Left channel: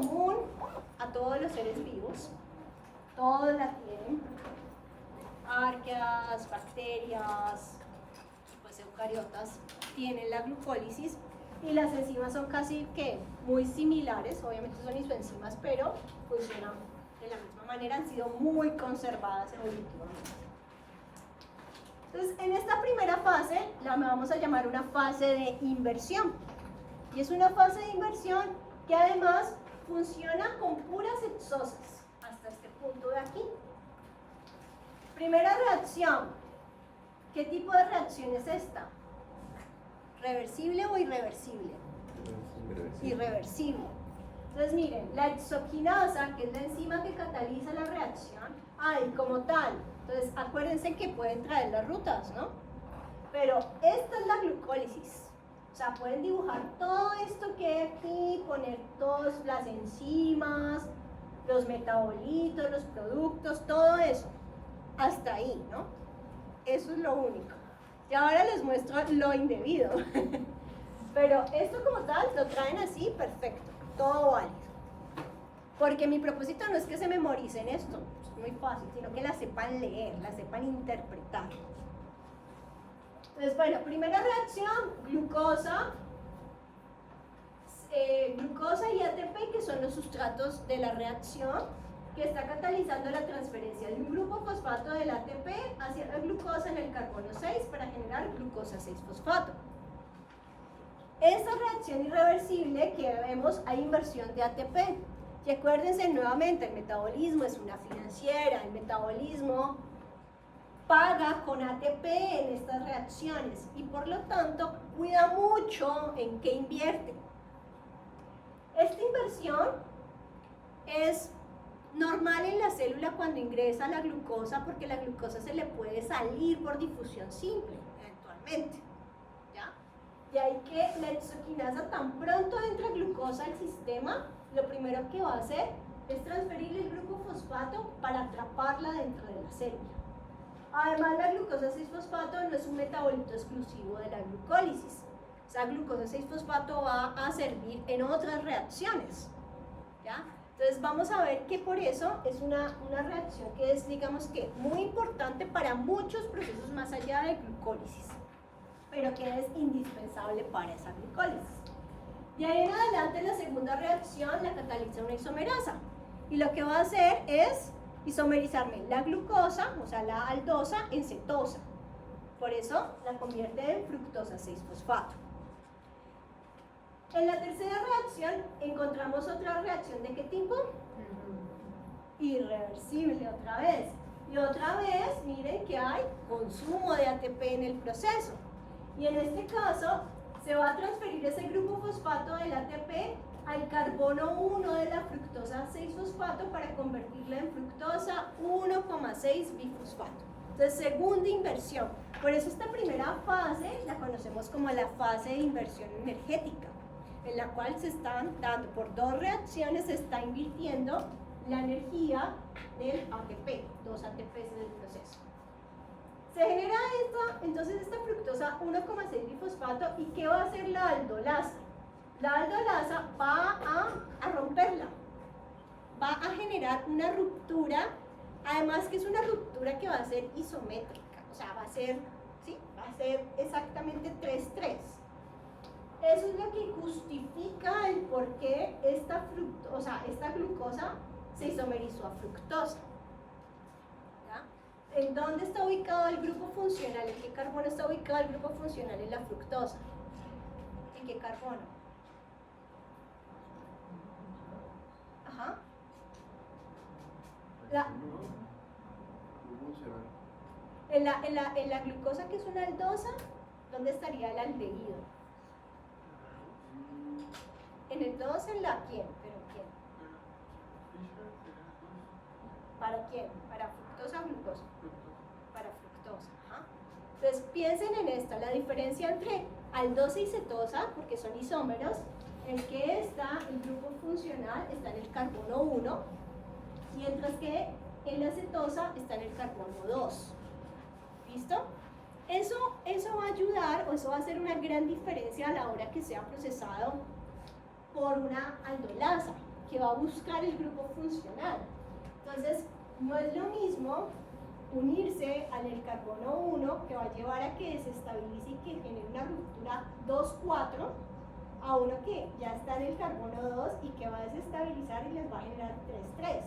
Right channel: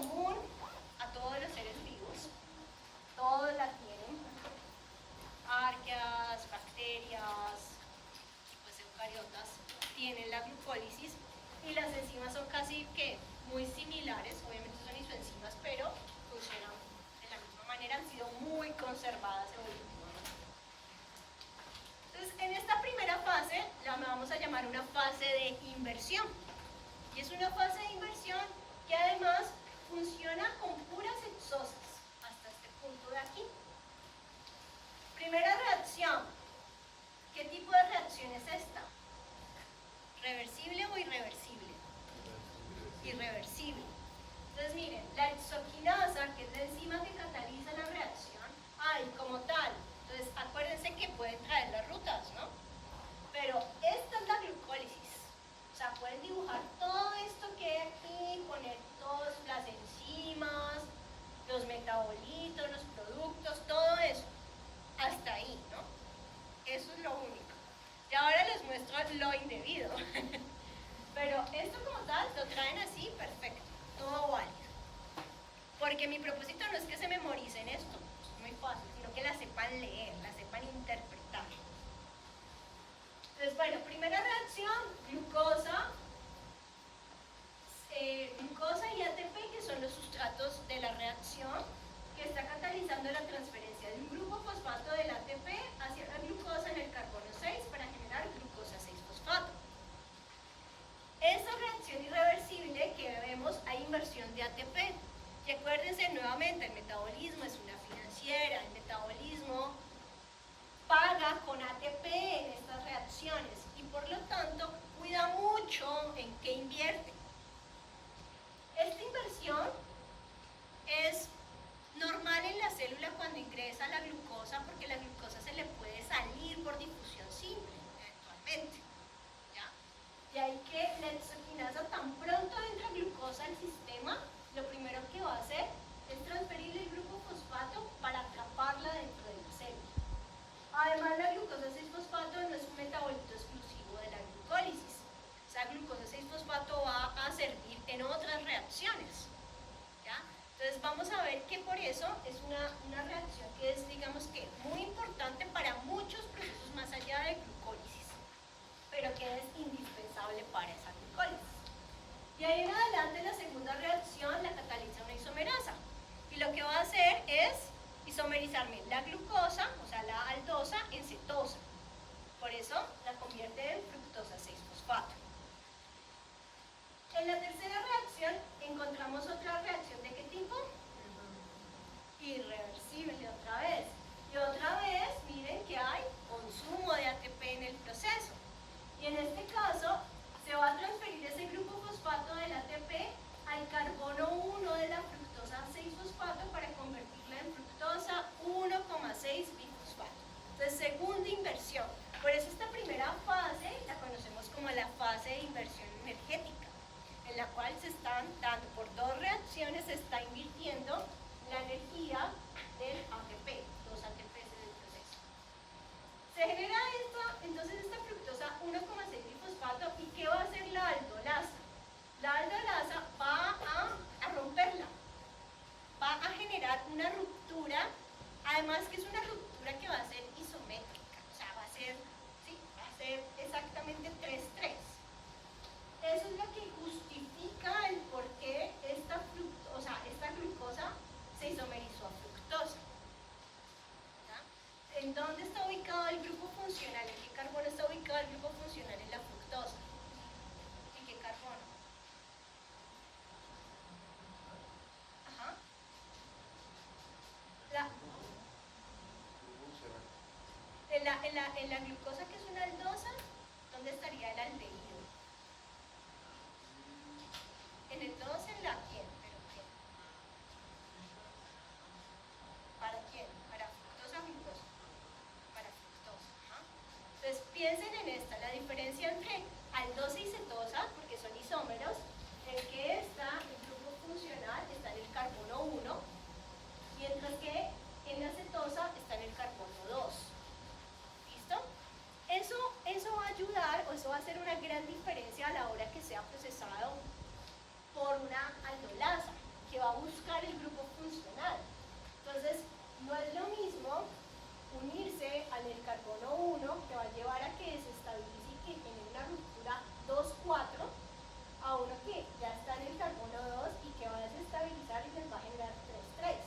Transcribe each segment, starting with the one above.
común a todos los seres vivos. Todos la tienen. Arqueas, bacterias, pues eucariotas, tienen la glucólisis y las enzimas son casi que muy similares, obviamente son isoenzimas, pero funcionan de la misma manera, han sido muy conservadas evolutivamente. Entonces, en esta primera fase la vamos a llamar una fase de inversión. Y es una fase de inversión que además funciona con puras hexosas, hasta este punto de aquí. Primera reacción. ¿Qué tipo de reacción es esta? ¿Reversible o irreversible? Irreversible. Entonces miren, la hexoquinasa, que es la enzima que cataliza la reacción, y como tal, entonces acuérdense que pueden traer las rutas, ¿no? Pero esta es la glucólisis. O sea, pueden dibujar todo esto que hay aquí, poner todas las enzimas, los metabolitos, los productos, todo eso. Hasta ahí, ¿no? Eso es lo único. Y ahora les muestro lo indebido. Pero esto como tal lo traen así, perfecto, todo válido. Porque mi propósito no es que se memoricen esto, es muy fácil, sino que la sepan leer, la sepan interpretar. Entonces, bueno, primera reacción, glucosa y ATP, que son los sustratos de la reacción, que está catalizando la transferencia de un grupo fosfato del ATP hacia la glucosa en el carbono 6 para generar glucosa 6-fosfato. Esta reacción irreversible que vemos, hay inversión de ATP. Y acuérdense nuevamente, el metabolismo es una financiera, el metabolismo paga con ATP en estas reacciones y por lo tanto cuida mucho en qué invierte. Esta inversión es normal en la célula cuando ingresa la glucosa, porque la glucosa se le puede salir por difusión simple, eventualmente. ¿Ya? De ahí que la hexoquinasa, tan pronto entra glucosa al sistema, lo primero que va a hacer es transferirle el grupo fosfato para atraparla dentro de la célula. Además, la glucosa 6-fosfato no es un metabolito exclusivo de la glucólisis. Esa glucosa 6-fosfato va a servir en otras reacciones. ¿Ya? Entonces vamos a ver que por eso es una reacción que es, digamos que, muy importante para muchos procesos más allá de glucólisis, pero que es indispensable para esa glucólisis. Y ahí en adelante la segunda reacción la cataliza una isomerasa. Y lo que va a hacer es isomerizarme la glucosa, o sea la aldosa, en cetosa. Por eso la convierte en fructosa 6-fosfato. En la tercera reacción encontramos otra reacción ¿de qué tipo? Irreversible otra vez. Y otra vez, miren que hay consumo de ATP en el proceso. Y en este caso, se va a transferir ese grupo fosfato del ATP al carbono 1 de la fructosa 6-fosfato para convertirla en fructosa 1,6-bifosfato. Entonces, segunda inversión. Por eso esta primera fase la conocemos como la fase de inversión energética, en la cual se están dando, por dos reacciones, se está invirtiendo la energía del ATP, dos ATPs del proceso. Se genera entonces esta fructosa 1,6-bifosfato, ¿y qué va a hacer la aldolasa? La aldolasa va a romperla, va a generar una ruptura, además que es una ruptura que va a ser isométrica, o sea, va a ser exactamente 3,3. Eso es lo que justifica el por qué esta glucosa se isomerizó a fructosa. ¿Ya? ¿En dónde está ubicado el grupo funcional? ¿En qué carbono está ubicado el grupo funcional en la fructosa? ¿En qué carbono? Ajá. En la glucosa, que es una aldosa, ¿dónde estaría el aldehído? En el 2, en la quién, pero quién. ¿Para quién? ¿Para fructosa o glucosa? Para fructosa. Ajá. Entonces piensen en esta, la diferencia entre aldosa y cetosa, porque son isómeros, en que está el grupo funcional, está en el carbono 1, mientras que en la cetosa está en el carbono 2. ¿Listo? Eso va a ayudar, o eso va a hacer una gran diferencia a la hora que sea procesado por una aldolasa, que va a buscar el grupo funcional. Entonces, no es lo mismo unirse al del carbono 1, que va a llevar a que se estabilice y que genere una ruptura 2,4, a uno que ya está en el carbono 2 y que va a desestabilizar y les va a generar 3,3.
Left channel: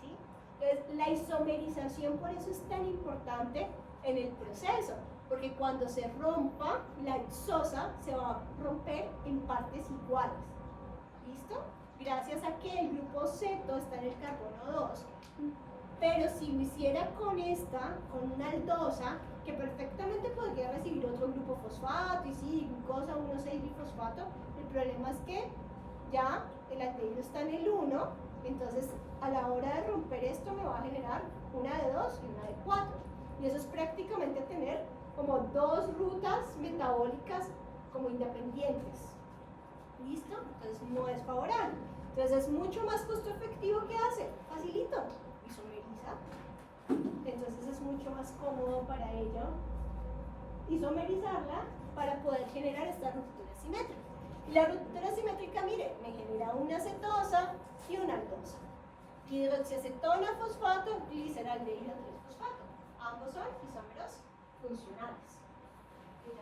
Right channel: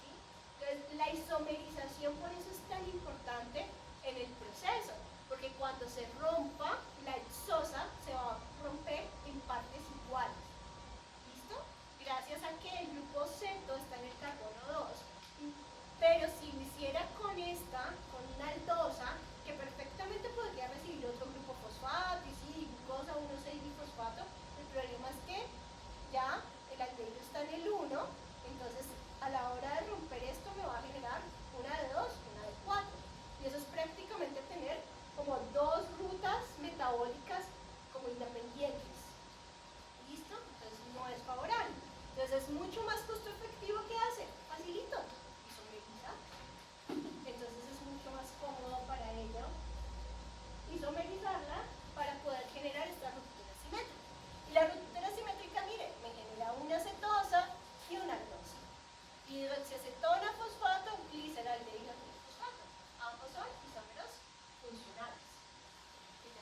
¿Sí? Entonces, la isomerización por eso es tan importante en el proceso, porque cuando se rompa, la hexosa se va a romper en partes iguales. ¿Listo? Gracias a que el grupo ceto está en el carbono 2. Pero si lo hiciera con esta, con una aldosa, que perfectamente podría recibir otro grupo fosfato, y sí, glucosa 1,6-bifosfato, el problema es que ya el aldehído está en el 1, entonces a la hora de romper esto me va a generar una de 2 y una de 4. Y eso es prácticamente tener como dos rutas metabólicas como independientes. ¿Listo? Entonces no es favorable. Entonces es mucho más costo efectivo que hacer. Facilito. Isomerizar. Entonces es mucho más cómodo para ello isomerizarla para poder generar esta ruptura simétrica. Y la ruptura simétrica, mire, me genera una cetosa y una aldosa. Hidroxiacetona, fosfato, gliceraldehído, fosfato. Ambos son isómeros funcionales. ¿Cierto?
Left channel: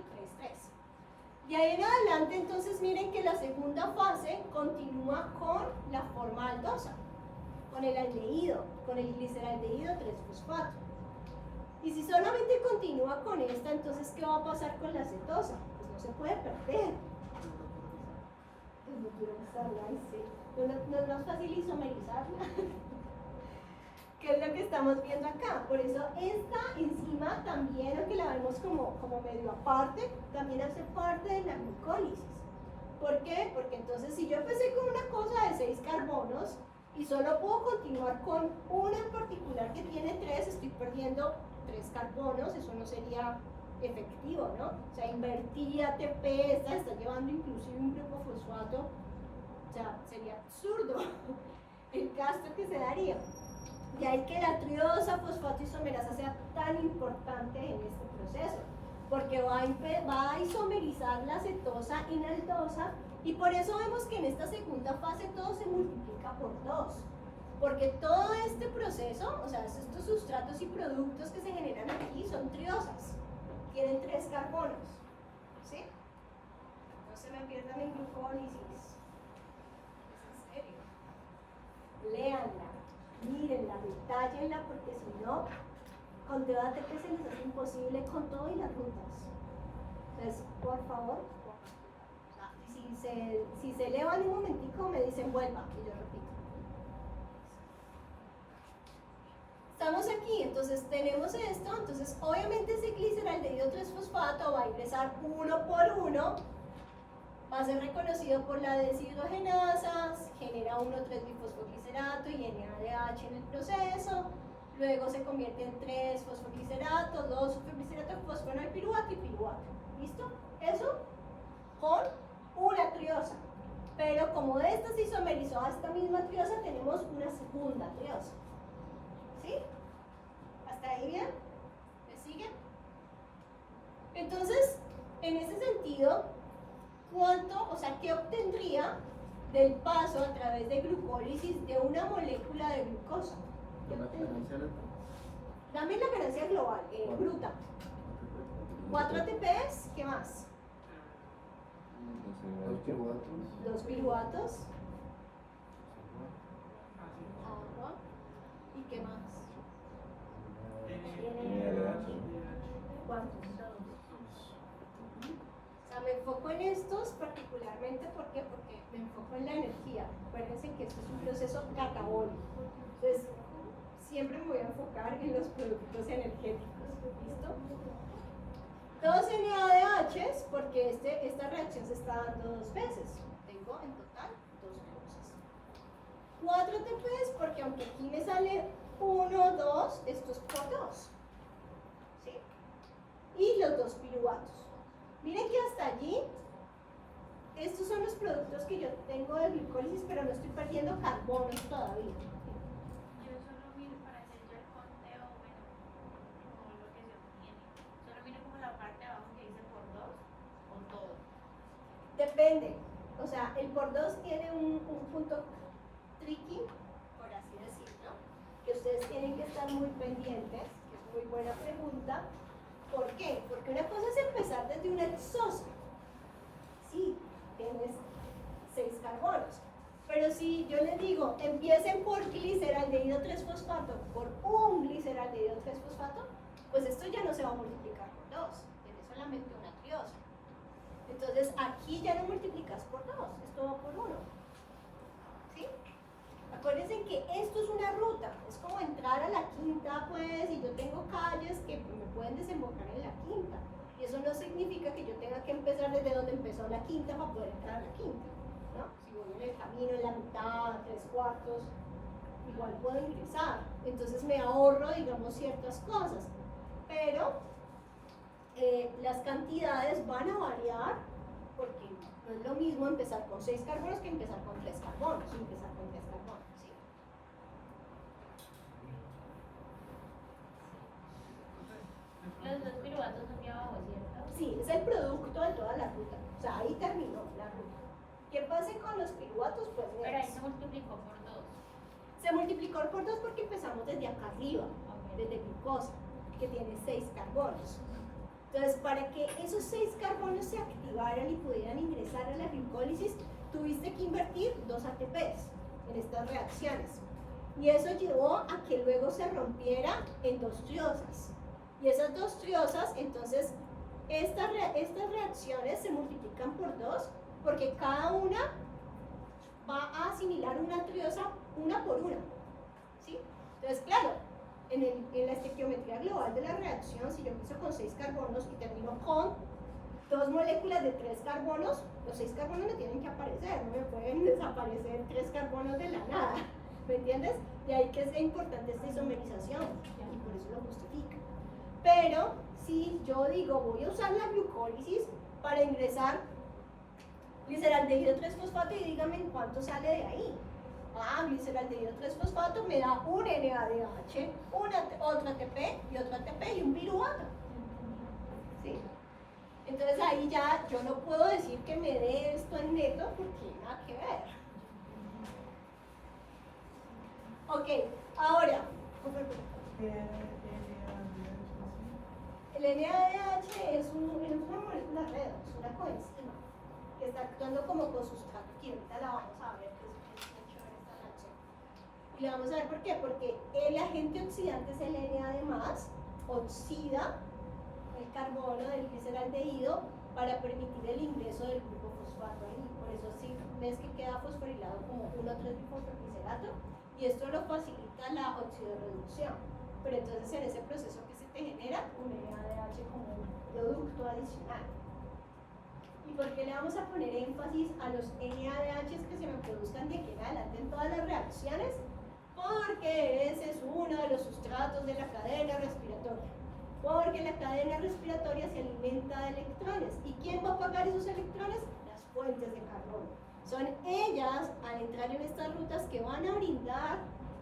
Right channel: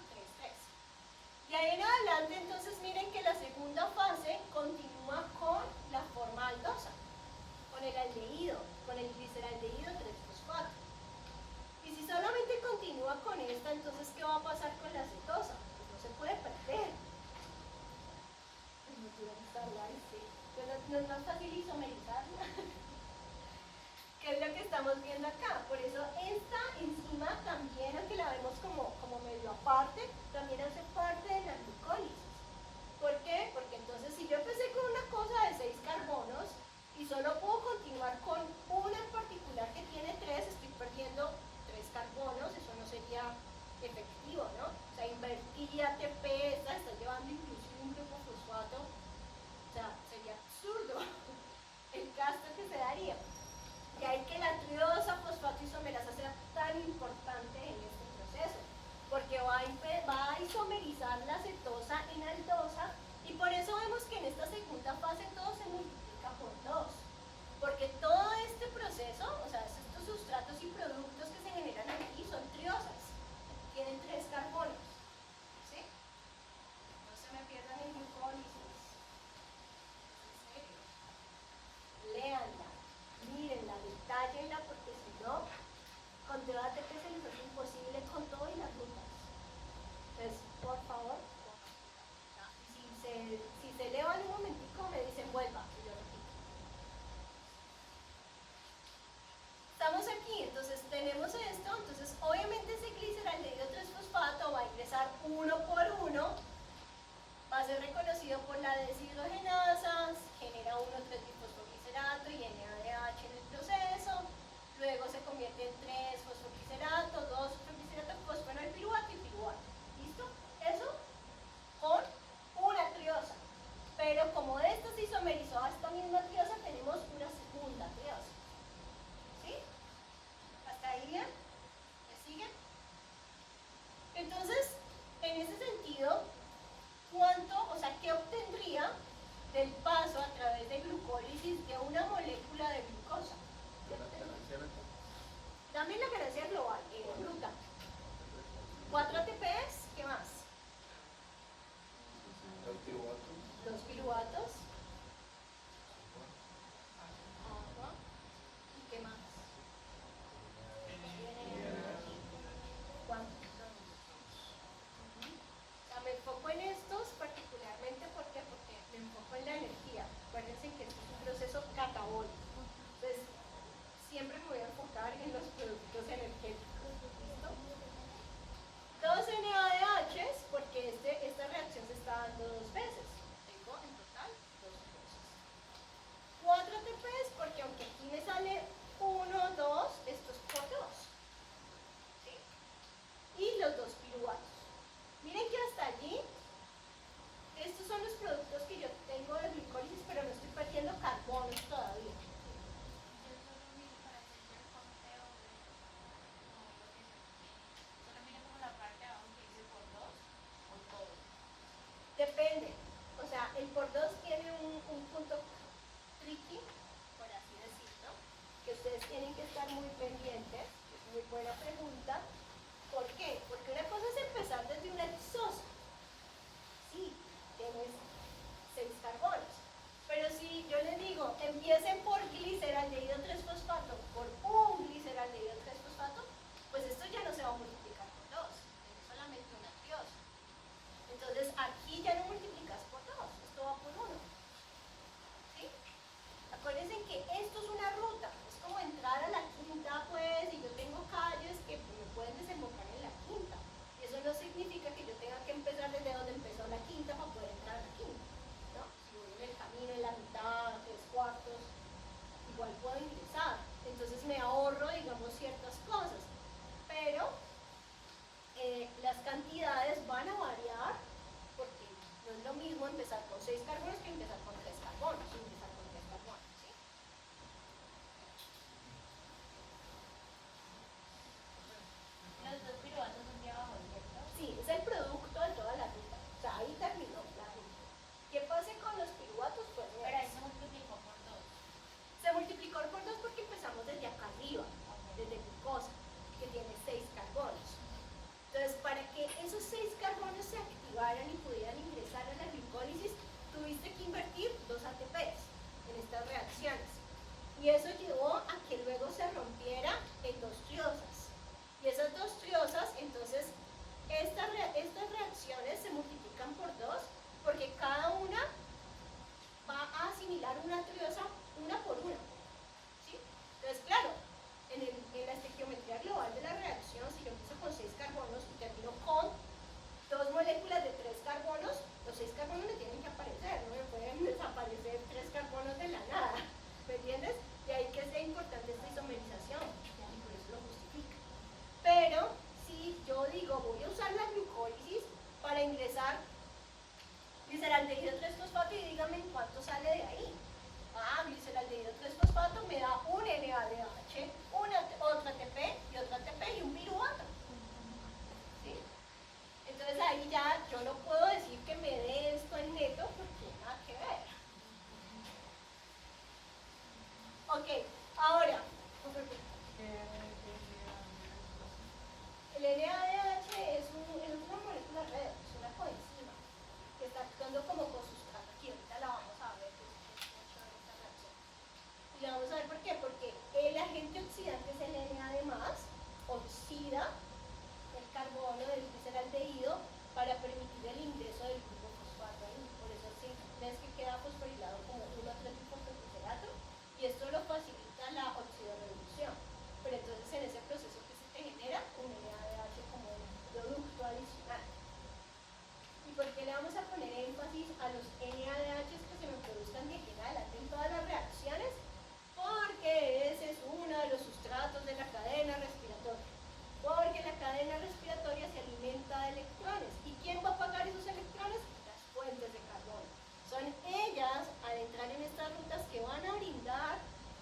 3,3. De ahí en adelante, entonces, miren que la segunda fase continúa con la forma aldosa, con el aldehído, con el gliceraldehído 3-fosfato. Y si solamente continúa con esta, entonces, ¿qué va a pasar con la cetosa? Pues no se puede perder. No es más fácil isomerizarla. ¿Qué es lo que estamos viendo acá? Por eso esta enzima también, aunque la vemos como medio aparte, también hace parte de la glucólisis. ¿Por qué? Porque entonces si yo empecé con una cosa de 6 carbonos y solo puedo continuar con una en particular que tiene 3, estoy perdiendo 3 carbonos, eso no sería efectivo, ¿no? O sea, invertí ATP, esta está llevando incluso un grupo fosfato, o sea, sería absurdo el gasto que se daría. De ahí que la triosa fosfato isomerasa sea tan importante en este proceso, porque va a isomerizar la cetosa en aldosa, y por eso vemos que en esta segunda fase todo se multiplica por 2, porque todo este proceso, o sea, estos sustratos y productos que se generan aquí son triosas, tienen 3 carbonos, ¿sí? No se me pierdan en glucólisis, es en serio, léanla, mírenla, detállenla, porque si no, con debate que es imposible con todo y las rutas. Entonces, por favor, si se elevan un momentico, me dicen vuelva, y lo repito. Estamos aquí, entonces tenemos esto, entonces obviamente ese gliceraldehído 3-fosfato va a ingresar uno por uno, va a ser reconocido por la deshidrogenasa, genera 1,3-bifosfoglicerato y NADH en el proceso, luego se convierte en 3-fosfoglicerato, 2-fosfoglicerato, fosfenolpiruvato y piruvato. ¿Listo? Eso con una triosa. Pero como esta se isomerizó a esta misma triosa, tenemos una segunda triosa. ¿Sí? ¿Hasta ahí bien? ¿Me siguen? Entonces, en ese sentido, ¿qué obtendría del paso a través de glucólisis de una molécula de glucosa? También la ganancia global, bruta. 4 ATPs, ¿qué más? 2 piruvatos. Agua. ¿Y qué más? ¿Cuántos? O sea, me enfoco en estos particularmente porque me enfoco en la energía. Acuérdense que esto es un proceso catabólico. Entonces, siempre me voy a enfocar en los productos energéticos. ¿Listo? 2 NADHs, porque esta reacción se está dando 2 veces. Tengo en total 2 cosas. 4 ATPs, porque aunque aquí me sale 1, 2, esto es por 2. ¿Sí? Y los 2 piruvatos. Miren que hasta allí, estos son los productos que yo tengo de glicólisis, pero no estoy perdiendo carbonos todavía. Yo solo miro para hacer el conteo, como lo que se obtiene. Solo miro como la parte de abajo que dice por 2 o todo. Depende. O sea, el por 2 tiene un si yo les digo, empiecen por gliceraldehído 3-fosfato, por un gliceraldehído 3-fosfato, pues esto ya no se va a multiplicar por 2, tiene solamente una triosa. Entonces aquí ya no multiplicas por 2, esto va por 1. ¿Sí? Acuérdense que esto es una ruta, es como entrar a la quinta, pues, y yo tengo calles que me pueden desembocar en la quinta. Y eso no significa que yo tenga que empezar desde donde empezó la quinta para poder entrar a la quinta, ¿no? Si voy en el camino, en la mitad, 3/4, igual puedo ingresar. Entonces me ahorro, digamos, ciertas cosas. Pero las cantidades van a variar porque no es lo mismo empezar con 6 carbonos que empezar con 3 carbonos. Empezar con 3 carbonos, ¿sí? Los dos piruvatos aquí abajo, ¿cierto? Sí, es el producto de toda la ruta. O sea, ahí terminó la ruta. ¿Qué pasa con los piruvatos? Pues Pero ahí se multiplicó por 2. se multiplicó por 2 porque empezamos desde acá arriba, desde glucosa, que tiene 6 carbonos. Entonces, para que esos 6 carbonos se activaran y pudieran ingresar a la glicólisis, tuviste que invertir 2 ATPs en estas reacciones. Y eso llevó a que luego se rompiera en 2 triosas. Y esas 2 triosas, entonces, estas reacciones se multiplican por 2 porque cada una va a asimilar una triosa una por una. ¿Sí? Entonces, claro, en la estequiometría global de la reacción, si yo empiezo con 6 carbonos y termino con 2 moléculas de 3 carbonos, los 6 carbonos me tienen que aparecer, no me pueden desaparecer 3 carbonos de la nada, ¿me entiendes? Y ahí que es importante esta isomerización, y por eso lo justifica. Pero si yo digo, voy a usar la glucólisis para ingresar gliceraldehído 3-fosfato y dígame en cuánto sale de ahí. Ah, gliceraldehído 3-fosfato me da un NADH, otra ATP y otra ATP y un piruvato. ¿Sí? Entonces ahí ya yo no puedo decir que me dé esto en neto porque nada que ver. Ok, ahora, el NADH es una molécula redox, es una coenzima que está actuando como cosustrato, que ahorita la vamos a ver. Y vamos a ver por qué, porque el agente oxidante es el NAD+, oxida el carbono del gliceraldehído para permitir el ingreso del grupo fosfato. Por eso sí ves que queda fosforilado como 1,3-fosfoglicerato y esto lo facilita la oxidorreducción. Pero entonces en ese proceso que se te genera un NADH como un producto adicional. ¿Y por qué le vamos a poner énfasis a los NADHs que se nos produzcan de general en todas las reacciones? Porque ese es uno de los sustratos de la cadena respiratoria. Porque la cadena respiratoria se alimenta de electrones. ¿Y quién va a pagar esos electrones? Las fuentes de carbono. Son ellas, al entrar en estas rutas, que van a brindar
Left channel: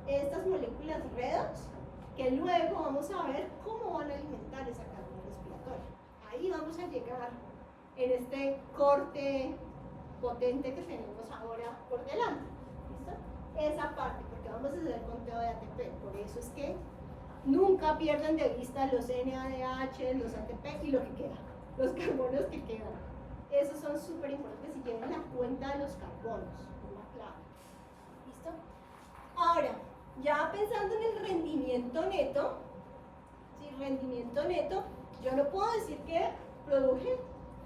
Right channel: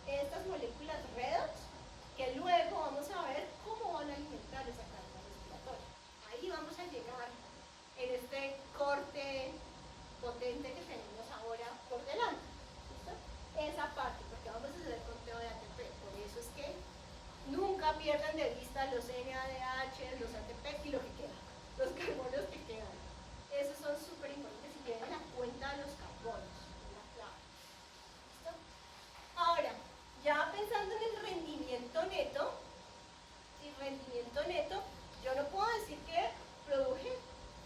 estas moléculas redox, que luego vamos a ver cómo van a alimentar esa cadena respiratoria. Ahí vamos a llegar en este corte potente que tenemos ahora por delante. ¿Listo? Esa parte, porque vamos a hacer conteo de ATP. Por eso es que nunca pierdan de vista los NADH, los ATP y lo que queda, los carbonos que quedan. Esos son súper importantes y lleven la cuenta de los carbonos, es la clave. ¿Listo? Ahora, ya pensando en el rendimiento neto, rendimiento neto, yo no puedo decir que produje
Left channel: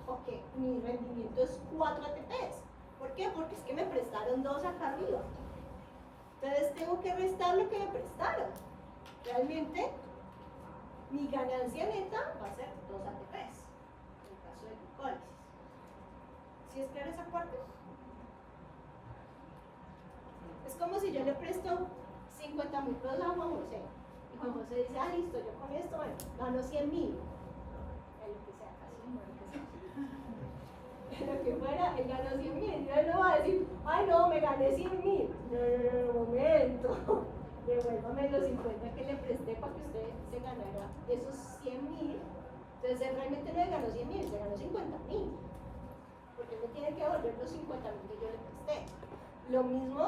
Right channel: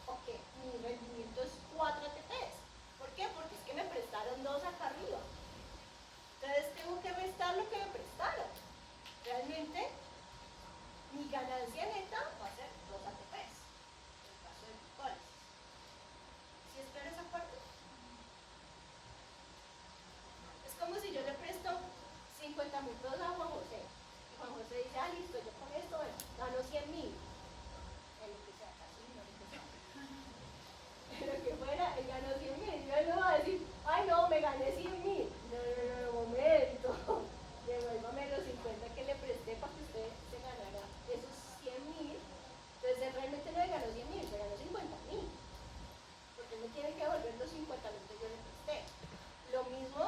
o que mi rendimiento es 4 ATPs. ¿Por qué? Porque es que me prestaron 2 acá arriba. Entonces tengo que restar lo que me prestaron. Realmente, mi ganancia neta va a ser 2 ATPs, en el caso de glucólisis. ¿Sí es clara esa parte? Es como si yo le presto 50.000 pesos a Juan José. Y Juan José dice, ah, listo, yo con esto, bueno, gano 100.000. El que sea, casi lo que fuera, él ganó 100.000. Yo no voy a decir, ay, no, me gané 100.000. No, momento. Devuélvame los 50 que le presté para que usted se ganara esos 100.000. Entonces él realmente no le ganó 100.000, se ganó 50.000. Porque me tiene que devolver los 50.000 que yo le presté. Lo mismo,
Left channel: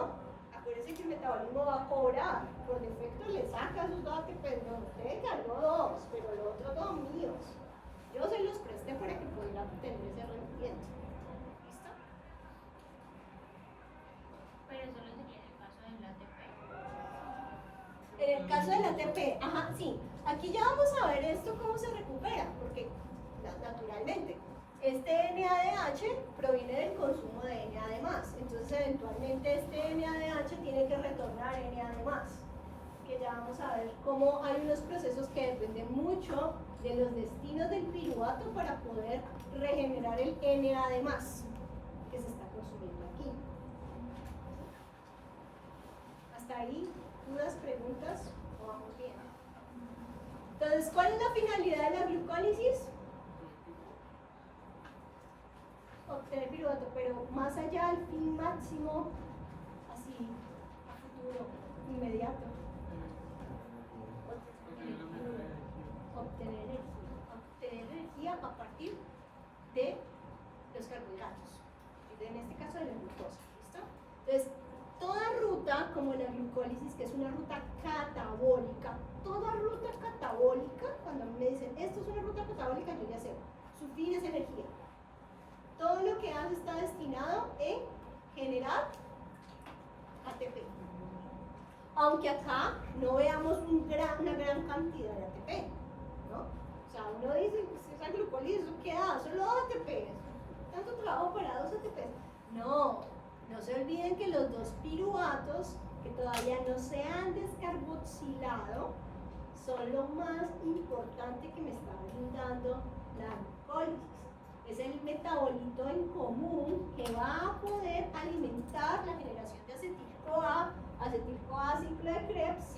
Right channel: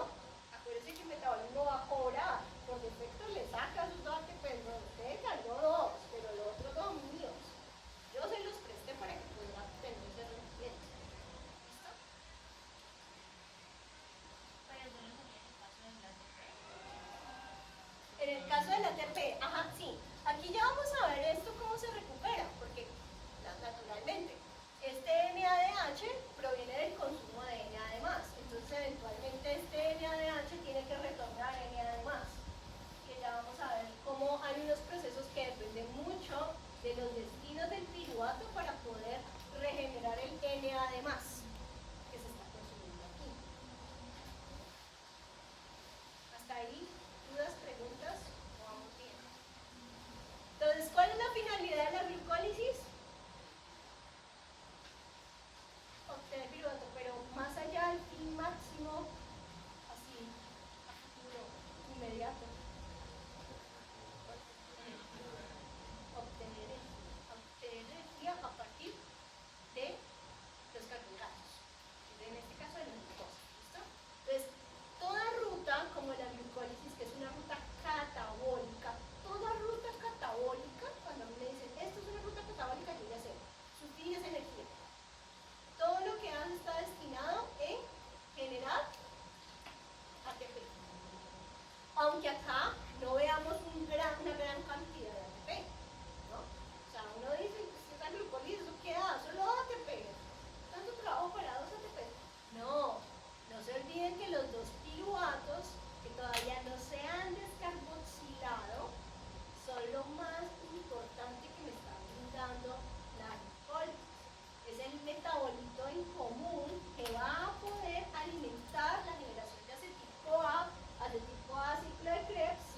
acuérdense que el metabolismo va a cobrar. Por defecto le saca sus datos, pero no ganó 2, pero los otros 2 míos. Yo se los presté para que puedan tener ese rendimiento. ¿Listo? Pero eso lo sería Entonces, ¿cuál es la finalidad de la glucólisis? Obtener piruvato, pero más allá del fin máximo, así, a futuro, inmediato. Obtener energía a partir de los carbohidratos, en este caso de la glucosa, ¿listo? Entonces, toda ruta, como la glucólisis, que es una ruta catabólica, toda ruta catabólica, cuando me dicen, esto es una ruta catabólica, yo ya sé, su fin es energía. Todo lo que hace está destinado en generar ATP. Aunque acá no veamos una gran cantidad de ATP, ¿no? O sea, uno dice, pues esta glucólisis, ¿eso qué da? Solo ATP. ¿Tanto trabajo para 2 ATP? No, no se olviden que los 2 piruvatos que todavía no se han descarboxilado son lo más importante que me está brindando la glucólisis. Es el metabolito en común que va a poder alimentar la generación de acetil-CoA, ciclo de Krebs,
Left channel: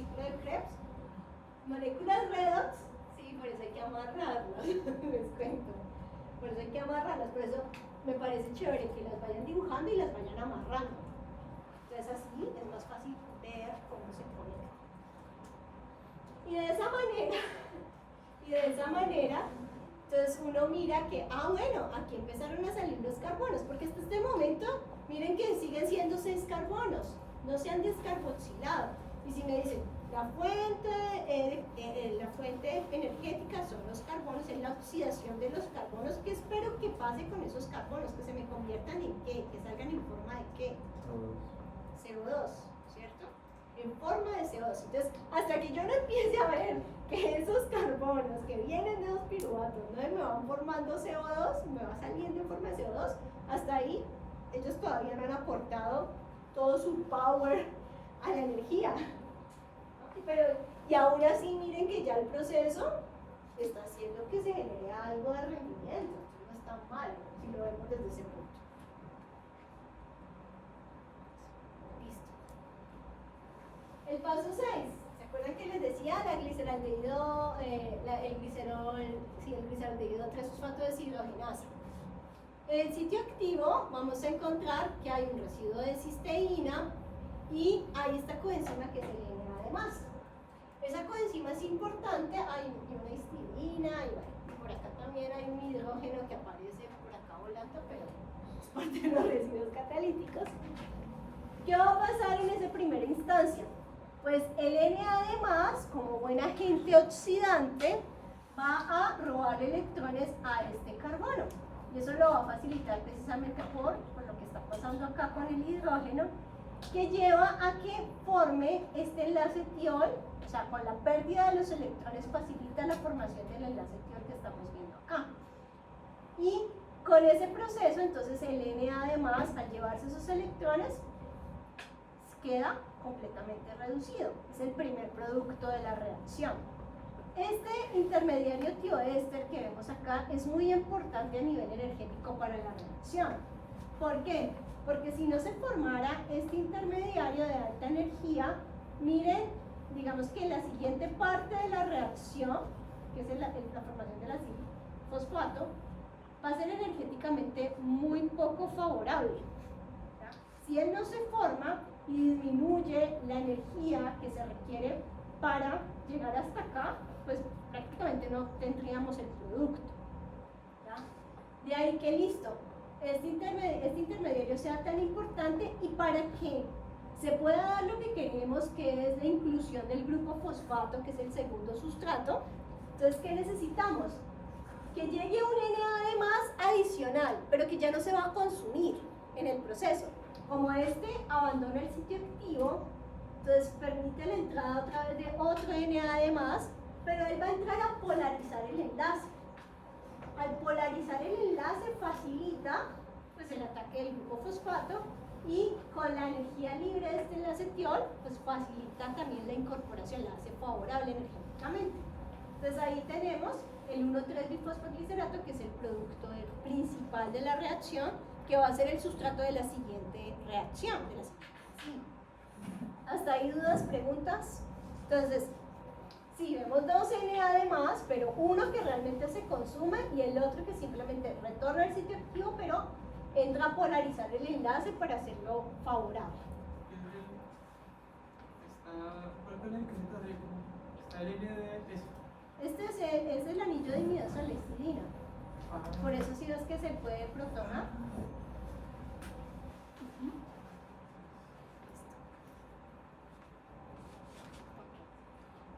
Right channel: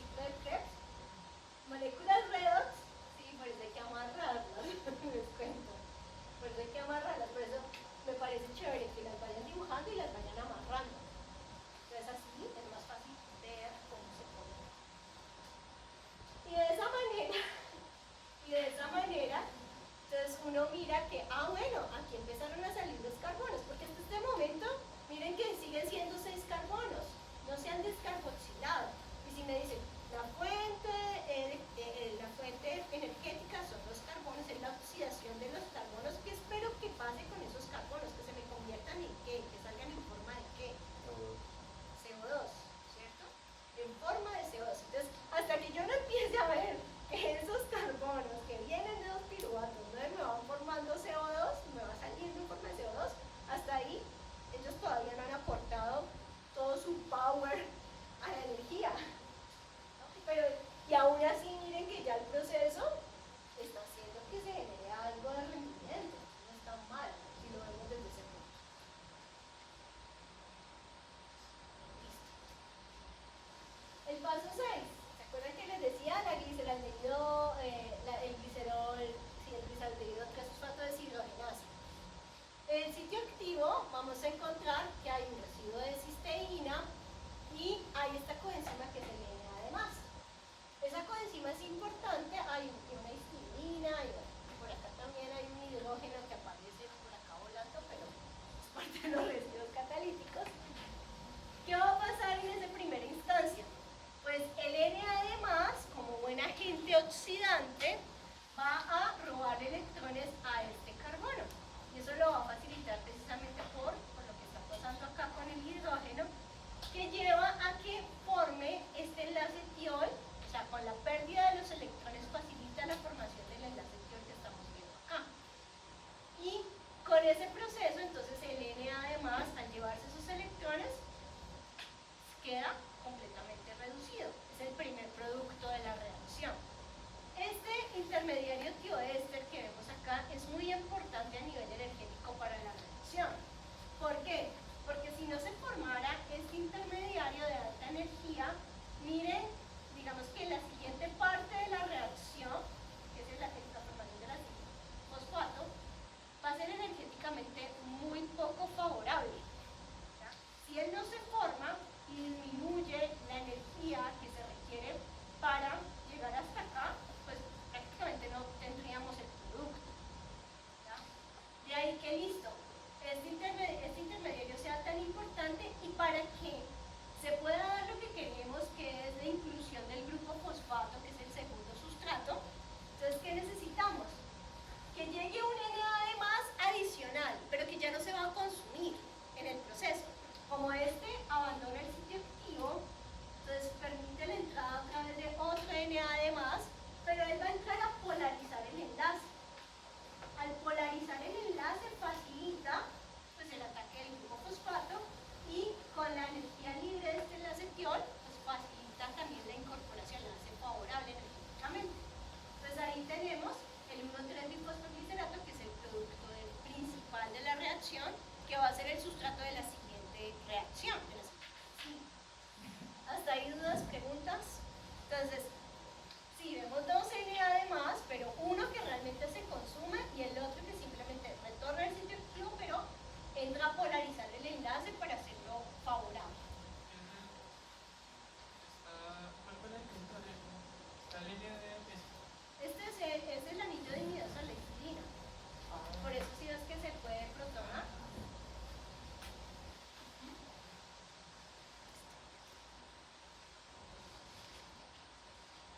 moléculas redox, sí, por eso hay que amarrarlas, les cuento, por eso hay que amarrarlas, por eso me parece chévere que las vayan dibujando y las vayan amarrando, entonces así es más fácil ver cómo se pone. Y de esa manera, entonces uno mira que, bueno, aquí empezaron a salir los carbonos, porque hasta este momento, miren que siguen siendo 6 carbonos, no se han descarboxilado. Y si me dicen, la fuente energética son los carbonos, es la oxidación de los carbonos, ¿qué espero que pase con esos carbonos? Que se me conviertan en qué, que salgan en forma de qué? CO2, ¿cierto? En forma de CO2. Entonces, hasta que yo no empiece a ver que esos carbonos que vienen de los piruvatos, ¿no? Me van formando CO2, me va saliendo en forma de CO2, hasta ahí ellos todavía no han aportado todo su power a la energía. Pero, y aún así miren que ya el proceso está haciendo que se genere algo de rendimiento, no está mal si lo vemos desde ese punto. Listo. El paso 6. ¿Se acuerdan que les decía el gliceraldehído 3-fosfato deshidrogenasa? En el sitio activo vamos a encontrar que hay un residuo de cisteína y hay esta coenzima que es el NA+. Esa coenzima es importante, hay una histidina y bueno, por acá también hay un hidrógeno que aparece por acá volando, pero es parte de los residuos catalíticos. ¿Qué va a pasar en esa primera instancia? Pues el Na+, como buen agente oxidante, va a robar electrones a este carbono. Y eso lo va a facilitar precisamente por lo que está pasando acá con el hidrógeno, que lleva a que forme este enlace tiol, o sea, con la pérdida de los electrones facilita la formación del enlace tiol que estamos viendo acá. Y con ese proceso, entonces el Na+, al llevarse esos electrones, queda completamente reducido. Es el primer producto de la reacción. Este intermediario tioéster que vemos acá es muy importante a nivel energético para la reacción. ¿Por qué? Porque si no se formara este intermediario de alta energía, miren, digamos que la siguiente parte de la reacción, que es la formación del fosfato, va a ser energéticamente muy poco favorable. ¿Ya? Si él no se forma y disminuye la energía que se requiere para llegar hasta acá, pues prácticamente no tendríamos el producto. ¿Ya? De ahí que listo, este intermediario sea tan importante y para que se pueda dar lo que queremos, que es la inclusión del grupo fosfato, que es el segundo sustrato. Entonces, ¿qué necesitamos? Que llegue un Na+ adicional, pero que ya no se va a consumir en el proceso. Como este abandona el sitio activo, entonces permite la entrada a través de otro Na+, pero él va a entrar a polarizar el enlace. Al polarizar el enlace facilita pues, el ataque del grupo fosfato y con la energía libre de este enlace tiol, pues facilita también la incorporación, la hace favorable energéticamente. Entonces ahí tenemos el 1,3-bifosfoglicerato, que es el producto principal de la reacción, que va a ser el sustrato de la siguiente reacción. Sí. ¿Hasta ahí dudas, preguntas? Entonces, si vemos 2 Na+, consume, y el otro que simplemente retorna al sitio activo, pero entra a polarizar el enlace para hacerlo favorable. La línea de peso. Este es el anillo de imidazolexidina. Por eso sí es que se puede protonar.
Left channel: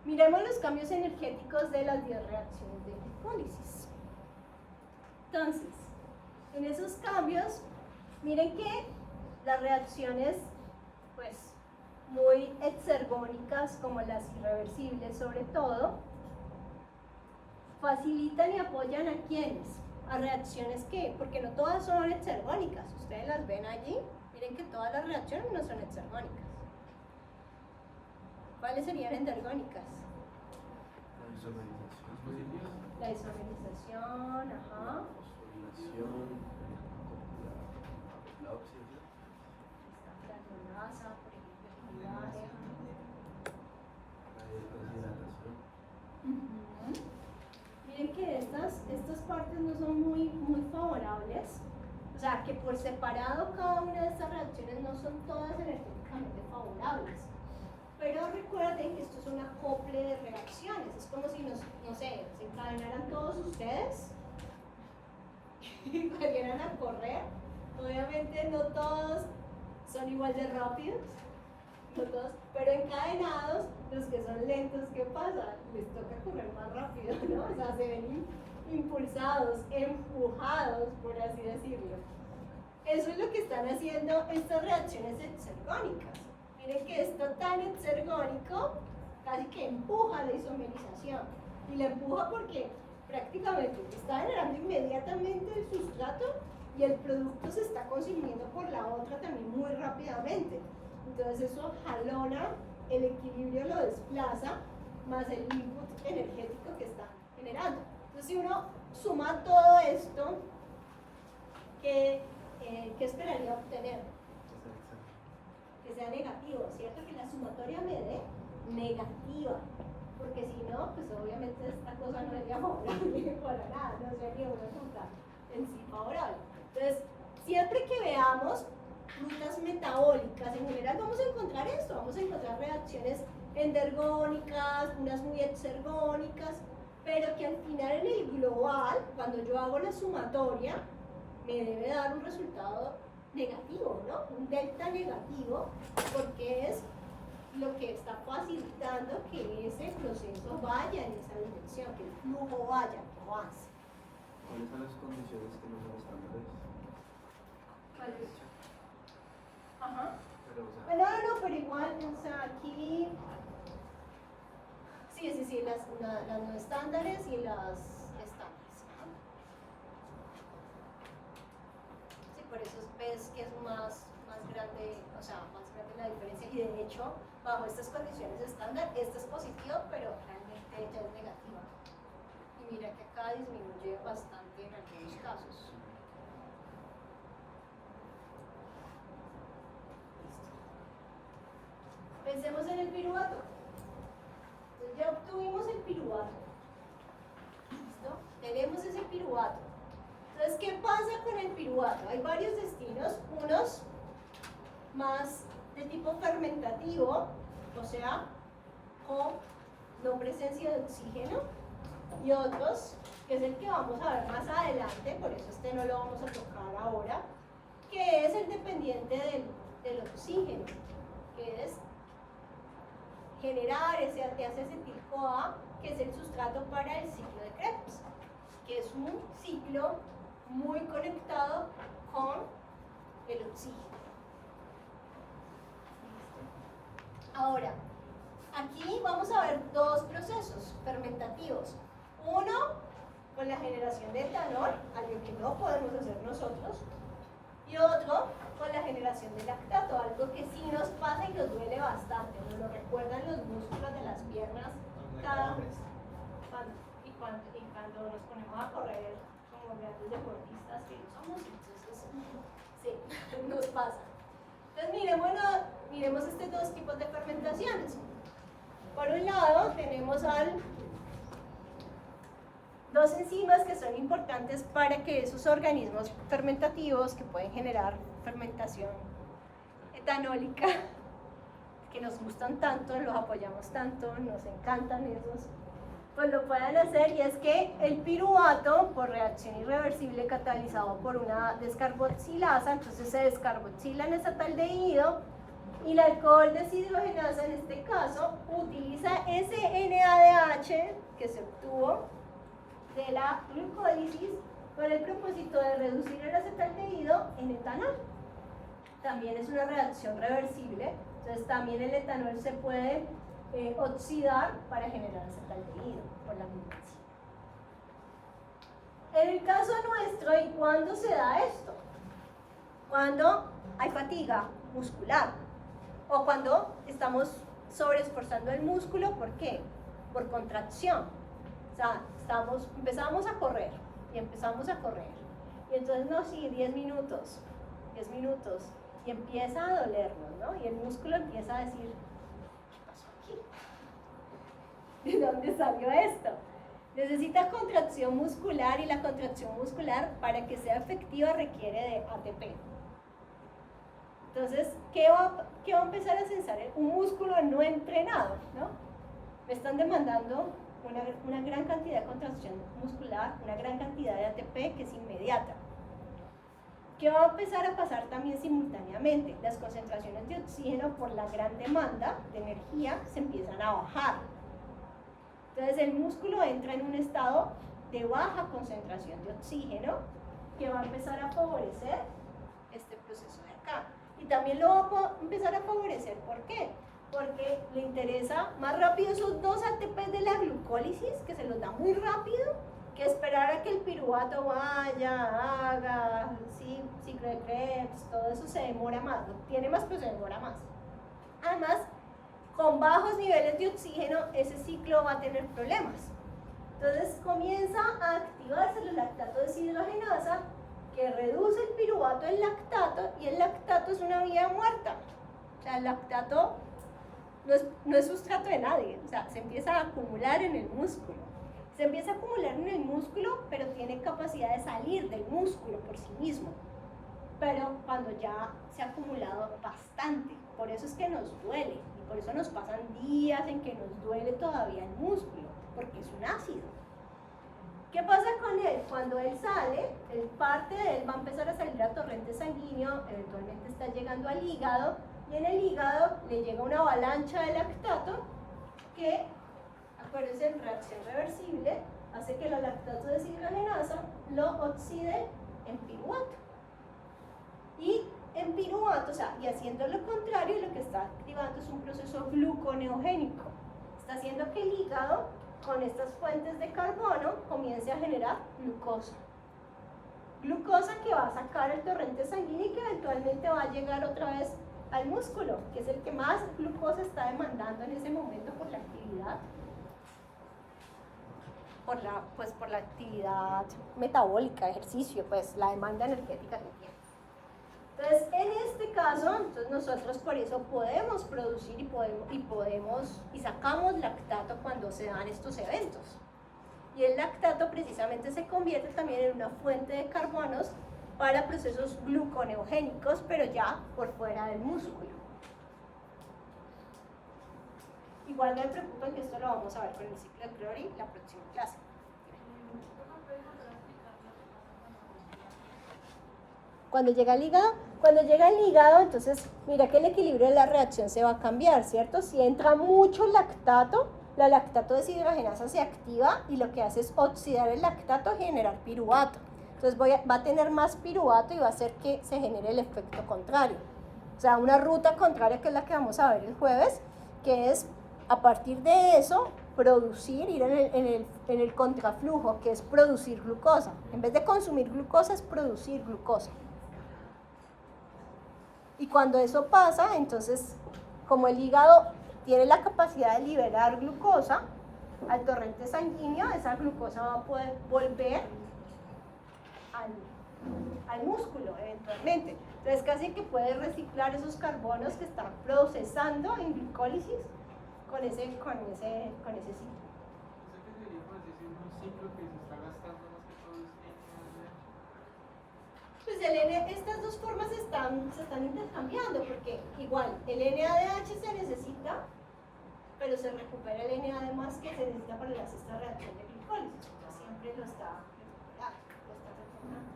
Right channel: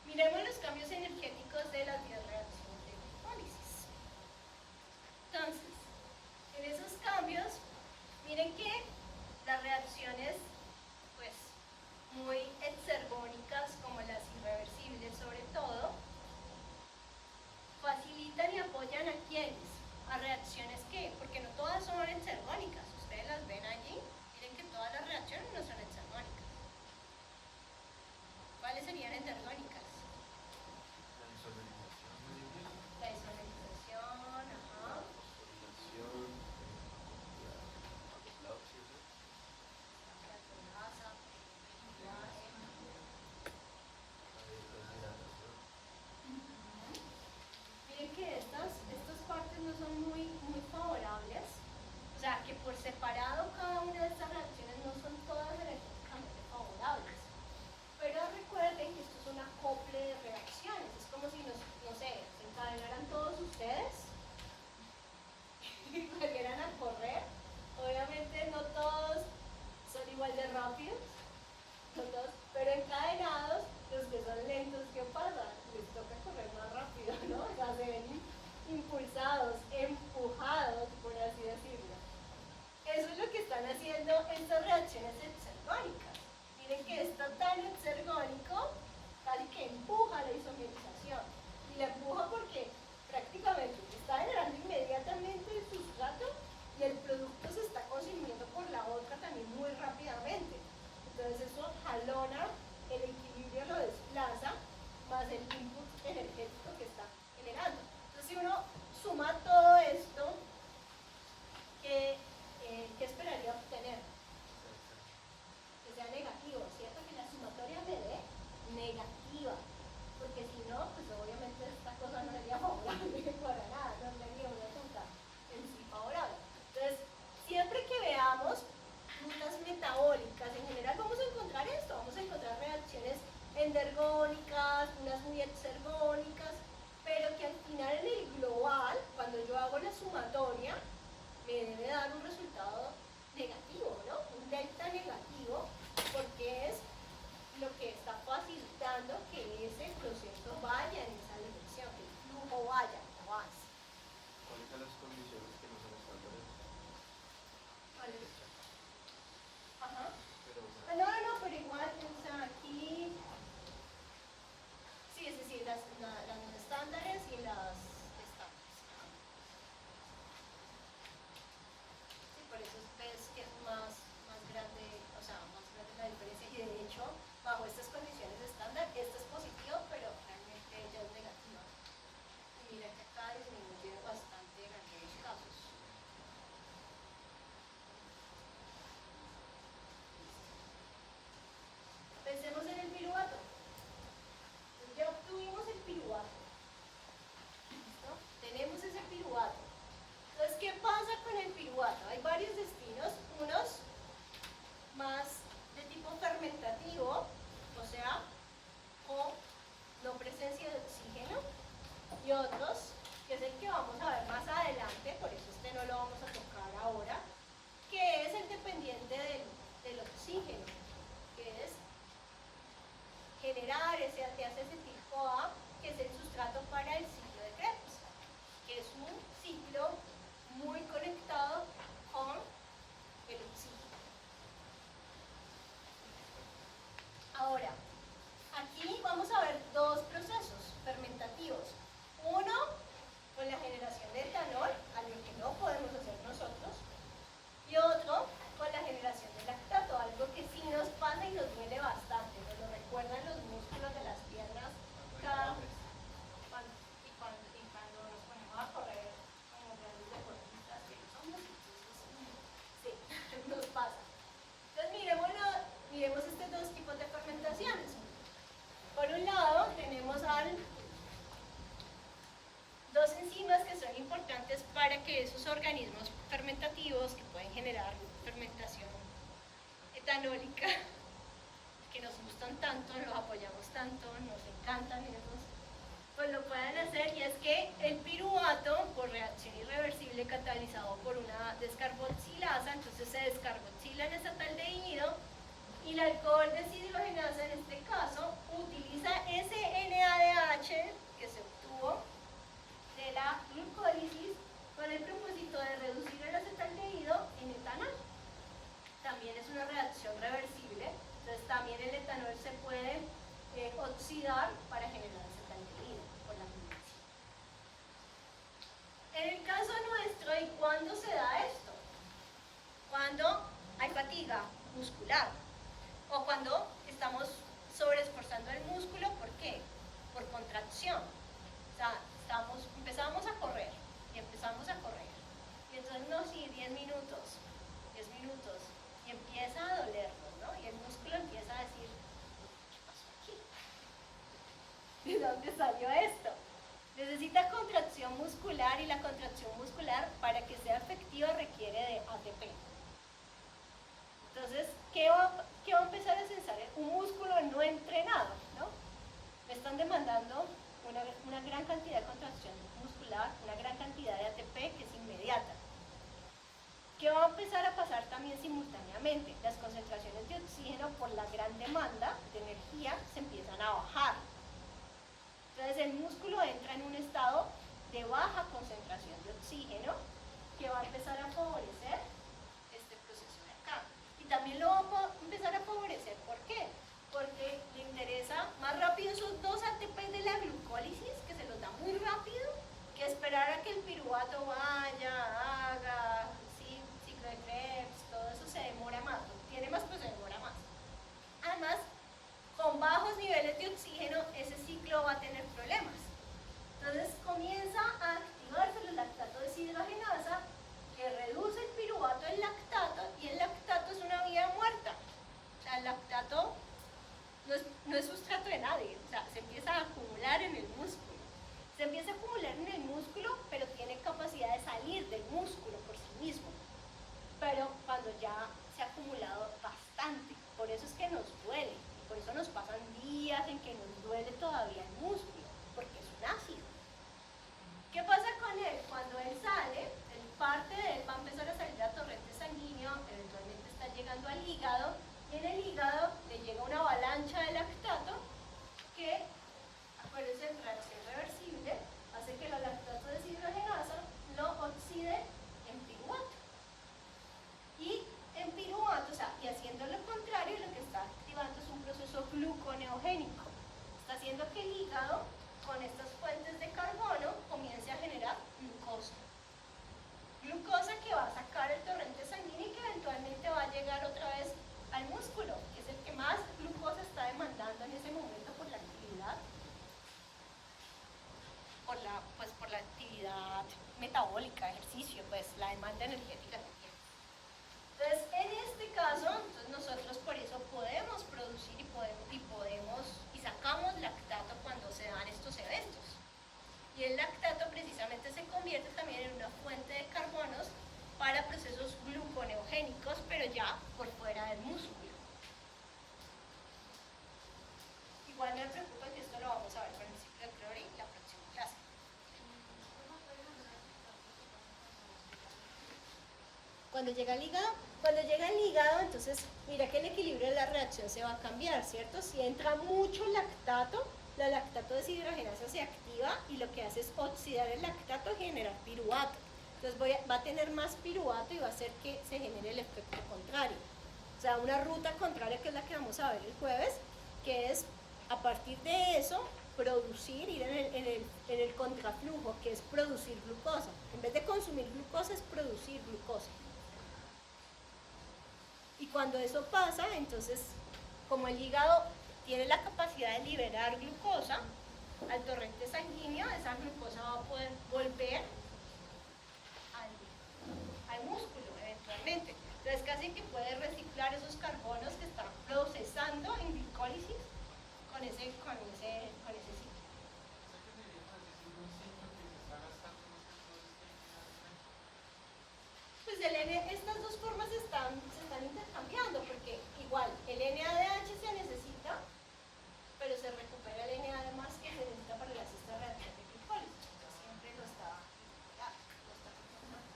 Miremos los cambios energéticos de las 10 reacciones de glicólisis. Entonces, en esos cambios, miren que las reacciones pues muy exergónicas, como las irreversibles sobre todo, facilitan y apoyan a quienes, a reacciones que, porque no todas son exergónicas, ustedes las ven allí, miren que todas las reacciones no son exergónicas. ¿Cuáles serían endergónicas? La isomerización, ajá. Miren que estas partes no son muy favorables, o sea que por separado cada una de estas reacciones no son todas energéticamente favorables, pero recuerden que esto es un acople de reacciones, es como si no sé, se encadenaran todos ustedes y salieran a correr. Obviamente no todos son igual de rápidos, no todos, pero encadenados, los que son lentos, ¿qué pasa? Les toca correr más rápido, ¿no? O sea, se ven impulsados, empujados, por así decirlo. Eso es lo que están haciendo estas reacciones exergónicas. Miren que esto tan exergónico casi que empuja la isomerización. Y la empuja porque prácticamente está generando inmediatamente el sustrato y el producto se está consumiendo por la otra también muy rápidamente. Entonces eso jalona, el equilibrio lo desplaza, más el input energético que está generando. Entonces si uno suma todo esto, ¿qué esperaría obtener? Que sea negativo, ¿cierto? Que la sumatoria me dé negativa, porque si no, pues obviamente esta cosa no sería favorable para nada, no sería una ruta en sí favorable. Entonces, siempre que veamos rutas metabólicas, en general vamos a encontrar esto, vamos a encontrar reacciones endergónicas, unas muy exergónicas, pero que al final en el global, cuando yo hago la sumatoria, me debe dar un resultado negativo, ¿no? Un delta negativo, porque es lo que está facilitando que ese proceso vaya en esa dirección, que el flujo vaya, no avance. ¿Cuáles son las condiciones que no son estándares? ¿Vale? Ajá. Pero, o sea, No, pero igual, o sea, aquí sí, las no estándares y las estándares. Ajá. Sí, por eso ves que es más grande, o sea, más grande la diferencia, y de hecho, bajo estas condiciones estándar, esta es positivo, pero realmente ella es negativa. Y mira que acá disminuye bastante en aquellos casos. Pensemos en el piruvato. Entonces ya obtuvimos el piruvato. ¿Listo? Tenemos ese piruvato. Entonces, ¿qué pasa con el piruvato? Hay varios destinos, unos más de tipo fermentativo, o sea, con no presencia de oxígeno, y otros, que es el que vamos a ver más adelante, por eso este no lo vamos a tocar ahora, que es el dependiente del oxígeno, que es generar ese ATP acetil-CoA, que es el sustrato para el ciclo de Krebs, que es un ciclo muy conectado con el oxígeno. Ahora, aquí vamos a ver dos procesos fermentativos. Uno, con la generación de etanol, algo que no podemos hacer nosotros. importantes para que esos organismos fermentativos que pueden generar fermentación etanólica, que nos gustan tanto, los apoyamos tanto, nos encantan esos, pues lo puedan hacer. Y es que el piruvato, por reacción irreversible catalizado por una descarboxilasa, entonces se descarboxila en acetaldehído, y el alcohol deshidrogenasa en este caso utiliza ese NADH que se obtuvo de la glucólisis con el propósito de reducir el acetaldehído en etanol. También es una reacción reversible, entonces también el etanol se puede oxidar para generar acetaldehído por la glucosa. En el caso nuestro, ¿y cuándo se da esto? Cuando hay fatiga muscular o cuando estamos sobreesforzando el músculo. ¿Por qué? Por contracción. O sea, empezamos a correr y empezamos a correr. Y entonces, no, sí, 10 minutos, y empieza a dolernos, ¿no? Y el músculo empieza a decir, ¿qué pasó aquí? ¿De dónde salió esto? Necesita contracción muscular, y la contracción muscular, para que sea efectiva, requiere de ATP. Entonces, ¿qué va a empezar a sensar? Un músculo no entrenado, ¿no? Le están demandando una gran cantidad de contracción muscular, una gran cantidad de ATP que es inmediata. ¿Qué va a empezar a pasar también simultáneamente? Las concentraciones de oxígeno, por la gran demanda de energía, se empiezan a bajar. Entonces el músculo entra en un estado de baja concentración de oxígeno, que va a empezar a favorecer este proceso de acá. Y también lo va a empezar a favorecer, ¿por qué? Porque le interesa más rápido esos 2 ATP de la glucólisis, que se los da muy rápido, que esperar a que el piruvato vaya, haga, sí, ciclo de Krebs, todo eso se demora más, tiene más, pero se demora más. Además, con bajos niveles de oxígeno, ese ciclo va a tener problemas. Entonces comienza a activarse el lactato deshidrogenasa, que reduce el piruvato del lactato, y el lactato es una vía muerta. O sea, el lactato no es sustrato de nadie, o sea, se empieza a acumular en el músculo. Se empieza a acumular en el músculo, pero tiene capacidad de salir del músculo por sí mismo. Pero cuando ya se ha acumulado bastante, por eso es que nos duele, y por eso nos pasan días en que nos duele todavía el músculo, porque es un ácido. ¿Qué pasa con él? Cuando él sale, parte de él va a empezar a salir a torrente sanguíneo, eventualmente está llegando al hígado, y en el hígado le llega una avalancha de lactato que, acuérdense, en reacción reversible, hace que la lactato deshidrogenasa lo oxide en piruvato. Y en piruvato, o sea, y haciendo lo contrario, lo que está activando es un proceso gluconeogénico. Está haciendo que el hígado, con estas fuentes de carbono, comience a generar glucosa. Glucosa que va a sacar el torrente sanguíneo y que eventualmente va a llegar otra vez al músculo, que es el que más glucosa está demandando en ese momento por la actividad, por la actividad metabólica, ejercicio, pues la demanda energética que tiene. Entonces, en este caso, nosotros por eso podemos producir y sacamos lactato cuando se dan estos eventos. Y el lactato precisamente se convierte también en una fuente de carbonos para procesos gluconeogénicos, pero ya por fuera del músculo. Igual no me preocupen que esto lo vamos a ver con el ciclo de Crawley la próxima clase. Cuando llega al hígado, entonces mira que el equilibrio de la reacción se va a cambiar, ¿cierto? Si entra mucho lactato, la lactato deshidrogenasa se activa y lo que hace es oxidar el lactato y generar piruvato. Entonces va a tener más piruvato y va a hacer que se genere el efecto contrario. O sea, una ruta contraria, que es la que vamos a ver el jueves, que es a partir de eso producir, ir en el contraflujo, que es producir glucosa. En vez de consumir glucosa, es producir glucosa. Y cuando eso pasa, entonces, como el hígado tiene la capacidad de liberar glucosa al torrente sanguíneo, esa glucosa va a poder volver al músculo eventualmente. Entonces casi que puede reciclar esos carbonos que está procesando en glicólisis con ese ciclo. ¿Qué se diría? Pues es un ciclo que se está gastando más que todo estas dos formas se están intercambiando, porque igual el NADH se necesita, pero se recupera el NAD más que se necesita para esta reacción de glicólisis. O sea, siempre lo está retomando.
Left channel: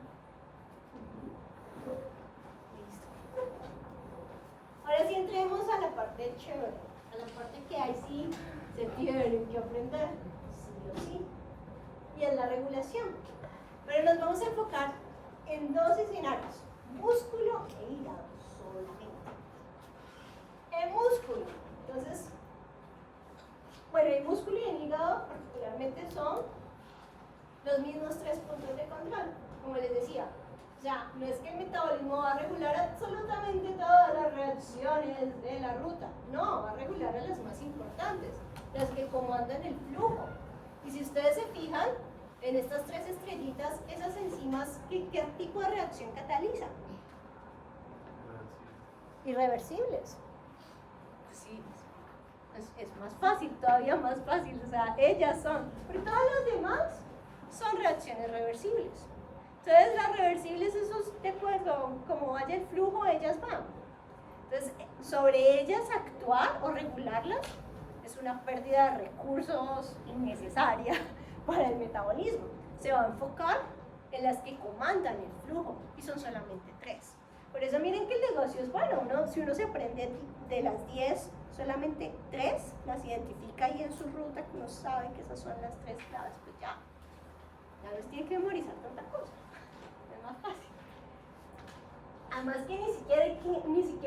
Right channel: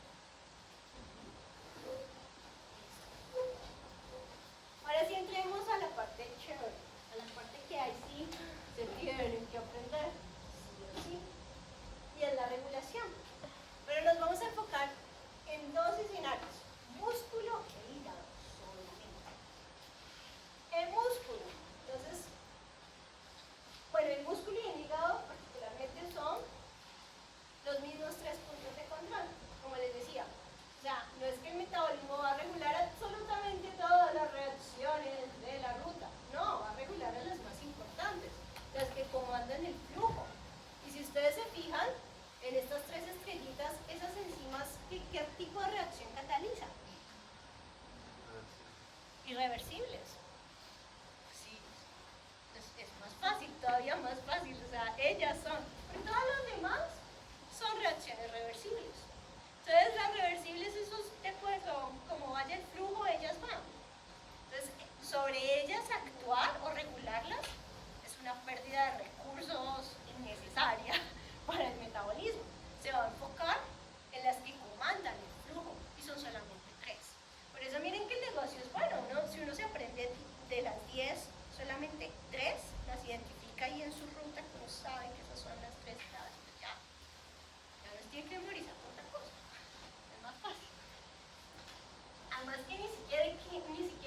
Ahora sí entremos a la parte chévere, a la parte que ahí sí se tiene que aprender, sí o sí, y es la regulación. Pero nos vamos a enfocar en dos escenarios, músculo e hígado solamente. El músculo, entonces, bueno, el músculo y el hígado particularmente son los mismos tres puntos de control, como les decía. O sea, no es que el metabolismo va a regular absolutamente todas las reacciones de la ruta, no, va a regular a las más importantes, las que comandan el flujo. Y si ustedes se fijan, en estas tres estrellitas, esas enzimas, ¿qué tipo de reacción catalizan? Irreversibles. Sí, es más fácil, todavía más fácil, o sea, ellas son, pero todas las demás son reacciones reversibles. Entonces las reversibles, eso es de acuerdo, como vaya el flujo, ellas van. Entonces, sobre ellas actuar o regularlas es una pérdida de recursos innecesaria para el metabolismo. Se va a enfocar en las que comandan el flujo, y son solamente 3. Por eso miren que el negocio es bueno, ¿no? Si uno se aprende de las 10, solamente 3 las identifica ahí en su ruta, que uno sabe que esas son las 3 claves, pues ya no les tiene que memorizar tanta cosa, es más fácil. Además que ni siquiera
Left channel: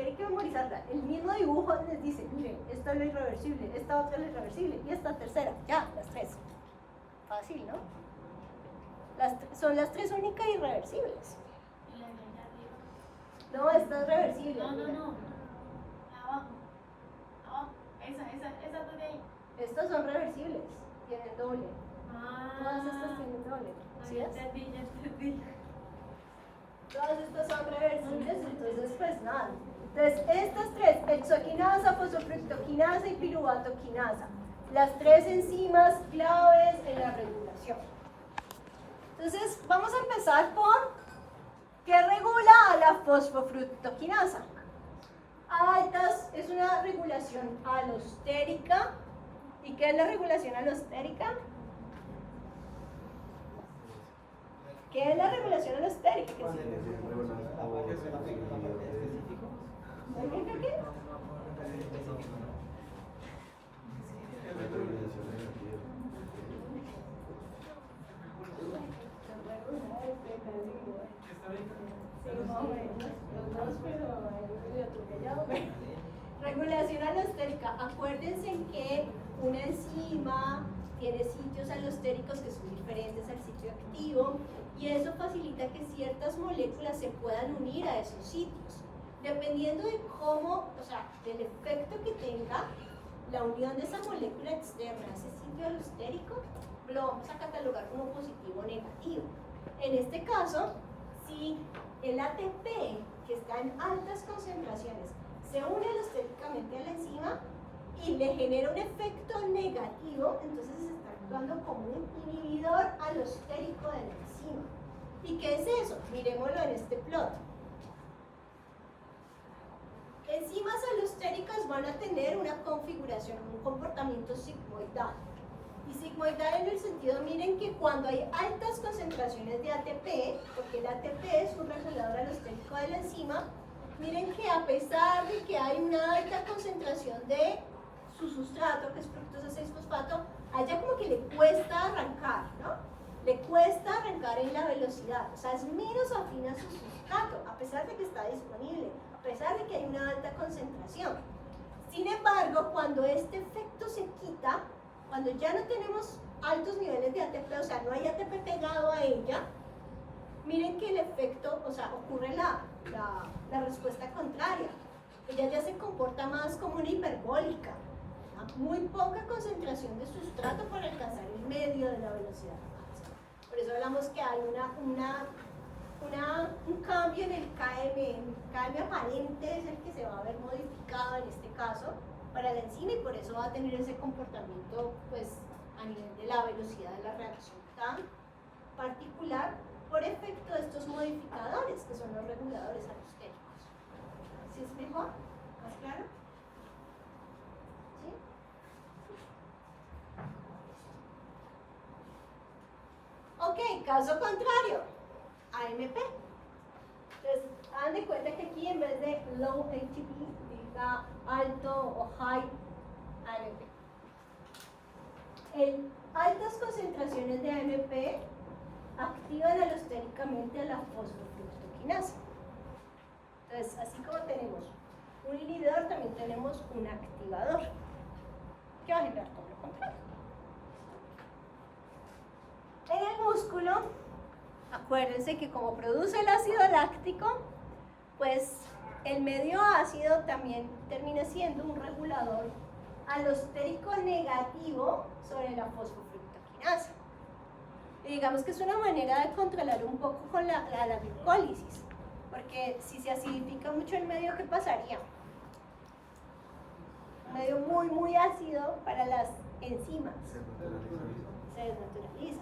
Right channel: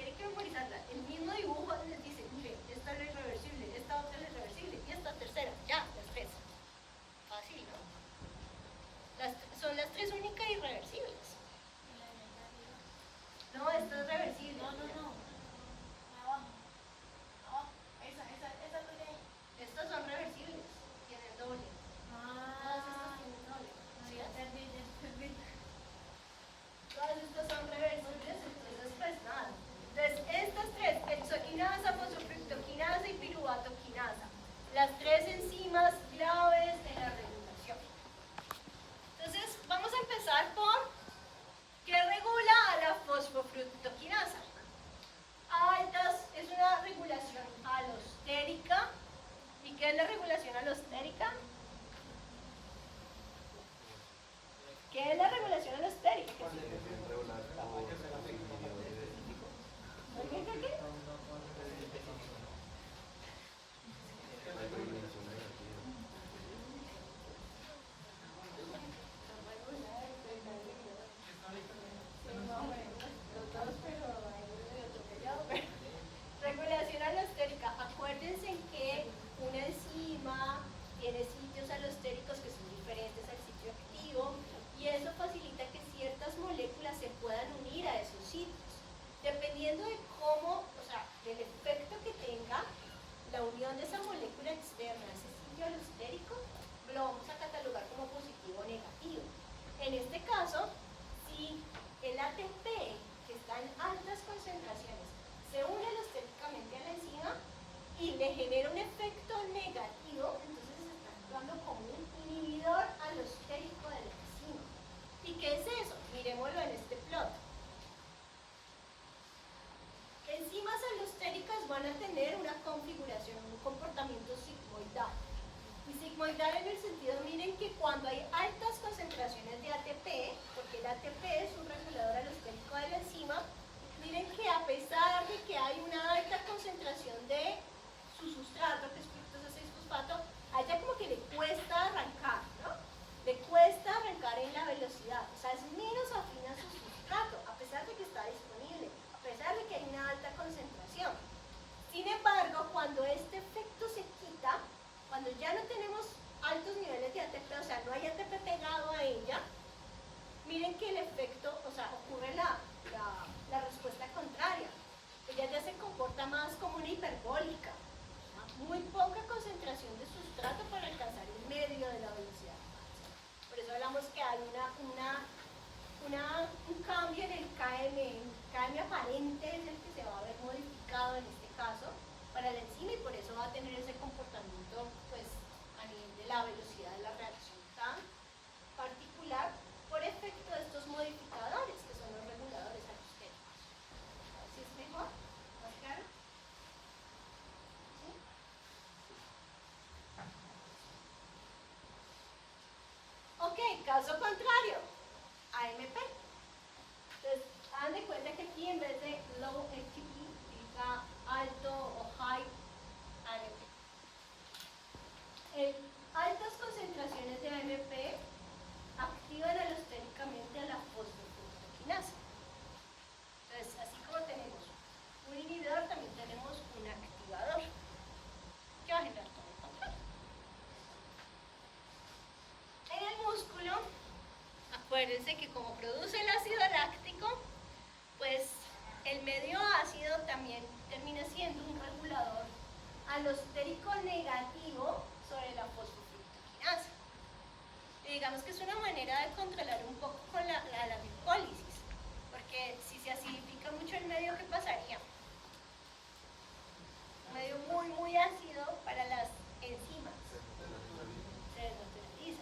hay que memorizarla, el mismo dibujo les dice, miren, esto es lo irreversible, esta otra es lo irreversible, y esta tercera, ya, las 3. Fácil, ¿no? Son las 3 únicas irreversibles. No, esta es reversible. No. Abajo. Esa de ahí. Estas son reversibles, tienen doble. Todas estas tienen doble. ¿Sí ves? Todas estas son reversibles, entonces pues nada. Entonces estas 3, hexoquinasa, fosfofructoquinasa y piruvatoquinasa, las 3 enzimas claves en la regulación. Entonces vamos a empezar por ¿qué regula a la fosfofructoquinasa? Altas es una regulación alostérica. ¿Y qué es la regulación alostérica? ¿Qué es la regulación alostérica? ¿Qué? Regulación alostérica. Acuérdense que una enzima tiene sitios alostéricos que son diferentes al sitio activo, y eso facilita que ciertas moléculas se puedan unir a esos sitios. Dependiendo de cómo, o sea, del efecto que tenga la unión de esa molécula externa a ese sitio alostérico, lo vamos a catalogar como positivo o negativo. En este caso, si el ATP, que está en altas concentraciones, se une alostéricamente a la enzima y le genera un efecto negativo, entonces se está actuando como un inhibidor alostérico de la enzima. ¿Y qué es eso? Miremoslo en este plot. Enzimas alostéricas van a tener una configuración, un comportamiento sigmoidal. Y sigmoidal en el sentido, miren que cuando hay altas concentraciones de ATP, porque el ATP es un regulador alostérico de la enzima, miren que a pesar de que hay una alta concentración de su sustrato, que es fructosa 6-fosfato, a ella como que le cuesta arrancar, ¿no? Le cuesta arrancar en la velocidad, o sea, es menos afín a su sustrato, a pesar de que está disponible, a pesar de que hay una alta concentración. Sin embargo, cuando este efecto se quita, cuando ya no tenemos altos niveles de ATP, o sea, no hay ATP pegado a ella, miren que el efecto, o sea, ocurre la respuesta contraria. Ella ya se comporta más como una hiperbólica, ¿no? Muy poca concentración de sustrato para alcanzar el medio de la velocidad. Por eso hablamos que hay un cambio en el KM. El KM aparente es el que se va a ver modificado en este caso para la enzima, y por eso va a tener ese comportamiento pues, a nivel de la velocidad de la reacción tan particular por efecto de estos modificadores, que son los caso contrario, AMP. Entonces, hagan de cuenta que aquí en vez de low ATP, diga alto o high AMP. Altas concentraciones de AMP activan alostéricamente a la fosfofructoquinasa. Entonces, así como tenemos un inhibidor, también tenemos un activador que va a generar todo lo contrario. En el músculo, acuérdense que como produce el ácido láctico, pues el medio ácido también termina siendo un regulador alostérico negativo sobre la fosfofructoquinasa. Y digamos que es una manera de controlar un poco con la glicólisis, porque si se acidifica mucho el medio, ¿qué pasaría? Un medio muy ácido para las enzimas. Se desnaturaliza.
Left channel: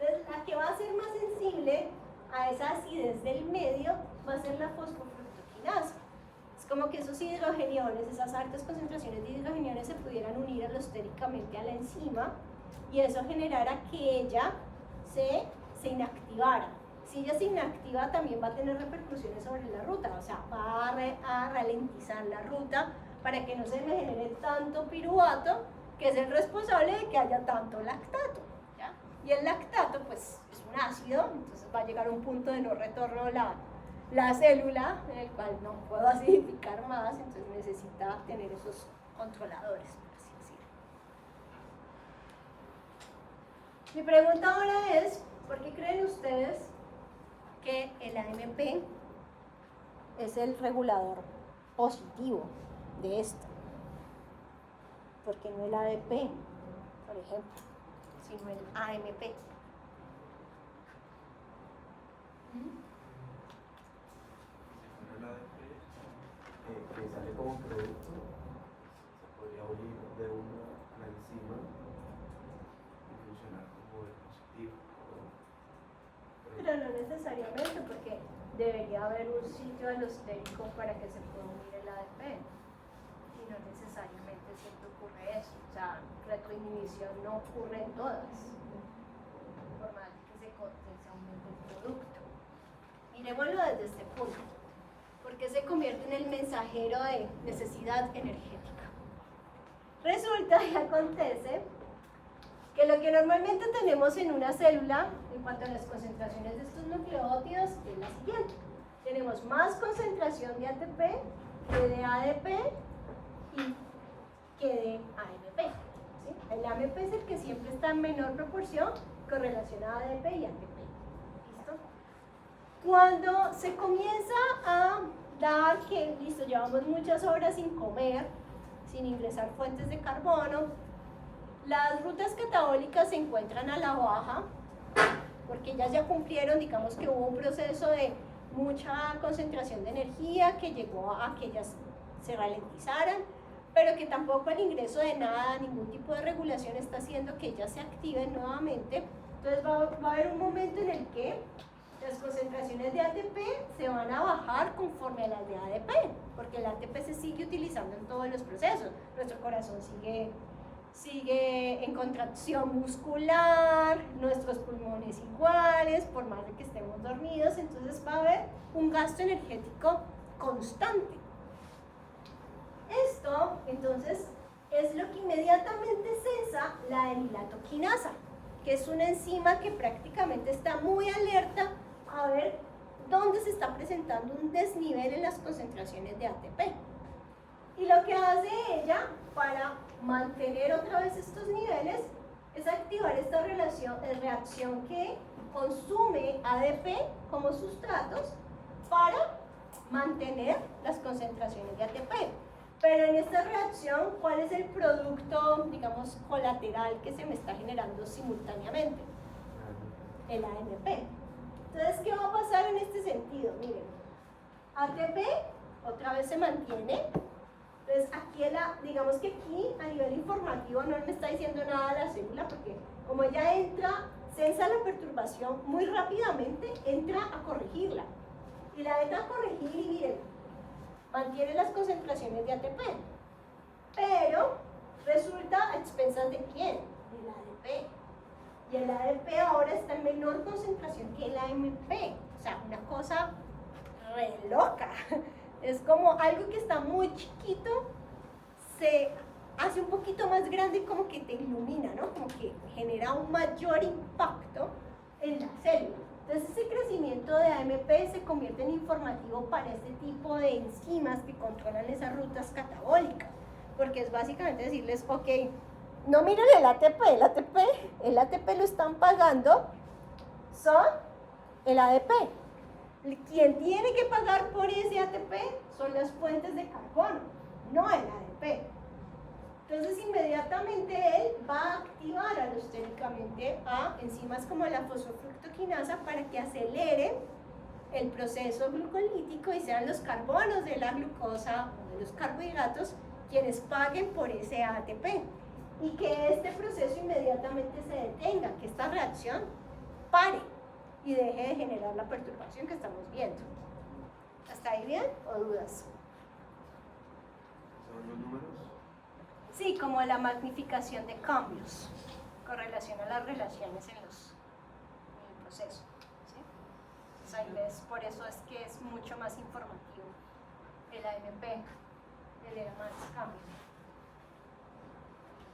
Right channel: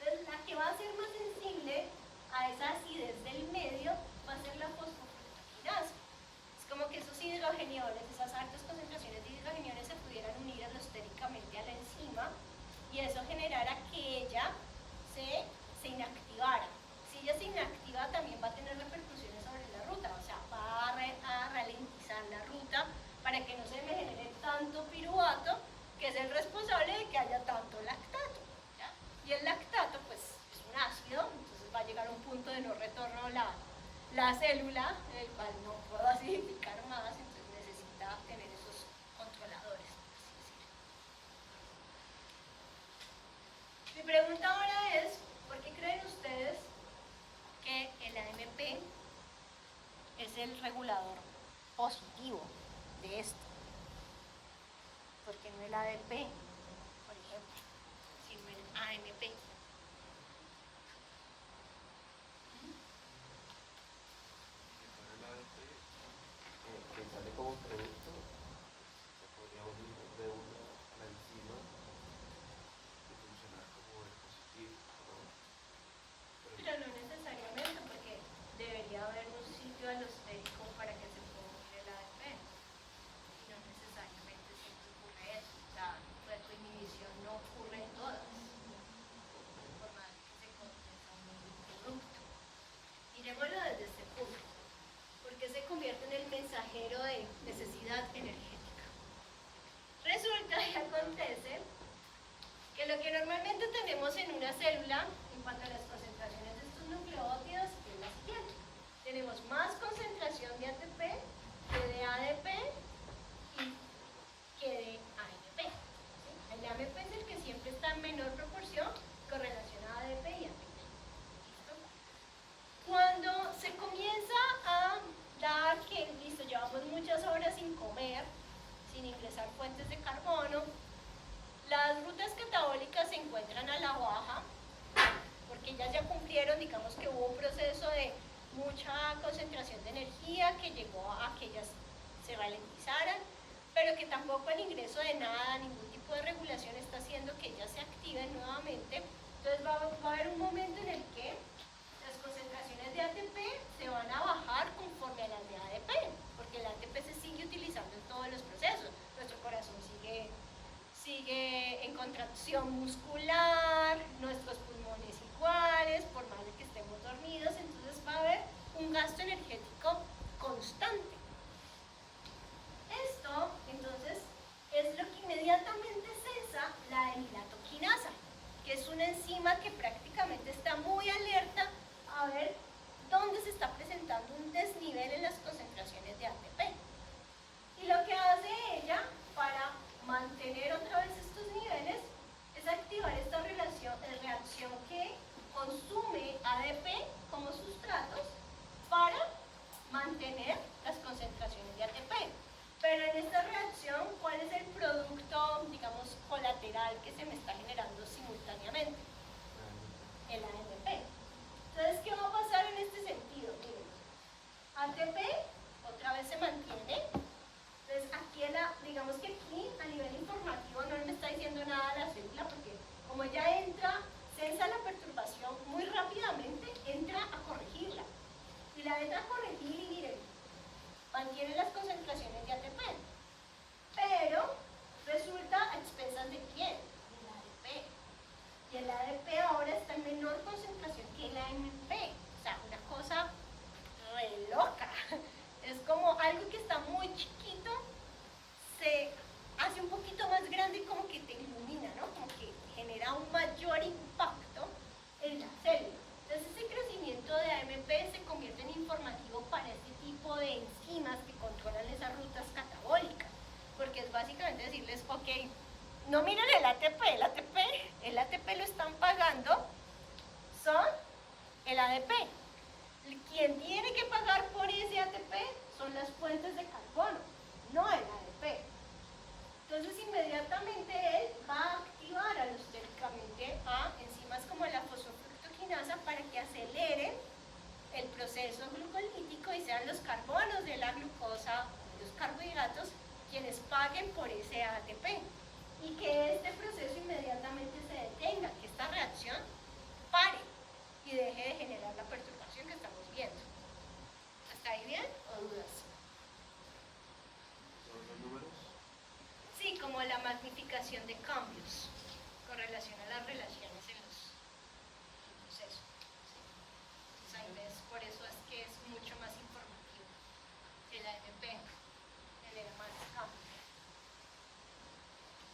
Entonces, la que va a ser más sensible a esa acidez del medio va a ser la fosfofructoquinasa. Es como que esos hidrogeniones, esas altas concentraciones de hidrogeniones se pudieran unir alostéricamente a la enzima y eso generara que ella se inactivara. Si ella se inactiva, también va a tener repercusiones sobre la ruta, o sea, va a ralentizar la ruta para que no se me genere tanto piruvato, que es el responsable de que haya tanto lactato, ¿ya? Y el lactato, pues, es un ácido, entonces va a llegar a un punto de no retorno la célula, en el cual no puedo acidificar más, entonces necesita tener esos controladores, por así decirlo. Mi pregunta ahora es, ¿por qué creen ustedes que el AMP es el regulador positivo de esto? Porque no el ADP, por ejemplo, sino el AMP. Que sale como producto, se podría unir de una enzima y funcionar como el positivo, Pero no necesariamente, porque debería haber un sitio alostérico para que se pueda unir el ADP. Y no necesariamente siempre ocurre eso. O sea, retroinhibición no ocurre en todas, por más que se contenga un mismo producto. Miremoslo desde este punto. ¿Por qué se convierte en el mensajero de necesidad energética? Resulta y acontece que lo que normalmente tenemos en una célula, en cuanto a las concentraciones de estos nucleótidos, es la siguiente. Tenemos más concentración de ATP que de ADP y que de AMP. ¿Sí? El AMP es el que siempre está en menor proporción con relación a ADP y ATP. ¿Listo? Cuando se comienza a dar que, listo, llevamos muchas horas sin comer, sin ingresar fuentes de carbono, las rutas catabólicas se encuentran a la baja, porque ellas ya cumplieron, digamos que hubo un proceso de mucha concentración de energía que llegó a que ellas se ralentizaran, pero que tampoco el ingreso de nada, ningún tipo de regulación está haciendo que ellas se activen nuevamente. Entonces va a haber un momento en el que las concentraciones de ATP se van a bajar conforme a las de ADP, porque el ATP se sigue utilizando en todos los procesos. Nuestro corazón sigue en contracción muscular, nuestros pulmones iguales, por más de que estemos dormidos, entonces va a haber un gasto energético constante. Esto, entonces, es lo que inmediatamente cesa la enilatoquinasa, que es una enzima que prácticamente está muy alerta a ver dónde se está presentando un desnivel en las concentraciones de ATP. Y lo que hace ella para mantener otra vez estos niveles es activar esta reacción que consume ADP como sustratos para mantener las concentraciones de ATP. Pero en esta reacción, ¿cuál es el producto, digamos, colateral que se me está generando simultáneamente? El AMP. Entonces, ¿qué va a pasar en este sentido? Miren, ATP otra vez se mantiene. Entonces, aquí digamos que aquí, a nivel informativo, no me está diciendo nada la célula, porque como ella entra, sensa la perturbación muy rápidamente, entra a corregirla. Y la entra a corregir y miren, mantiene las concentraciones de ATP. Pero resulta a expensas de quién? Del ADP. Y el ADP ahora está en menor concentración se hace un poquito más grande, como que te ilumina, ¿no? Como que genera un mayor impacto en la célula. Entonces ese crecimiento de AMP se convierte en informativo para este tipo de enzimas que controlan esas rutas catabólicas, porque es básicamente decirles, ok, no miren el ATP lo están pagando, son el ADP. Quien tiene que pagar por ese ATP son las fuentes de carbono, no el ADP. Entonces inmediatamente él va a activar alostéricamente a enzimas como la fosfofructoquinasa para que aceleren el proceso glucolítico y sean los carbonos de la glucosa o de los carbohidratos quienes paguen por ese ATP. Y que este proceso inmediatamente se detenga, que esta reacción pare y deje de generar la perturbación que estamos viendo. ¿Hasta ahí bien o dudas? ¿Son los números? Sí, como la magnificación de cambios con relación a las relaciones en el proceso. ¿Sí? Entonces ahí ves, por eso es que es mucho más informativo el AMP, el era más cambio.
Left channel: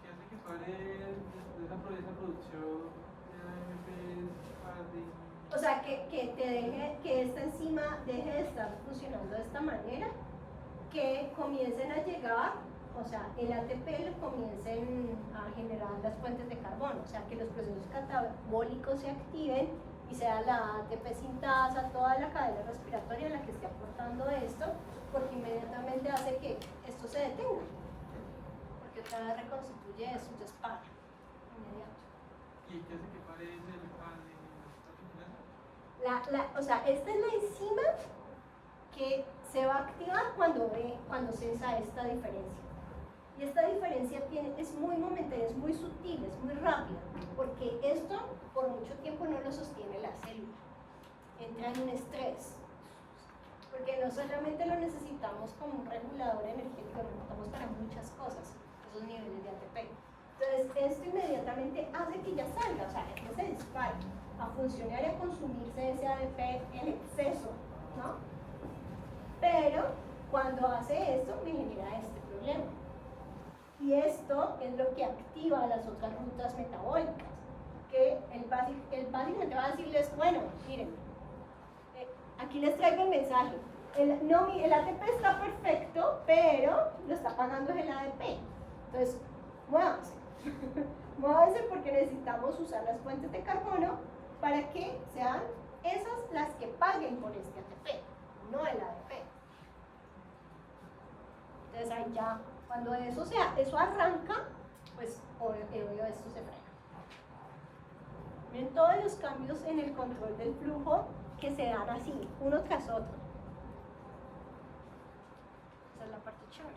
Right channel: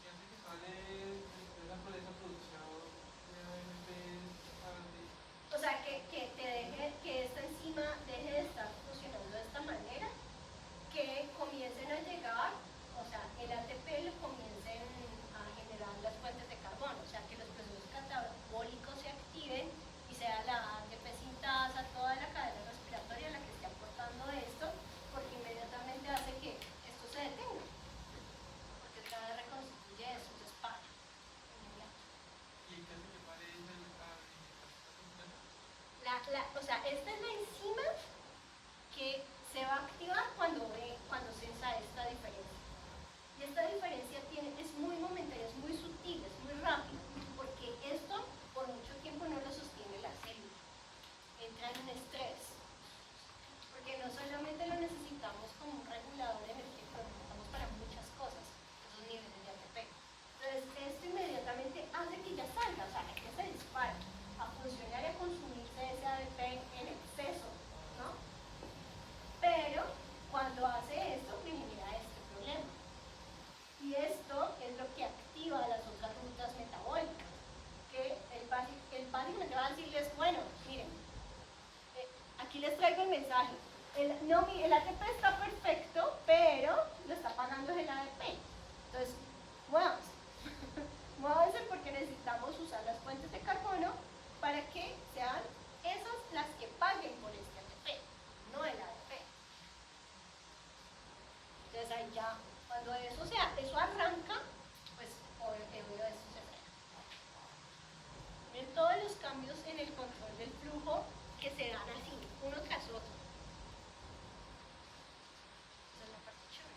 Fíjate que padre de esa producción de AMP para ti. O sea, que esta enzima deje de estar funcionando de esta manera, que comiencen a llegar, o sea, el ATP lo comiencen a generar las fuentes de carbono, o sea, que los procesos catabólicos se activen y sea la ATP sintasa, toda la cadena respiratoria la que esté aportando esto, porque inmediatamente hace que esto se detenga, porque otra vez reconstituye eso, entonces para. ¿Y qué hace que pare el pan? O sea, esta es la enzima que se va a activar cuando sensa esta diferencia. Y esta diferencia es muy momentánea, es muy sutil, es muy rápida, porque esto por mucho tiempo no lo sostiene la célula. Entra en un estrés, porque no solamente lo necesitamos como un regulador energético, lo necesitamos para muchas cosas, esos niveles de ATP. Entonces, esto inmediatamente hace que ya salga, o sea, que se dispare a funcionar y a consumirse ese ADP en exceso, ¿no? Pero cuando hace esto me genera este problema. Y esto es lo que activa las otras rutas metabólicas, que el básicamente va a decirles, bueno, miren, aquí les traigo el mensaje. El ATP está perfecto, pero lo está pagando el ADP. Entonces, muévanse. Muévanse porque necesitamos usar las fuentes de carbono para que sean esas las que paguen por este ATP, no el ADP. Entonces ahí ya, cuando eso arranca, pues obvio esto se frena. Miren todos los cambios en el control del flujo que se dan así, uno tras otro. Esa es la parte chévere.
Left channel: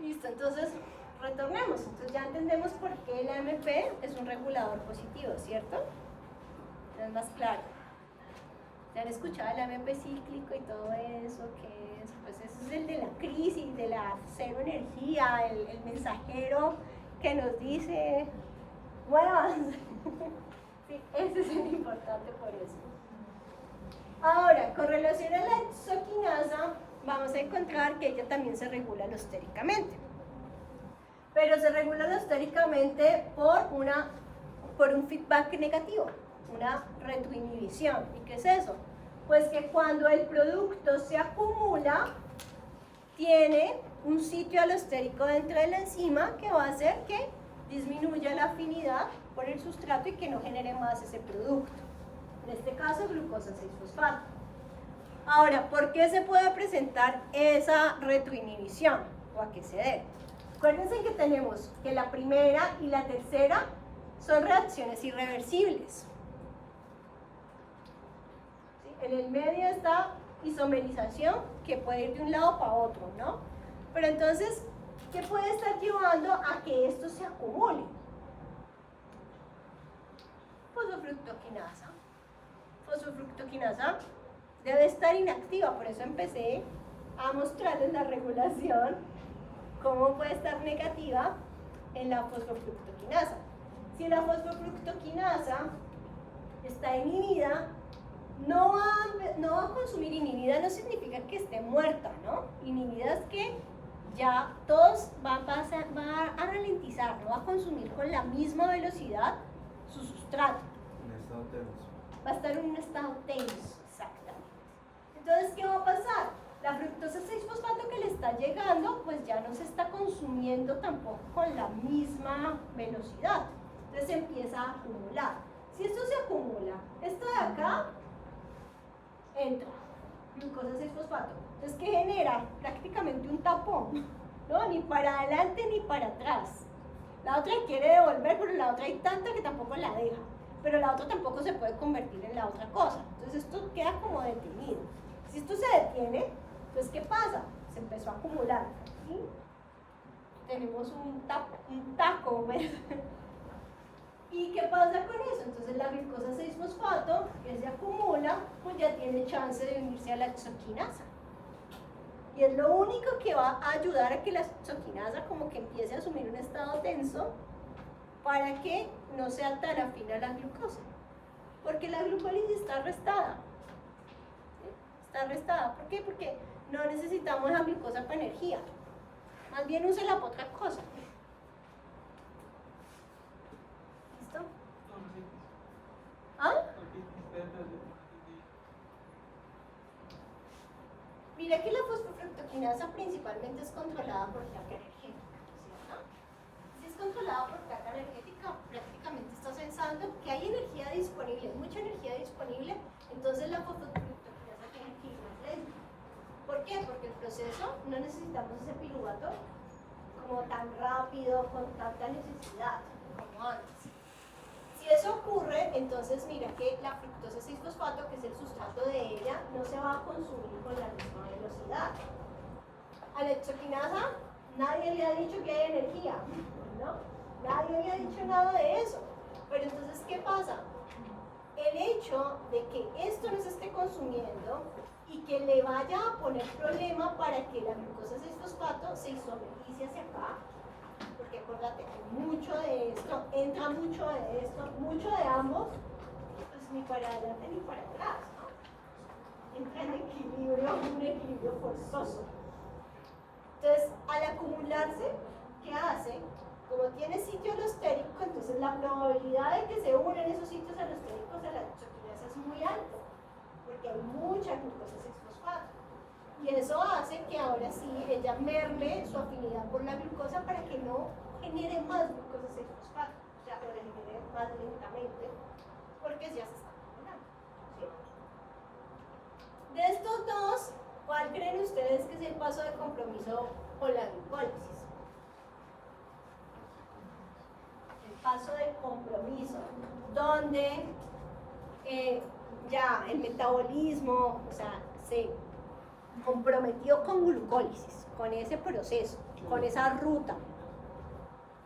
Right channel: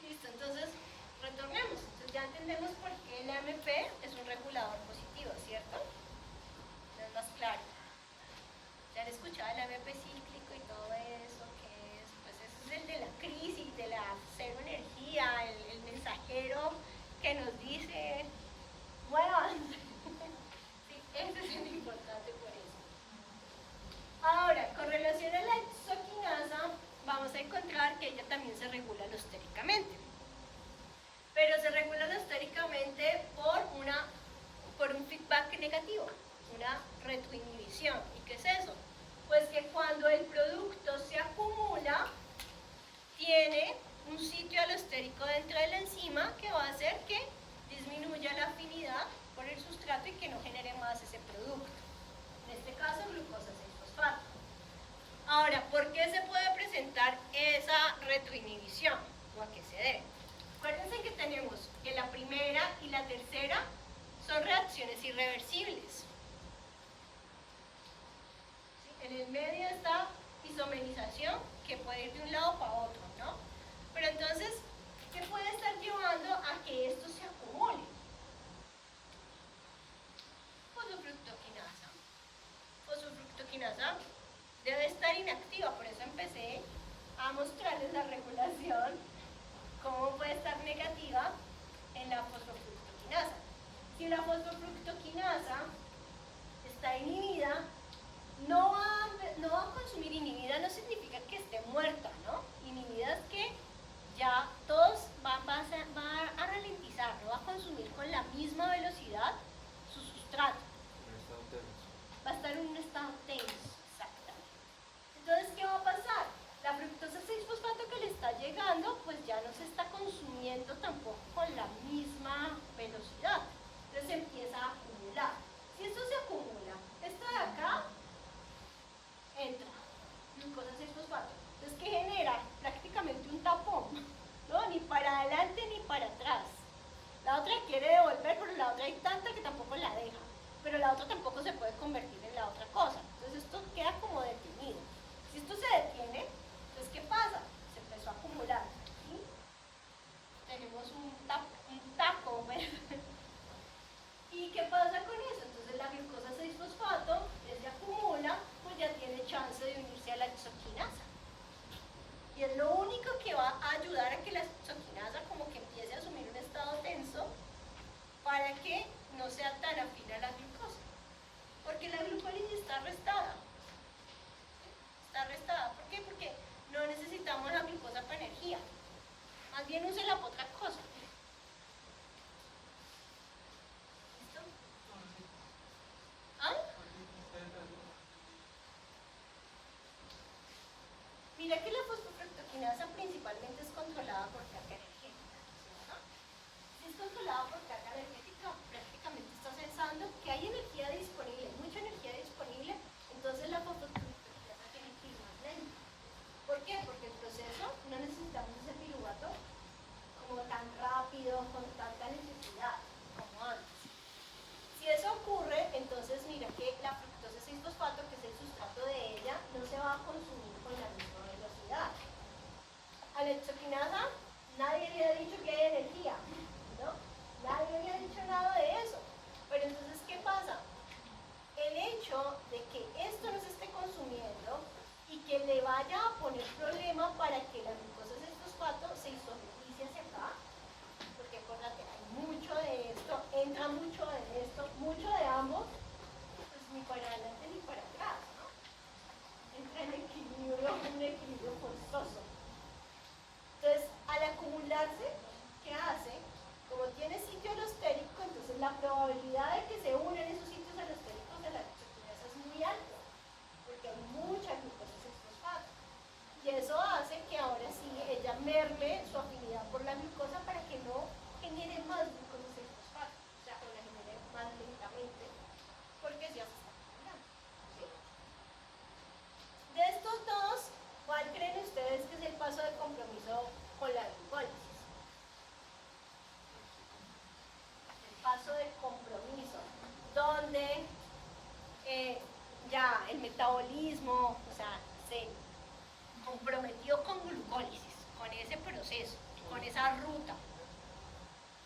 Listo, entonces retornemos. Entonces ya entendemos por qué el AMP es un regulador positivo, ¿cierto? Es más claro. ¿Ya han escuchado el AMP cíclico y todo eso? ¿Qué es? Pues eso es el de la crisis, de la cero energía, el mensajero que nos dice, muévanse. Sí, ese es el importante por eso. Ahora, con relación a la exoquinasa, vamos a encontrar que ella también se regula alostéricamente. Pero se regula alostéricamente por un feedback negativo, una retroinhibición. ¿Y qué es eso? Pues que cuando el producto se acumula, tiene un sitio alostérico dentro de la enzima que va a hacer que disminuya la afinidad por el sustrato y que no genere más ese producto. En este caso, glucosa 6-fosfato. Ahora, ¿por qué se puede presentar esa retroinhibición? ¿O a qué se debe? Acuérdense que tenemos que la primera y la tercera son reacciones irreversibles. ¿Sí? En el medio está isomerización, que puede ir de un lado para otro, ¿no? Pero entonces, ¿qué puede estar llevando a que esto se acumule? Fosfofructoquinasa. Fosfofructoquinasa debe estar inactiva, por eso empecé a mostrarles la regulación, cómo puede estar negativa en la fosfofructoquinasa. Si la fosfofructoquinasa está inhibida, no va a consumir. Inhibida no significa que esté muerta, ¿no? Inhibida es que ya todos va a ralentizar, no va a consumir con la misma velocidad su sustrato. Un estado tenso. Va a estar en un estado tenso, exactamente. Entonces, ¿qué va a pasar? La fructosa 6-fosfato que le está llegando, pues ya no se está consumiendo tampoco con la misma velocidad. Entonces empieza a acumular. Si esto se acumula, esto de acá entra, glucosa 6-fosfato. Entonces, ¿qué genera? Prácticamente un tapón, ¿no? Ni para adelante ni para atrás. La otra quiere devolver, pero la otra hay tanta que tampoco la deja. Pero la otra tampoco se puede convertir en la otra cosa. Entonces esto queda como detenido. Si esto se detiene, entonces ¿qué pasa? Se empezó a acumular. Aquí tenemos un taco, ¿ves? ¿Y qué pasa con eso? Entonces la glucosa 6-fosfato, que se acumula, pues ya tiene chance de unirse a la hexoquinasa. Y es lo único que va a ayudar a que la hexoquinasa como que empiece a asumir un estado tenso para que no sea tan afín a la glucosa. Porque la glucólisis está arrestada. ¿Sí? Está arrestada. ¿Por qué? Porque no necesitamos la glucosa para energía. Más bien úsela para otra cosa. ¿Listo? ¿Ah? Mira que la fosfofructoquinasa principalmente es controlada por carga energética, ¿cierto? Si es controlada por carga energética, prácticamente está pensando que hay energía disponible, mucha energía disponible, entonces la fosfofructoquinasa tiene que ir más lenta. ¿Por qué? Porque el proceso no necesitamos ese piruvato como tan rápido, con tanta necesidad como antes. Si eso ocurre, entonces mira que la fructosa 6-fosfato, que es el sustrato de ella, no se va a consumir con la misma velocidad. A la hexoquinasa nadie le ha dicho que hay energía, ¿no? Nadie le ha dicho nada de eso. Pero entonces, ¿qué pasa? El hecho de que esto no se esté consumiendo y que le vaya a poner problema para que la glucosa 6-fosfato se isomerice hacia acá, porque acuérdate, mucho de esto, entra mucho de esto, mucho de ambos, pues ni para adelante ni para atrás, ¿no? Entra en equilibrio, un equilibrio forzoso. Entonces, al acumularse, ¿qué hace? Como tiene sitio alostérico, entonces la probabilidad de que se unan esos sitios alostéricos a la hexoquinasa es muy alta, porque hay mucha glucosa 6-fosfato. Y eso hace que ahora sí ella merme su afinidad por la glucosa para que no genere más glucosa 6-fosfato, o sea, que lo genere más lentamente, porque ya se está acumulando. ¿Sí? De estos dos, ¿cuál creen ustedes que es el paso de compromiso con la glucólisis? El paso de compromiso, donde ya el metabolismo, o sea, se comprometió con glucólisis, con ese proceso, con esa ruta.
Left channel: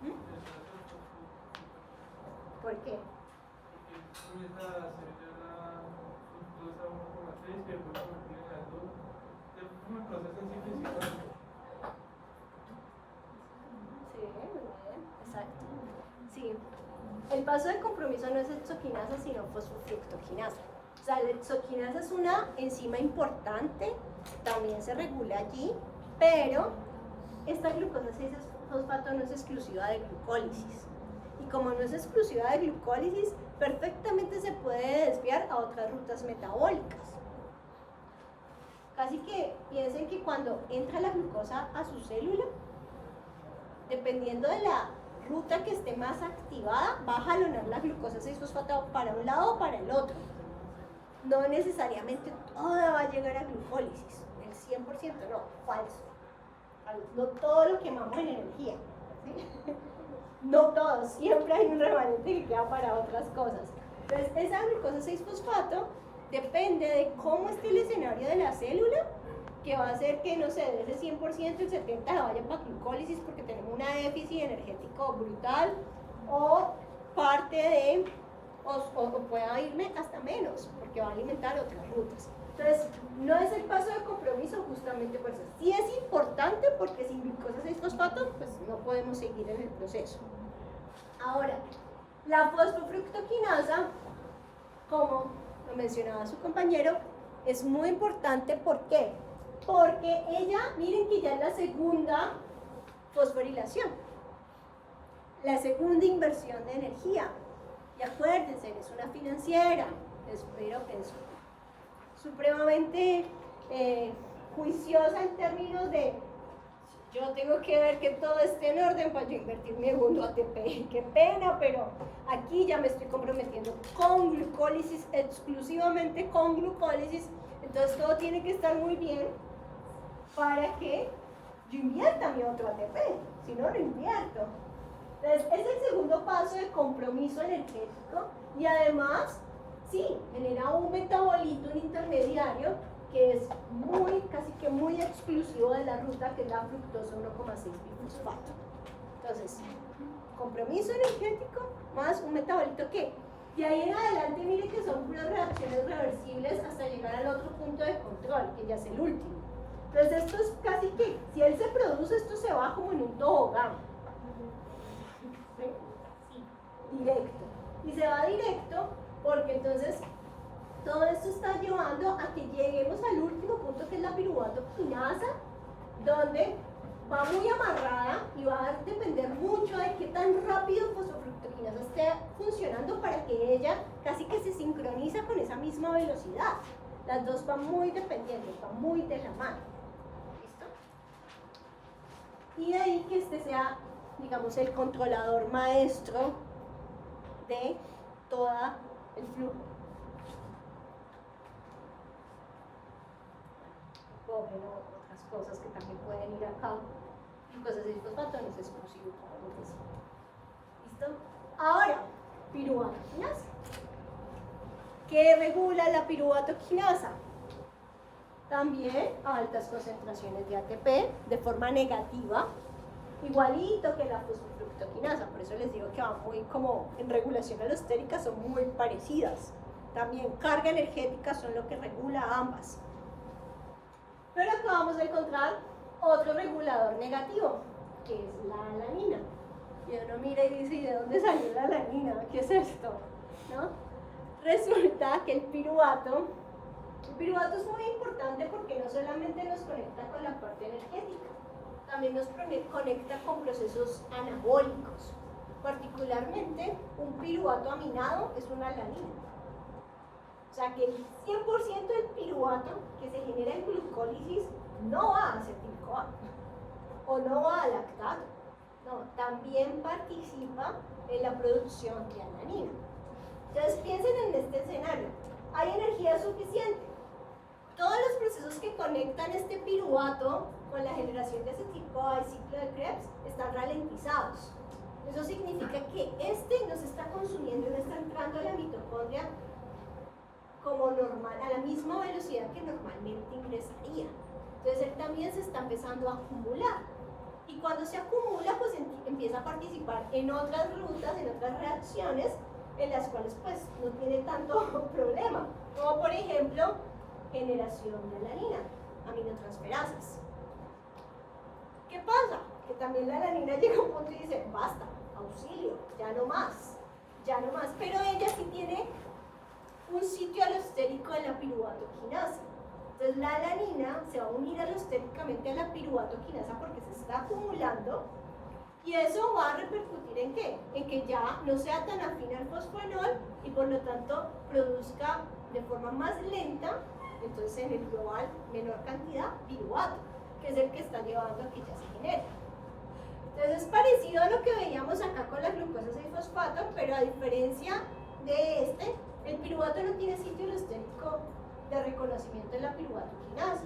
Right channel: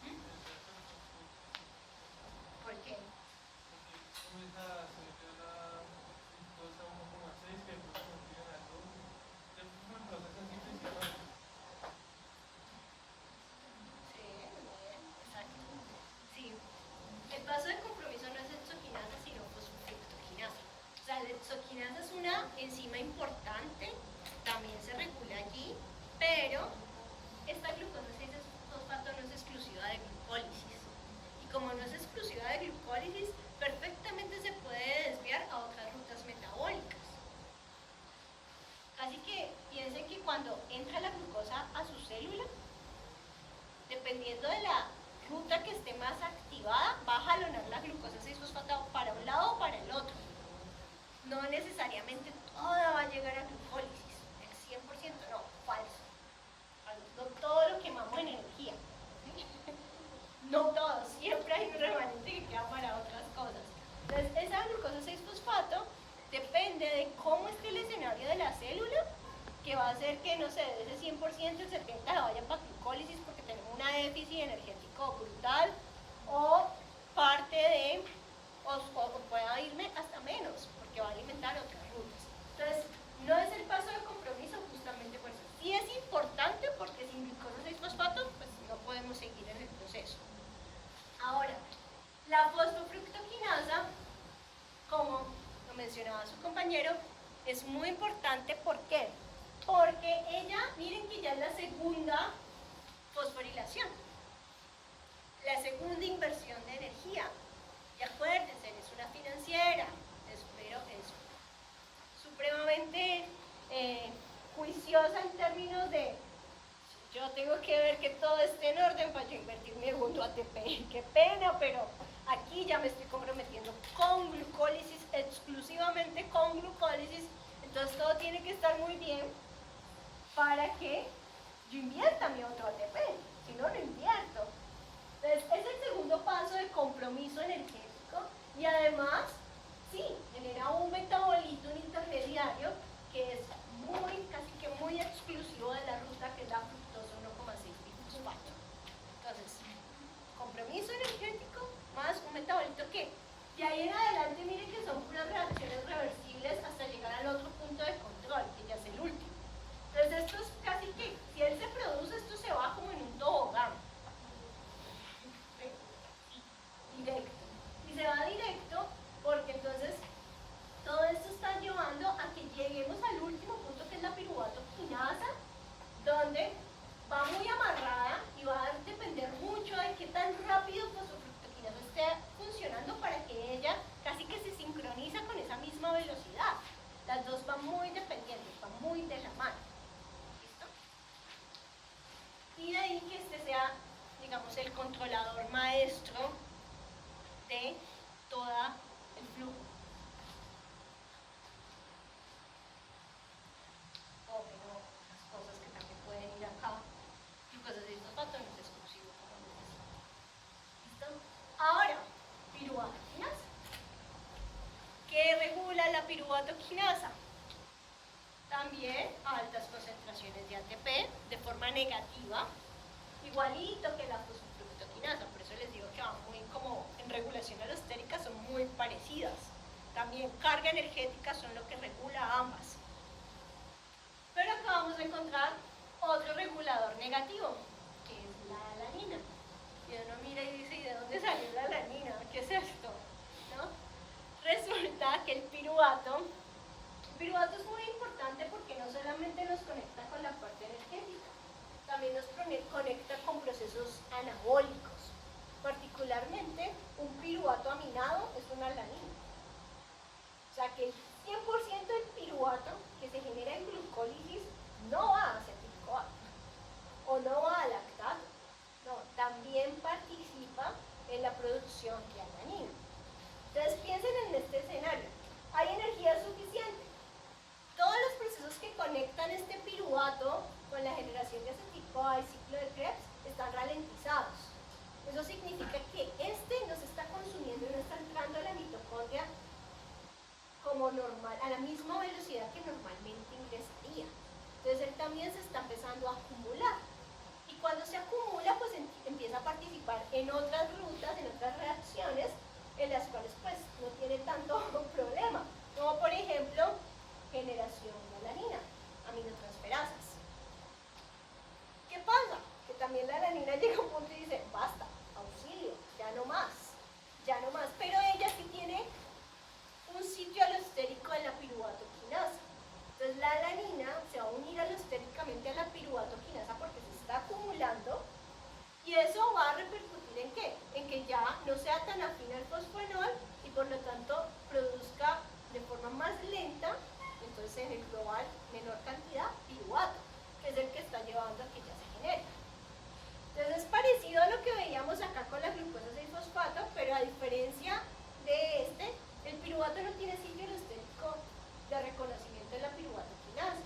¿Mm? ¿Por qué? Sí, muy bien, exacto. Sí. El paso de compromiso no es hexoquinasa, sino fosfofructoquinasa. O sea, la hexoquinasa es una enzima importante, también se regula allí, pero esta glucosa 6-fosfato no es exclusiva de glucólisis. Y como no es exclusiva de glucólisis, perfectamente se puede desviar a otras rutas metabólicas. Casi que piensen que cuando entra la glucosa a su célula, dependiendo de la ruta que esté más activada, va a jalonar la glucosa 6-fosfato para un lado o para el otro. No necesariamente toda va a llegar a glucólisis, el 100% no, falso. No todo lo quemamos en energía. ¿Sí? No todo, siempre hay un remanente que queda para otras cosas. Entonces, esa glucosa 6-fosfato depende de cómo esté el escenario de la célula, que va a hacer que, no sé, de ese 100% el 70% vaya para glucólisis porque tenemos un déficit energético brutal, o parte de, o pueda irme hasta menos, porque va a alimentar otras rutas. Entonces, no es el paso de compromiso justamente por eso. Sí es importante porque sin glucosa 6-fosfato, pues no podemos seguir en el proceso. Ahora, la fosfofructoquinasa, como lo mencionaba su compañero, es muy importante. ¿Por qué? Porque ella, miren que ya es la segunda fosforilación, la segunda inversión de energía. Y acuérdense, es una financiera, espero que es supremamente juiciosa en términos de yo tengo que ver que todo esté en orden para yo invertir mi segundo ATP. Qué pena, pero aquí ya me estoy comprometiendo con glucólisis, exclusivamente con glucólisis. Entonces todo tiene que estar muy bien para que yo invierta mi otro ATP. Si no, no invierto. Entonces es el segundo paso de compromiso energético y además, sí, genera un metabolito, un intermediario que es casi que muy exclusivo de la ruta, que es la fructosa 1,6 bifosfato. Entonces, compromiso energético más un metabolito que de ahí en adelante, mire que son unas reacciones reversibles hasta llegar al otro punto de control, que ya es el último. Entonces esto es casi que, si él se produce, esto se va como en un tobogán. ¿Sí? Directo. Y se va directo porque entonces todo esto está llevando a que lleguemos al último punto, que es la piruvato-quinasa, donde va muy amarrada y va a depender mucho de qué tan rápido fosfofructoquinasa esté funcionando para que ella casi que se sincroniza con esa misma velocidad. Las dos van muy dependientes, van muy de la mano. ¿Listo? Y de ahí que este sea, digamos, el controlador maestro de todo el flujo. Pero otras cosas que también pueden ir acá. Glucosa 6-fosfato no es exclusivo, como les decía. ¿Listo? Ahora, piruvato-quinasa. ¿Qué regula la piruvato-quinasa? También altas concentraciones de ATP de forma negativa, igualito que la fosfofructoquinasa. Por eso les digo que van muy como en regulación alostérica, son muy parecidas. También carga energética son lo que regula ambas. Pero acá vamos a encontrar otro regulador negativo, que es la alanina. Y uno mira y dice, ¿y de dónde salió la alanina? ¿Qué es esto? ¿No? Resulta que el piruvato es muy importante porque no solamente nos conecta con la parte energética, también nos conecta con procesos anabólicos. Particularmente, un piruvato aminado es una alanina. O sea que el 100% del piruvato que se genera en glucólisis no va a acetil-CoA o no va a lactato, no, también participa en la producción de alanina. Entonces piensen en este escenario, hay energía suficiente, todos los procesos que conectan este piruvato con la generación de acetil-CoA y ciclo de Krebs están ralentizados. Eso significa que este no se está consumiendo, no está entrando a la mitocondria como normal, a la misma velocidad que normalmente ingresaría. Entonces él también se está empezando a acumular. Y cuando se acumula, pues empieza a participar en otras rutas, en otras reacciones, en las cuales pues no tiene tanto problema. Como por ejemplo, generación de alanina, aminotransferasas. ¿Qué pasa? Que también la alanina llega a un punto y dice, basta, auxilio, ya no más. Pero ella sí tiene un sitio alostérico en la piruvato-quinasa. Entonces la alanina se va a unir alostéricamente a la piruvato-quinasa porque se está acumulando y eso va a repercutir ¿en qué? En que ya no sea tan afín al fosfonol y por lo tanto produzca de forma más lenta, entonces en el global menor cantidad piruvato, que es el que está llevando a que ya se genere. Entonces es parecido a lo que veíamos acá con la glucosa 6-fosfato, pero a diferencia de este, el piruvato no tiene sitio alostérico de reconocimiento de la piruvato-quinasa.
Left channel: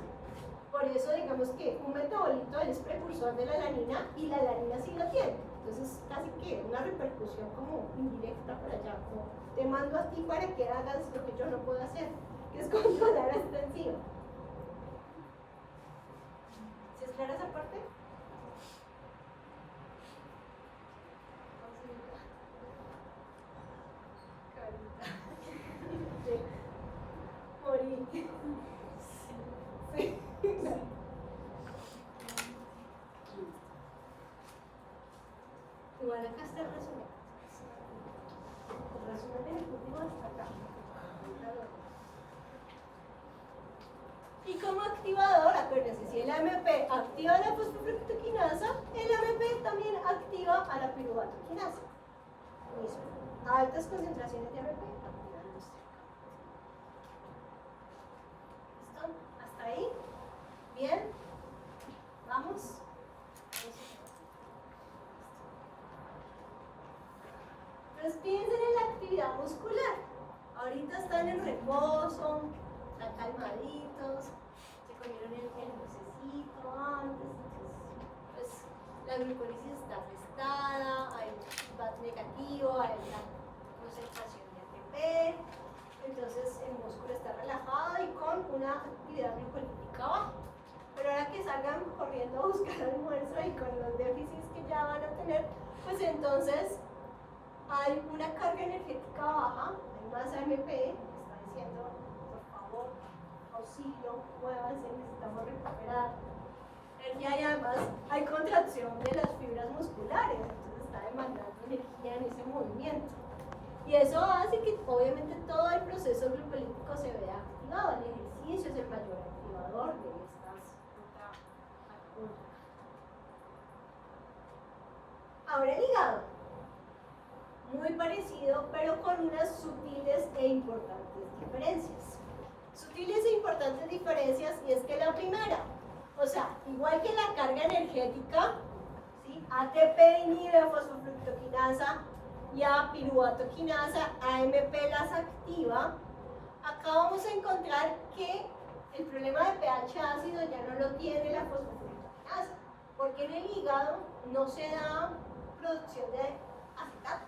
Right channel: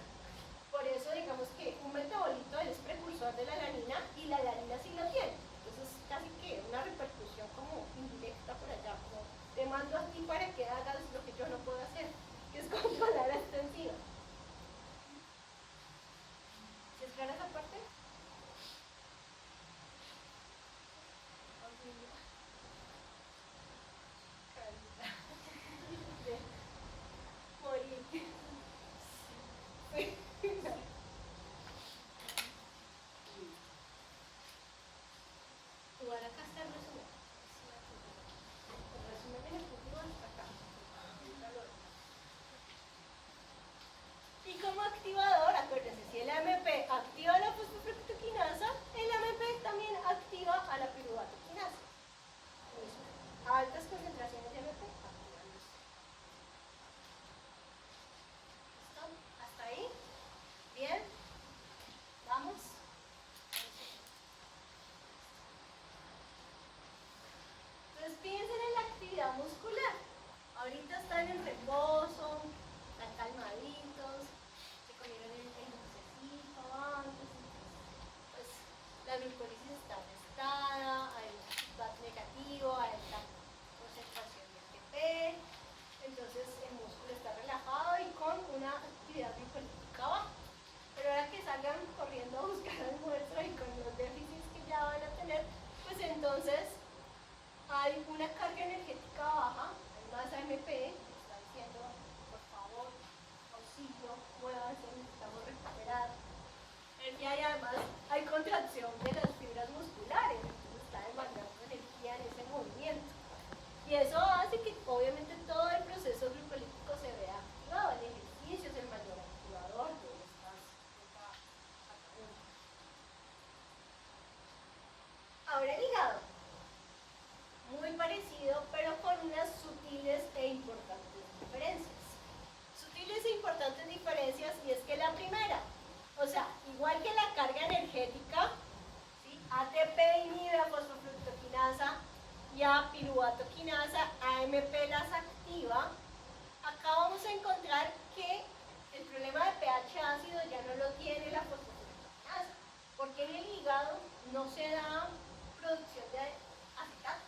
Por eso digamos que un metabolito es precursor de la alanina y la alanina sí lo tiene. Entonces casi que una repercusión como indirecta por allá, como te mando a ti para que hagas lo que yo no puedo hacer, que es controlar esta enzima. activa la fosfofructoquinasa, el AMP también activa a la piruvato-quinasa. Altas concentraciones de AMP. ¿Listo? ¿Hasta ahí? ¿Bien? ¿Vamos? Entonces piensen en la actividad muscular. Ahorita están en reposo, están calmaditos, se comieron el dulcecito antes, pues la glucólisis está afectada, hay feedback negativo, hay una concentración de ATP, entonces el músculo está relajado y con una actividad lipolítica baja. Pero ahora que salgan corriendo a buscar almuerzo y con los déficits que ya van a tener, pues entonces hay una carga energética baja, hay más AMP, está diciendo, por favor, auxilio, muévanse, necesitamos recuperar energía y además hay contracción de las fibras musculares, entonces está demandando energía en ese movimiento. Y eso hace que obviamente todo el proceso glucolítico se vea activado, el ejercicio es el mayor activador de estas funciones. Ahora el hígado. Muy parecido, pero con unas sutiles e importantes diferencias. Sutiles e importantes diferencias, y es que la primera, o sea, igual que la carga energética, ¿sí? ATP inhibe a fosfofructoquinasa y a piruvato-quinasa, AMP las activa. Acá vamos a encontrar que el problema de pH ácido ya no lo tiene la fosfofructoquinasa, porque en el hígado no se da producción de acetato,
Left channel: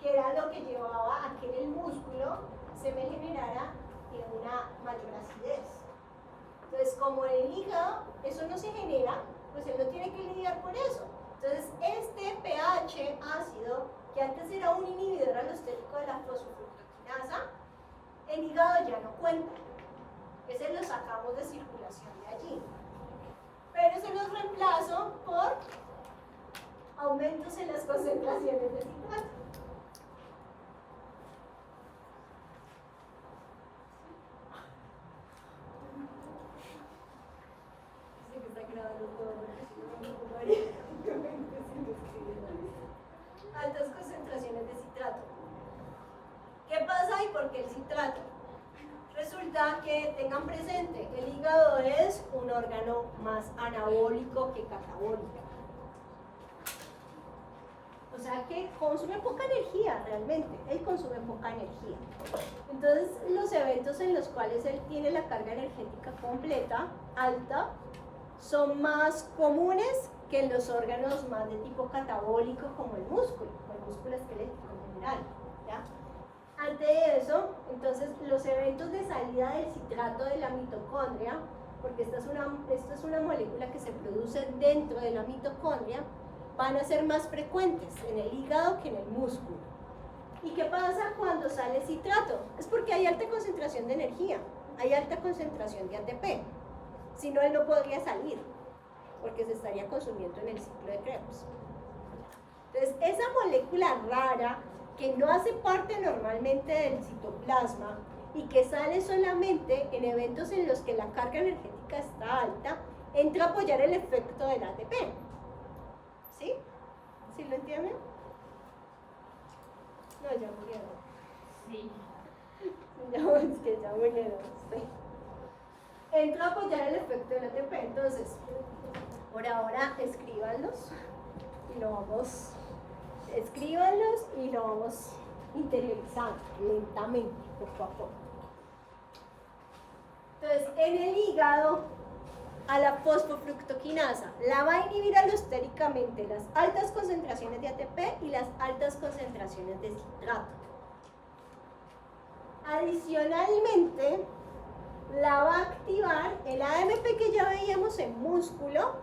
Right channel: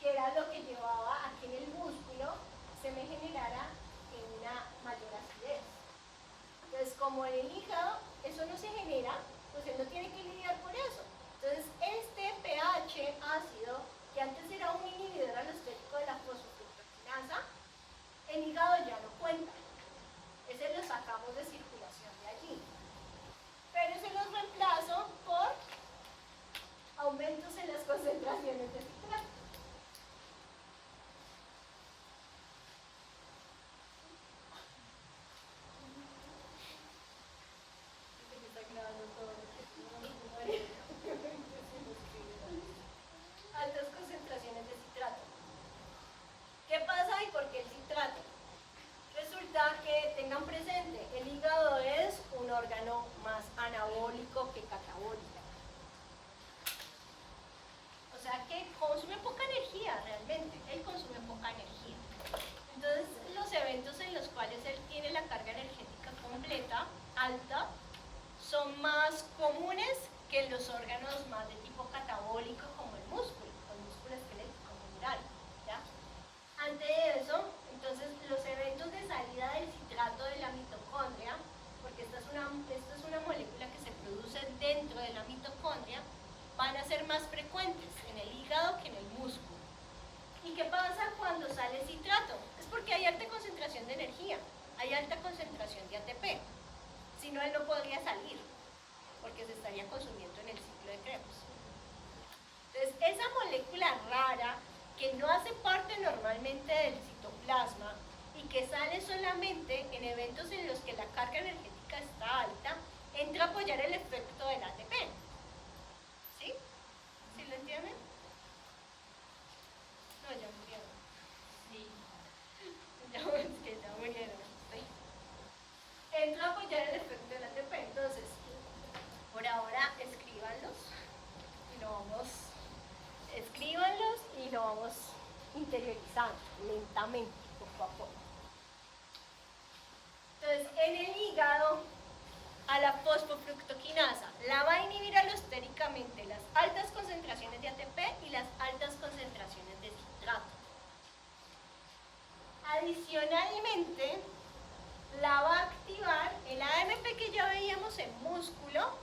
que era lo que llevaba a que en el músculo se me generara una mayor acidez. Entonces, como en el hígado eso no se genera, pues él no tiene que lidiar por eso. Entonces, este pH ácido, que antes era un inhibidor alostérico de la fosfofructoquinasa, el hígado ya no cuenta. Ese lo sacamos de circulación de allí. Pero se los reemplazo por aumentos en las concentraciones de citrato. Altas concentraciones de citrato. ¿Qué pasa y por qué el citrato? Resulta que tengan presente, el hígado es un órgano más anabólico que catabólico. O sea que consume poca energía realmente, él consume poca energía. Entonces los eventos en los cuales él tiene la carga energética completa, alta, son más comunes que en los órganos más de tipo catabólico como el músculo esquelético en general. ¿Ya? Ante eso, entonces los eventos de salida del citrato de la mitocondria, porque esta es una molécula que se produce dentro de la mitocondria, van a ser más frecuentes en el hígado que en el músculo. ¿Y qué pasa cuando sale citrato? Es porque hay alta concentración de energía, hay alta concentración de ATP. Si no, él no podría salir, porque se estaría consumiendo en el ciclo de Krebs. Entonces, esa molécula rara, que no hace parte normalmente del citoplasma y que sale solamente en eventos en los que la carga energética está alta, entra a apoyar el efecto del ATP. ¿Sí? ¿Sí lo entienden? No, ya murieron. Sí. Es que ya murieron, sí. Entra a apoyar el efecto del ATP. Entonces, por ahora, escríbanlos y lo vamos interiorizando lentamente, poco a poco. Entonces, en el hígado, a la fosfofructoquinasa la va a inhibir alostéricamente las altas concentraciones de ATP y las altas concentraciones de citrato. Adicionalmente, la va a activar el AMP que ya veíamos en músculo,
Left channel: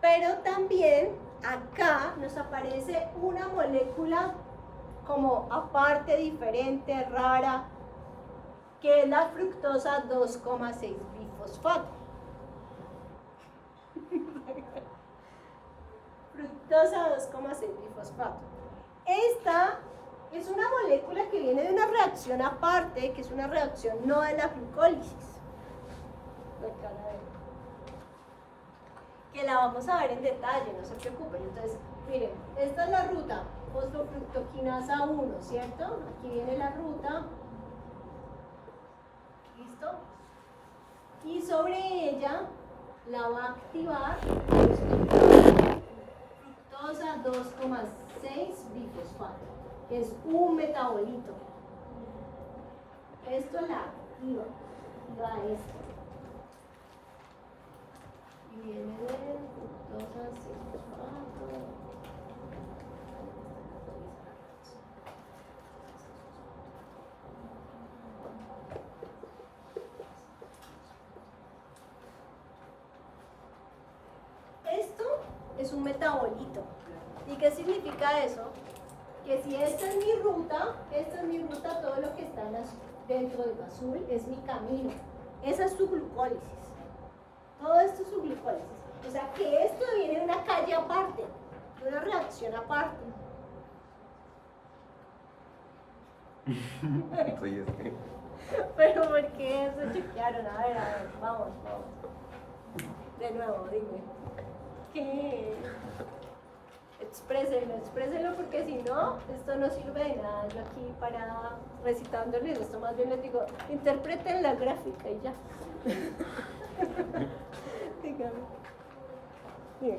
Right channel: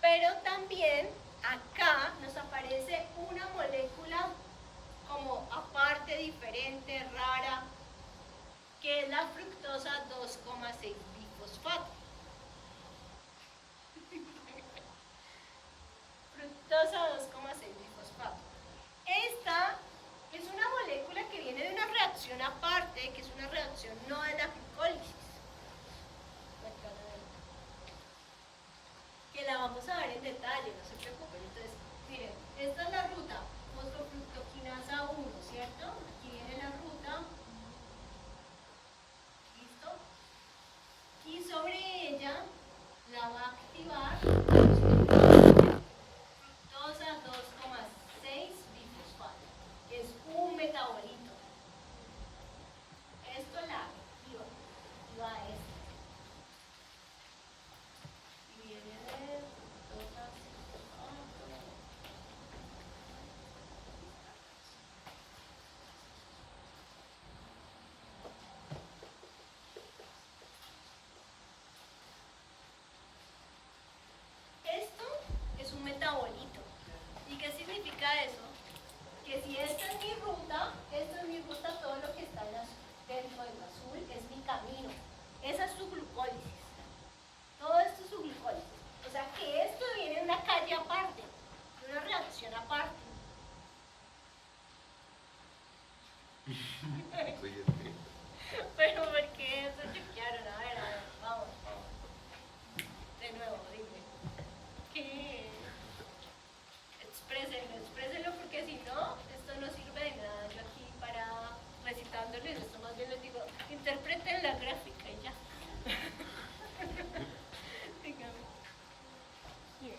pero también acá nos aparece una molécula como aparte, diferente, rara, que es la fructosa 2,6 bifosfato. Fructosa 2,6 bifosfato. Esta es una molécula que viene de una reacción aparte, que es una reacción no de la glucólisis. vamos a ver en detalle, no se preocupen. Entonces, miren, esta es la ruta fosfofructoquinasa 1, ¿cierto? Aquí viene la ruta. ¿Listo? Y sobre ella la va a activar fructosa 2,6 bifosfato, que es un metabolito. Esto la activa esto. Y viene de fructosa 6 bifosfato. Esto es un metabolito. ¿Y qué significa eso? Que si esta es mi ruta, todo lo que está dentro del azul es mi camino. Esa es su glucólisis. Todo esto es su glucólisis. O sea que esto viene de una calle aparte, de una reacción aparte. Pero ¿por qué eso chequearon? A ver, vamos. De nuevo, dime. ¿Qué? Exprésenlo porque si no, esto no sirve de nada. Yo aquí para recitándoles esto, más bien les digo, interpreten la gráfica y ya. Dígame. Bien.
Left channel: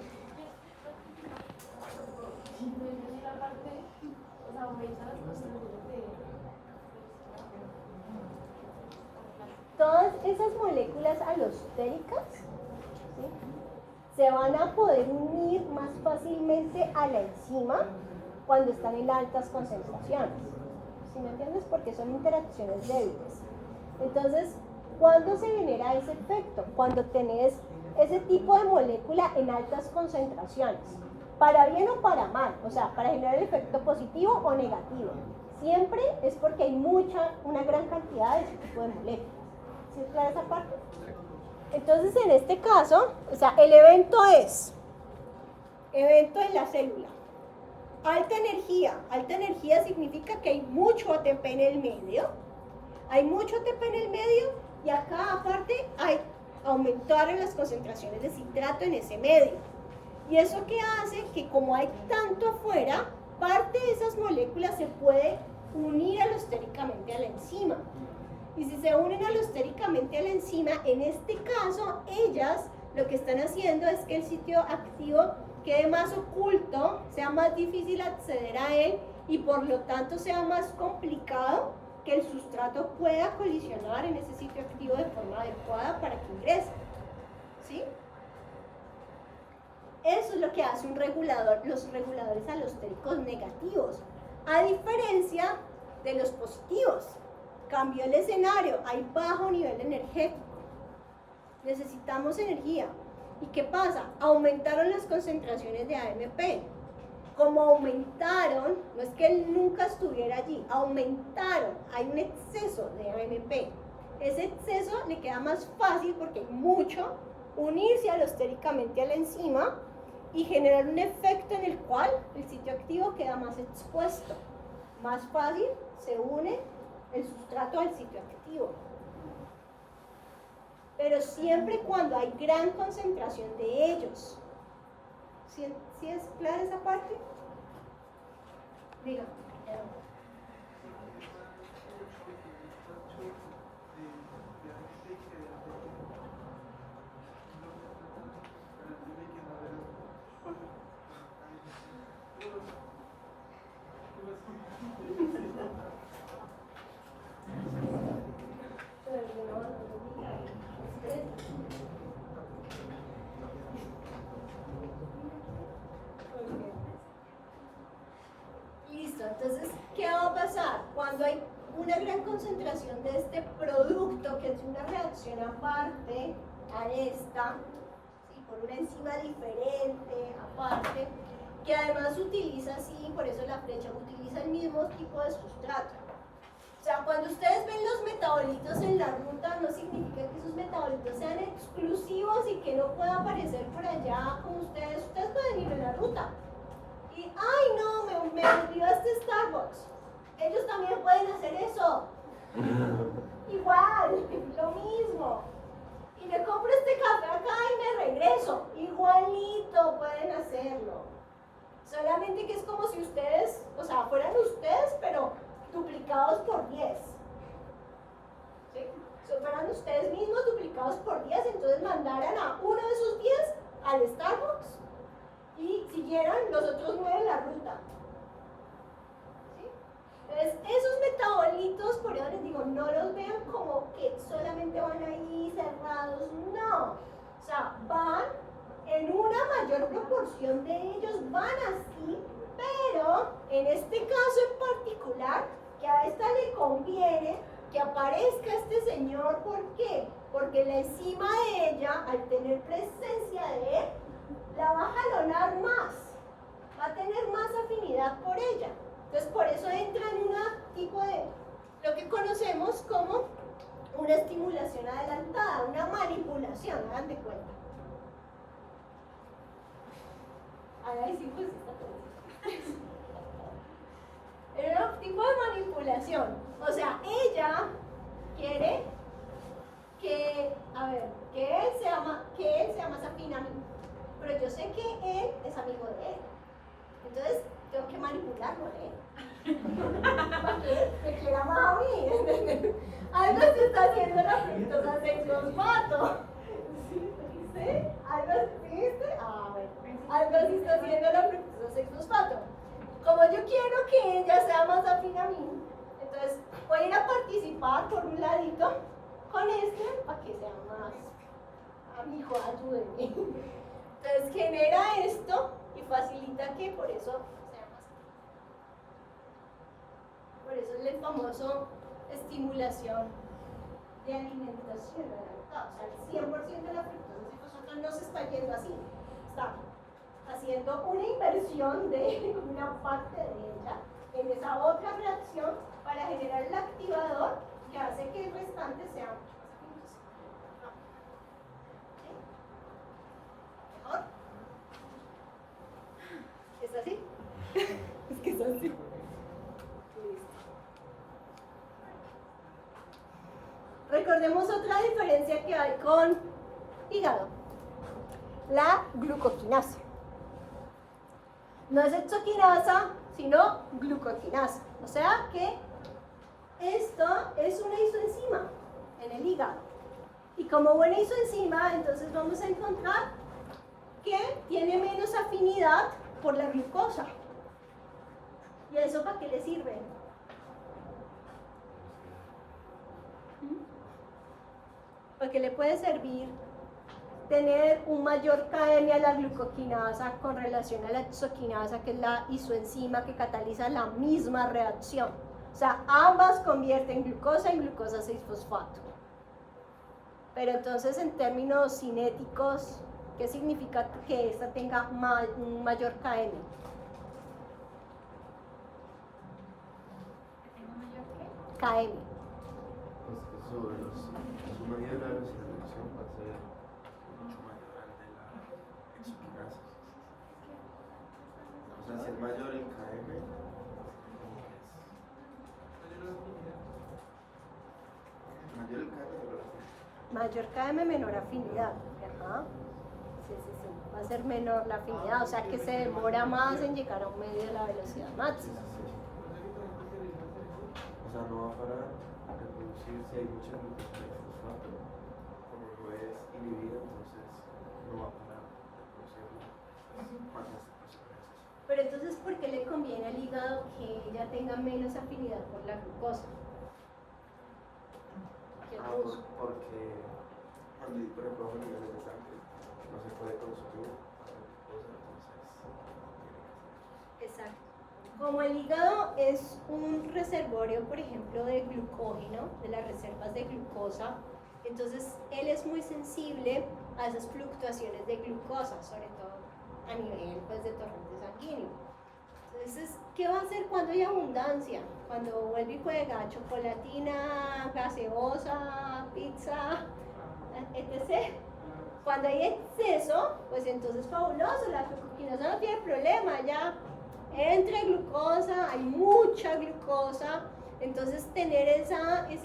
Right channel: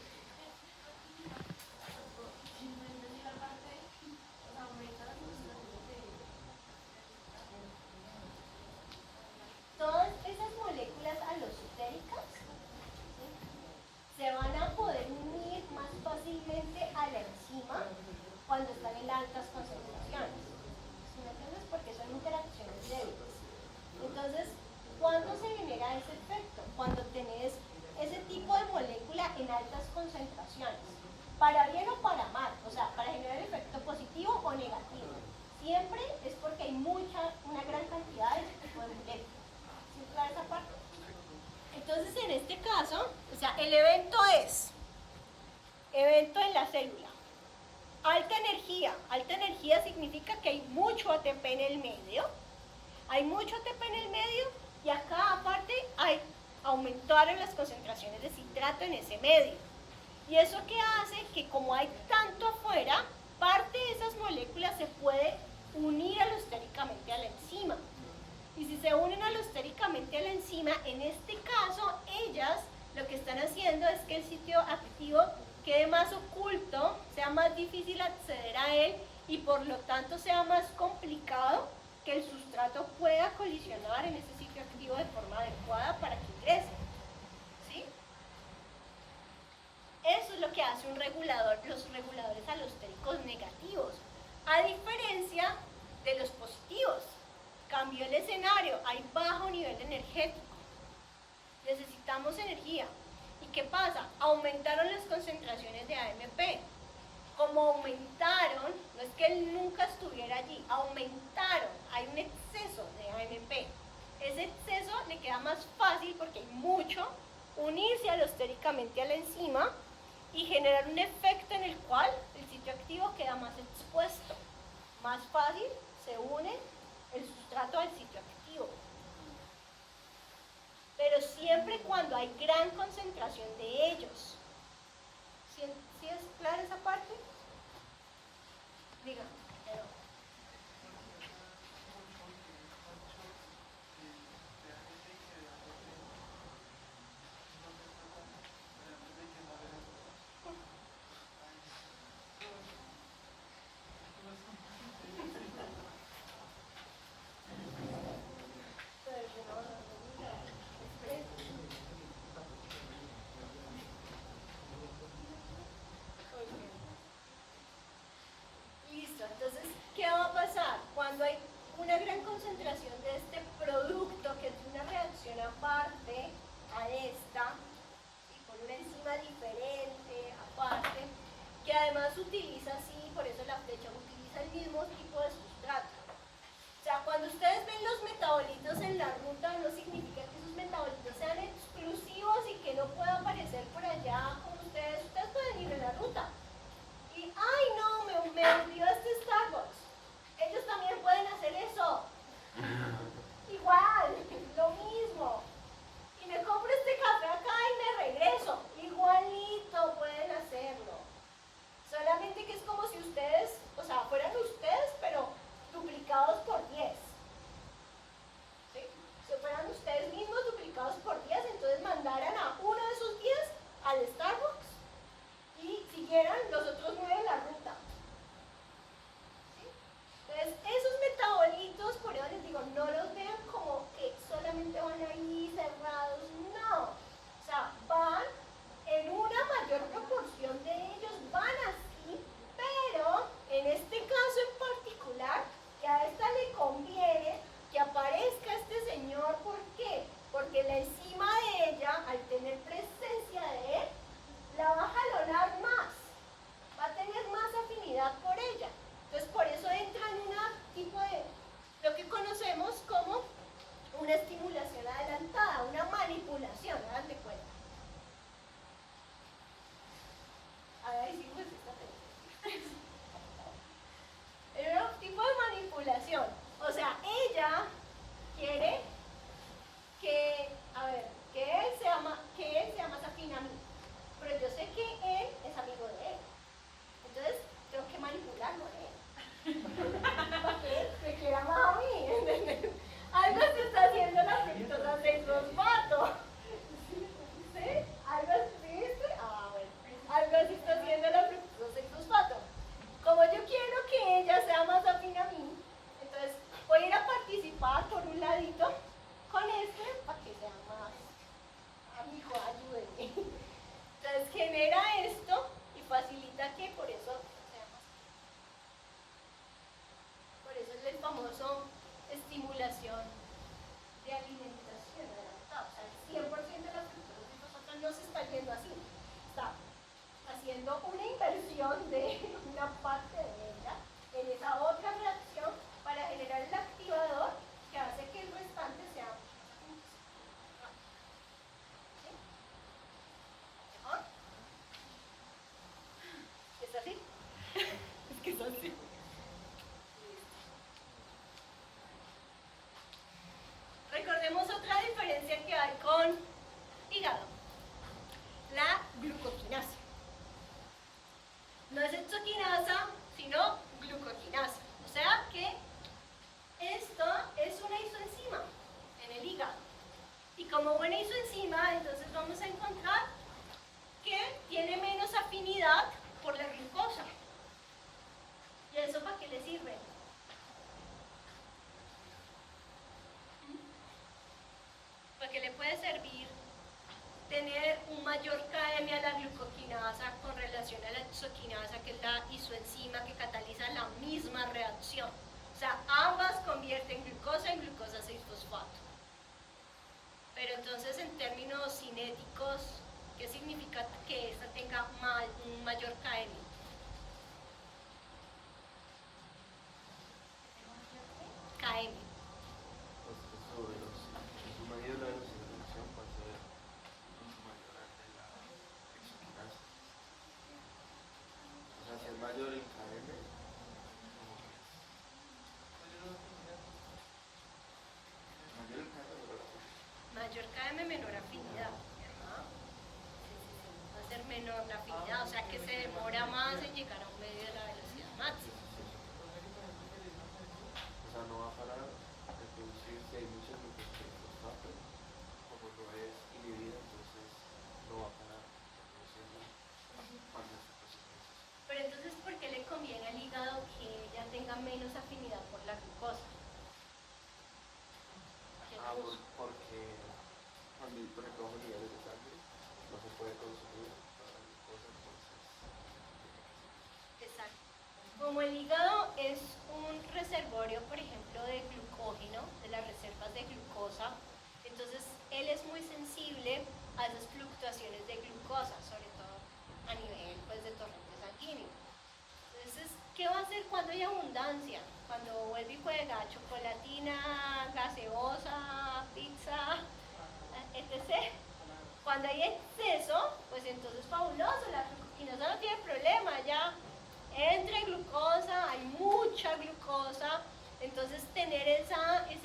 Todas esas moléculas alostéricas, ¿sí?, se van a poder unir más fácilmente a la enzima cuando están en altas concentraciones. ¿Sí me entiendes? Porque son interacciones débiles. Entonces, ¿cuándo se genera ese efecto? Cuando tenés ese tipo de molécula en altas concentraciones. Para bien o para mal, o sea, para generar el efecto positivo o negativo. Siempre es porque hay una gran cantidad de ese tipo de moléculas. ¿Sí es clara esa parte? Entonces, en este caso, o sea, el evento en la célula. Alta energía significa que hay mucho ATP en el medio. Hay mucho ATP en el medio y acá aparte aumentaron las concentraciones de citrato en ese medio. Y eso que hace que como hay tanto afuera, parte de esas moléculas se puede unir alostéricamente a la enzima. Y si se unen alostéricamente a la enzima, en este caso, ellas lo que están haciendo es que el sitio activo quede más oculto, sea más difícil acceder a él y por lo tanto sea más complicado que el sustrato pueda colisionar en ese sitio activo de forma adecuada para que ingrese. ¿Sí? Eso es lo que hace un regulador, los reguladores alostéricos negativos, a diferencia de los positivos. Cambió el escenario, hay bajo nivel energético, necesitamos energía. ¿Y qué pasa? Aumentaron las concentraciones de AMP. Como aumentaron, no es que él nunca estuviera allí, aumentaron, hay un exceso de AMP. Ese exceso le queda más fácil porque hay mucho, unirse alostéricamente a la enzima y generar un efecto en el cual el sitio activo queda más expuesto. Más fácil se une el sustrato al sitio activo. Pero siempre y cuando hay gran concentración de ellos. ¿Sí es clara esa parte? Dígame. Recordemos otra diferencia que hay con hígado. La glucoquinasa. No es hexoquinasa, sino glucoquinasa. O sea que esto es una isoenzima en el hígado. Y como buena isoenzima, entonces vamos a encontrar que tiene menos afinidad por la glucosa. ¿Y eso para qué le sirve? ¿Para qué le puede servir tener un mayor KM a la glucoquinasa con relación a la hexoquinasa, que es la isoenzima que cataliza la misma reacción? O sea, ambas convierten glucosa en glucosa 6-fosfato. Pero entonces, en términos cinéticos, ¿qué significa que esta tenga un mayor KM? KM. Pues que su medida de la reacción va a ser mucho mayor al de la hexoquinasa. O sea, si es mayor el KM, mayor el KM, Mayor KM, menor afinidad. Ajá. Sí, sí, sí. Va a ser menor la afinidad, o sea que se demora más en llegar a un medio de la velocidad máxima. o sea, no va para reproducir si hay mucha glucosa de fosfato, como no es inhibida, entonces no va para reproducirla más fácil. Pero entonces, ¿por qué le conviene al hígado que ella tenga menos afinidad por la glucosa? Que el músculo. Porque cuando hay, por ejemplo, bajo niveles de sangre, no se puede consumir la glucosa, entonces Exacto. Como el hígado es un reservorio, por ejemplo, de glucógeno, de las reservas de glucosa, entonces él es muy sensible a esas fluctuaciones de glucosa, sobre todo a nivel pues, de torrente sanguíneo. Entonces, ¿qué va a hacer cuando hay abundancia? Cuando vuelve y juega chocolatina, gaseosa, pizza, etc. Cuando hay exceso, pues entonces fabuloso, la glucoquinasa no tiene problema, ya entra glucosa, hay mucha glucosa, entonces tener ese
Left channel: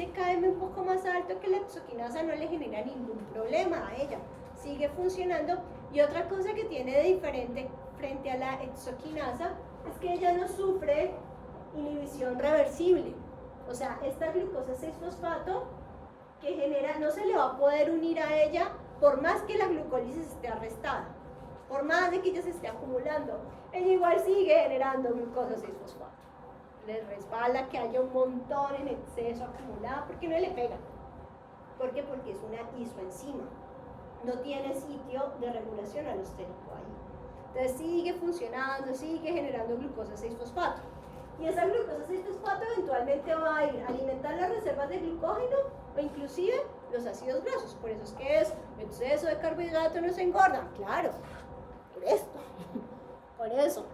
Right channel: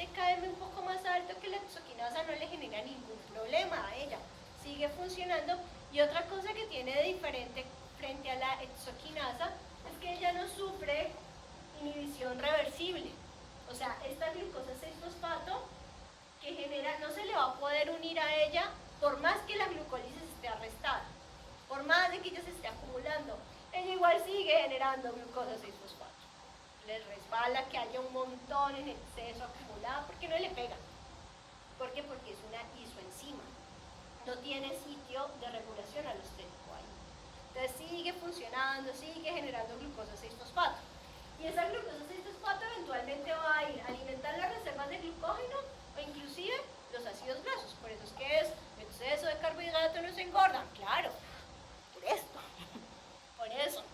KM un poco más alto que la hexoquinasa no le genera ningún problema a ella, sigue funcionando. Y otra cosa que tiene de diferente frente a la hexoquinasa es que ella no sufre inhibición reversible, o sea, esta glucosa 6-fosfato que genera, no se le va a poder unir a ella por más que la glucólisis esté arrestada, por más de que ella se esté acumulando, ella igual sigue generando glucosa 6-fosfato. Le resbala que haya un montón en exceso acumulado porque no le pega. ¿Por qué? Porque es una isoenzima. No tiene sitio de regulación alosténico ahí. Entonces sigue funcionando, sigue generando glucosa 6-fosfato. Y esa glucosa 6-fosfato eventualmente va a ir a alimentar las reservas de glucógeno o inclusive los ácidos grasos. Por eso es que es exceso de carbohidrato no se engordan. Claro, por esto, por eso,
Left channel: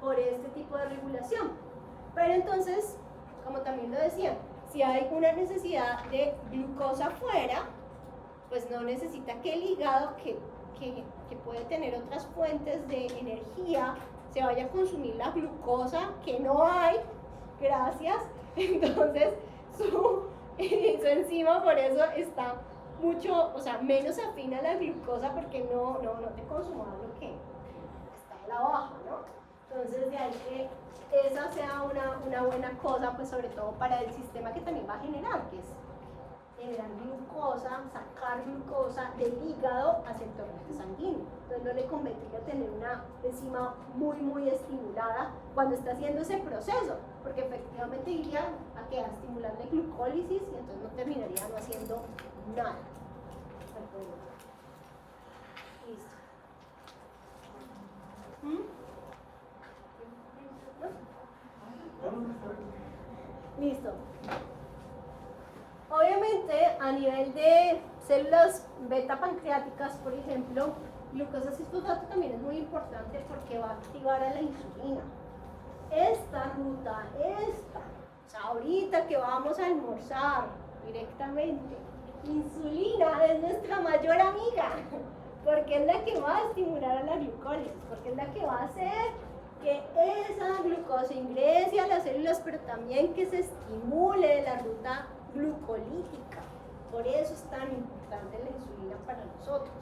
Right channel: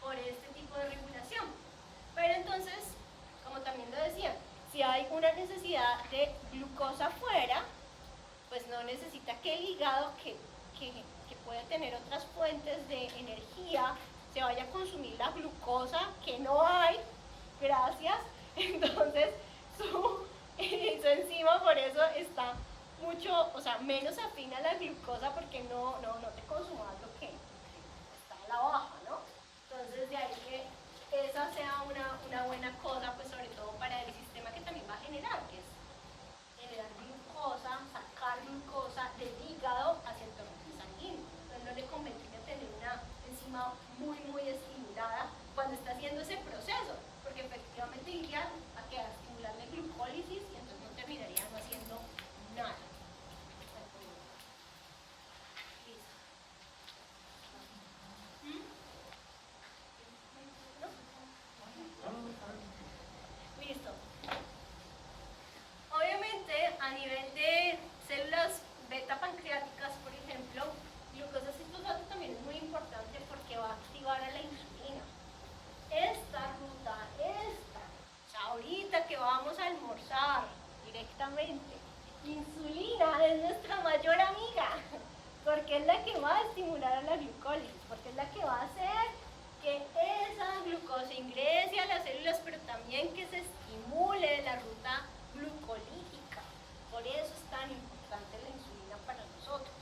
por este tipo de regulación. Pero entonces, como también lo decía, si hay una necesidad de glucosa afuera, pues no necesita que el hígado, que puede tener otras fuentes de energía, se vaya a consumir la glucosa que no hay, gracias. Entonces su enzima por eso está mucho, o sea, menos afina a la glucosa porque no te consuma lo que está a la baja, ¿no? Entonces de ahí que esa sea una buena cosa, pues sobre todo para el sistema que también va a generar, que es generar glucosa, sacar glucosa del hígado hacia el torrente sanguíneo. Entonces no le convendría tener una enzima muy estimulada cuando está haciendo ese proceso, porque efectivamente iría a estimularle glucólisis y entonces no terminaría no haciendo nada. Listo. ¿No? Listo. Obviamente, a nivel de células beta pancreáticas, por ejemplo, glucosa 6-fosfato también es muy importante porque va a activar a la insulina. Esta ruta, o sea, ahorita que vamos a almorzar directamente, insulina es nuestra mayor amiga, porque es la que va a estimular a la glucólisis, porque es la que va a hacer que esa glucosa ingrese a las células, pero también que se estimule la ruta glucolítica. Por eso es tan importante la insulina para nosotros,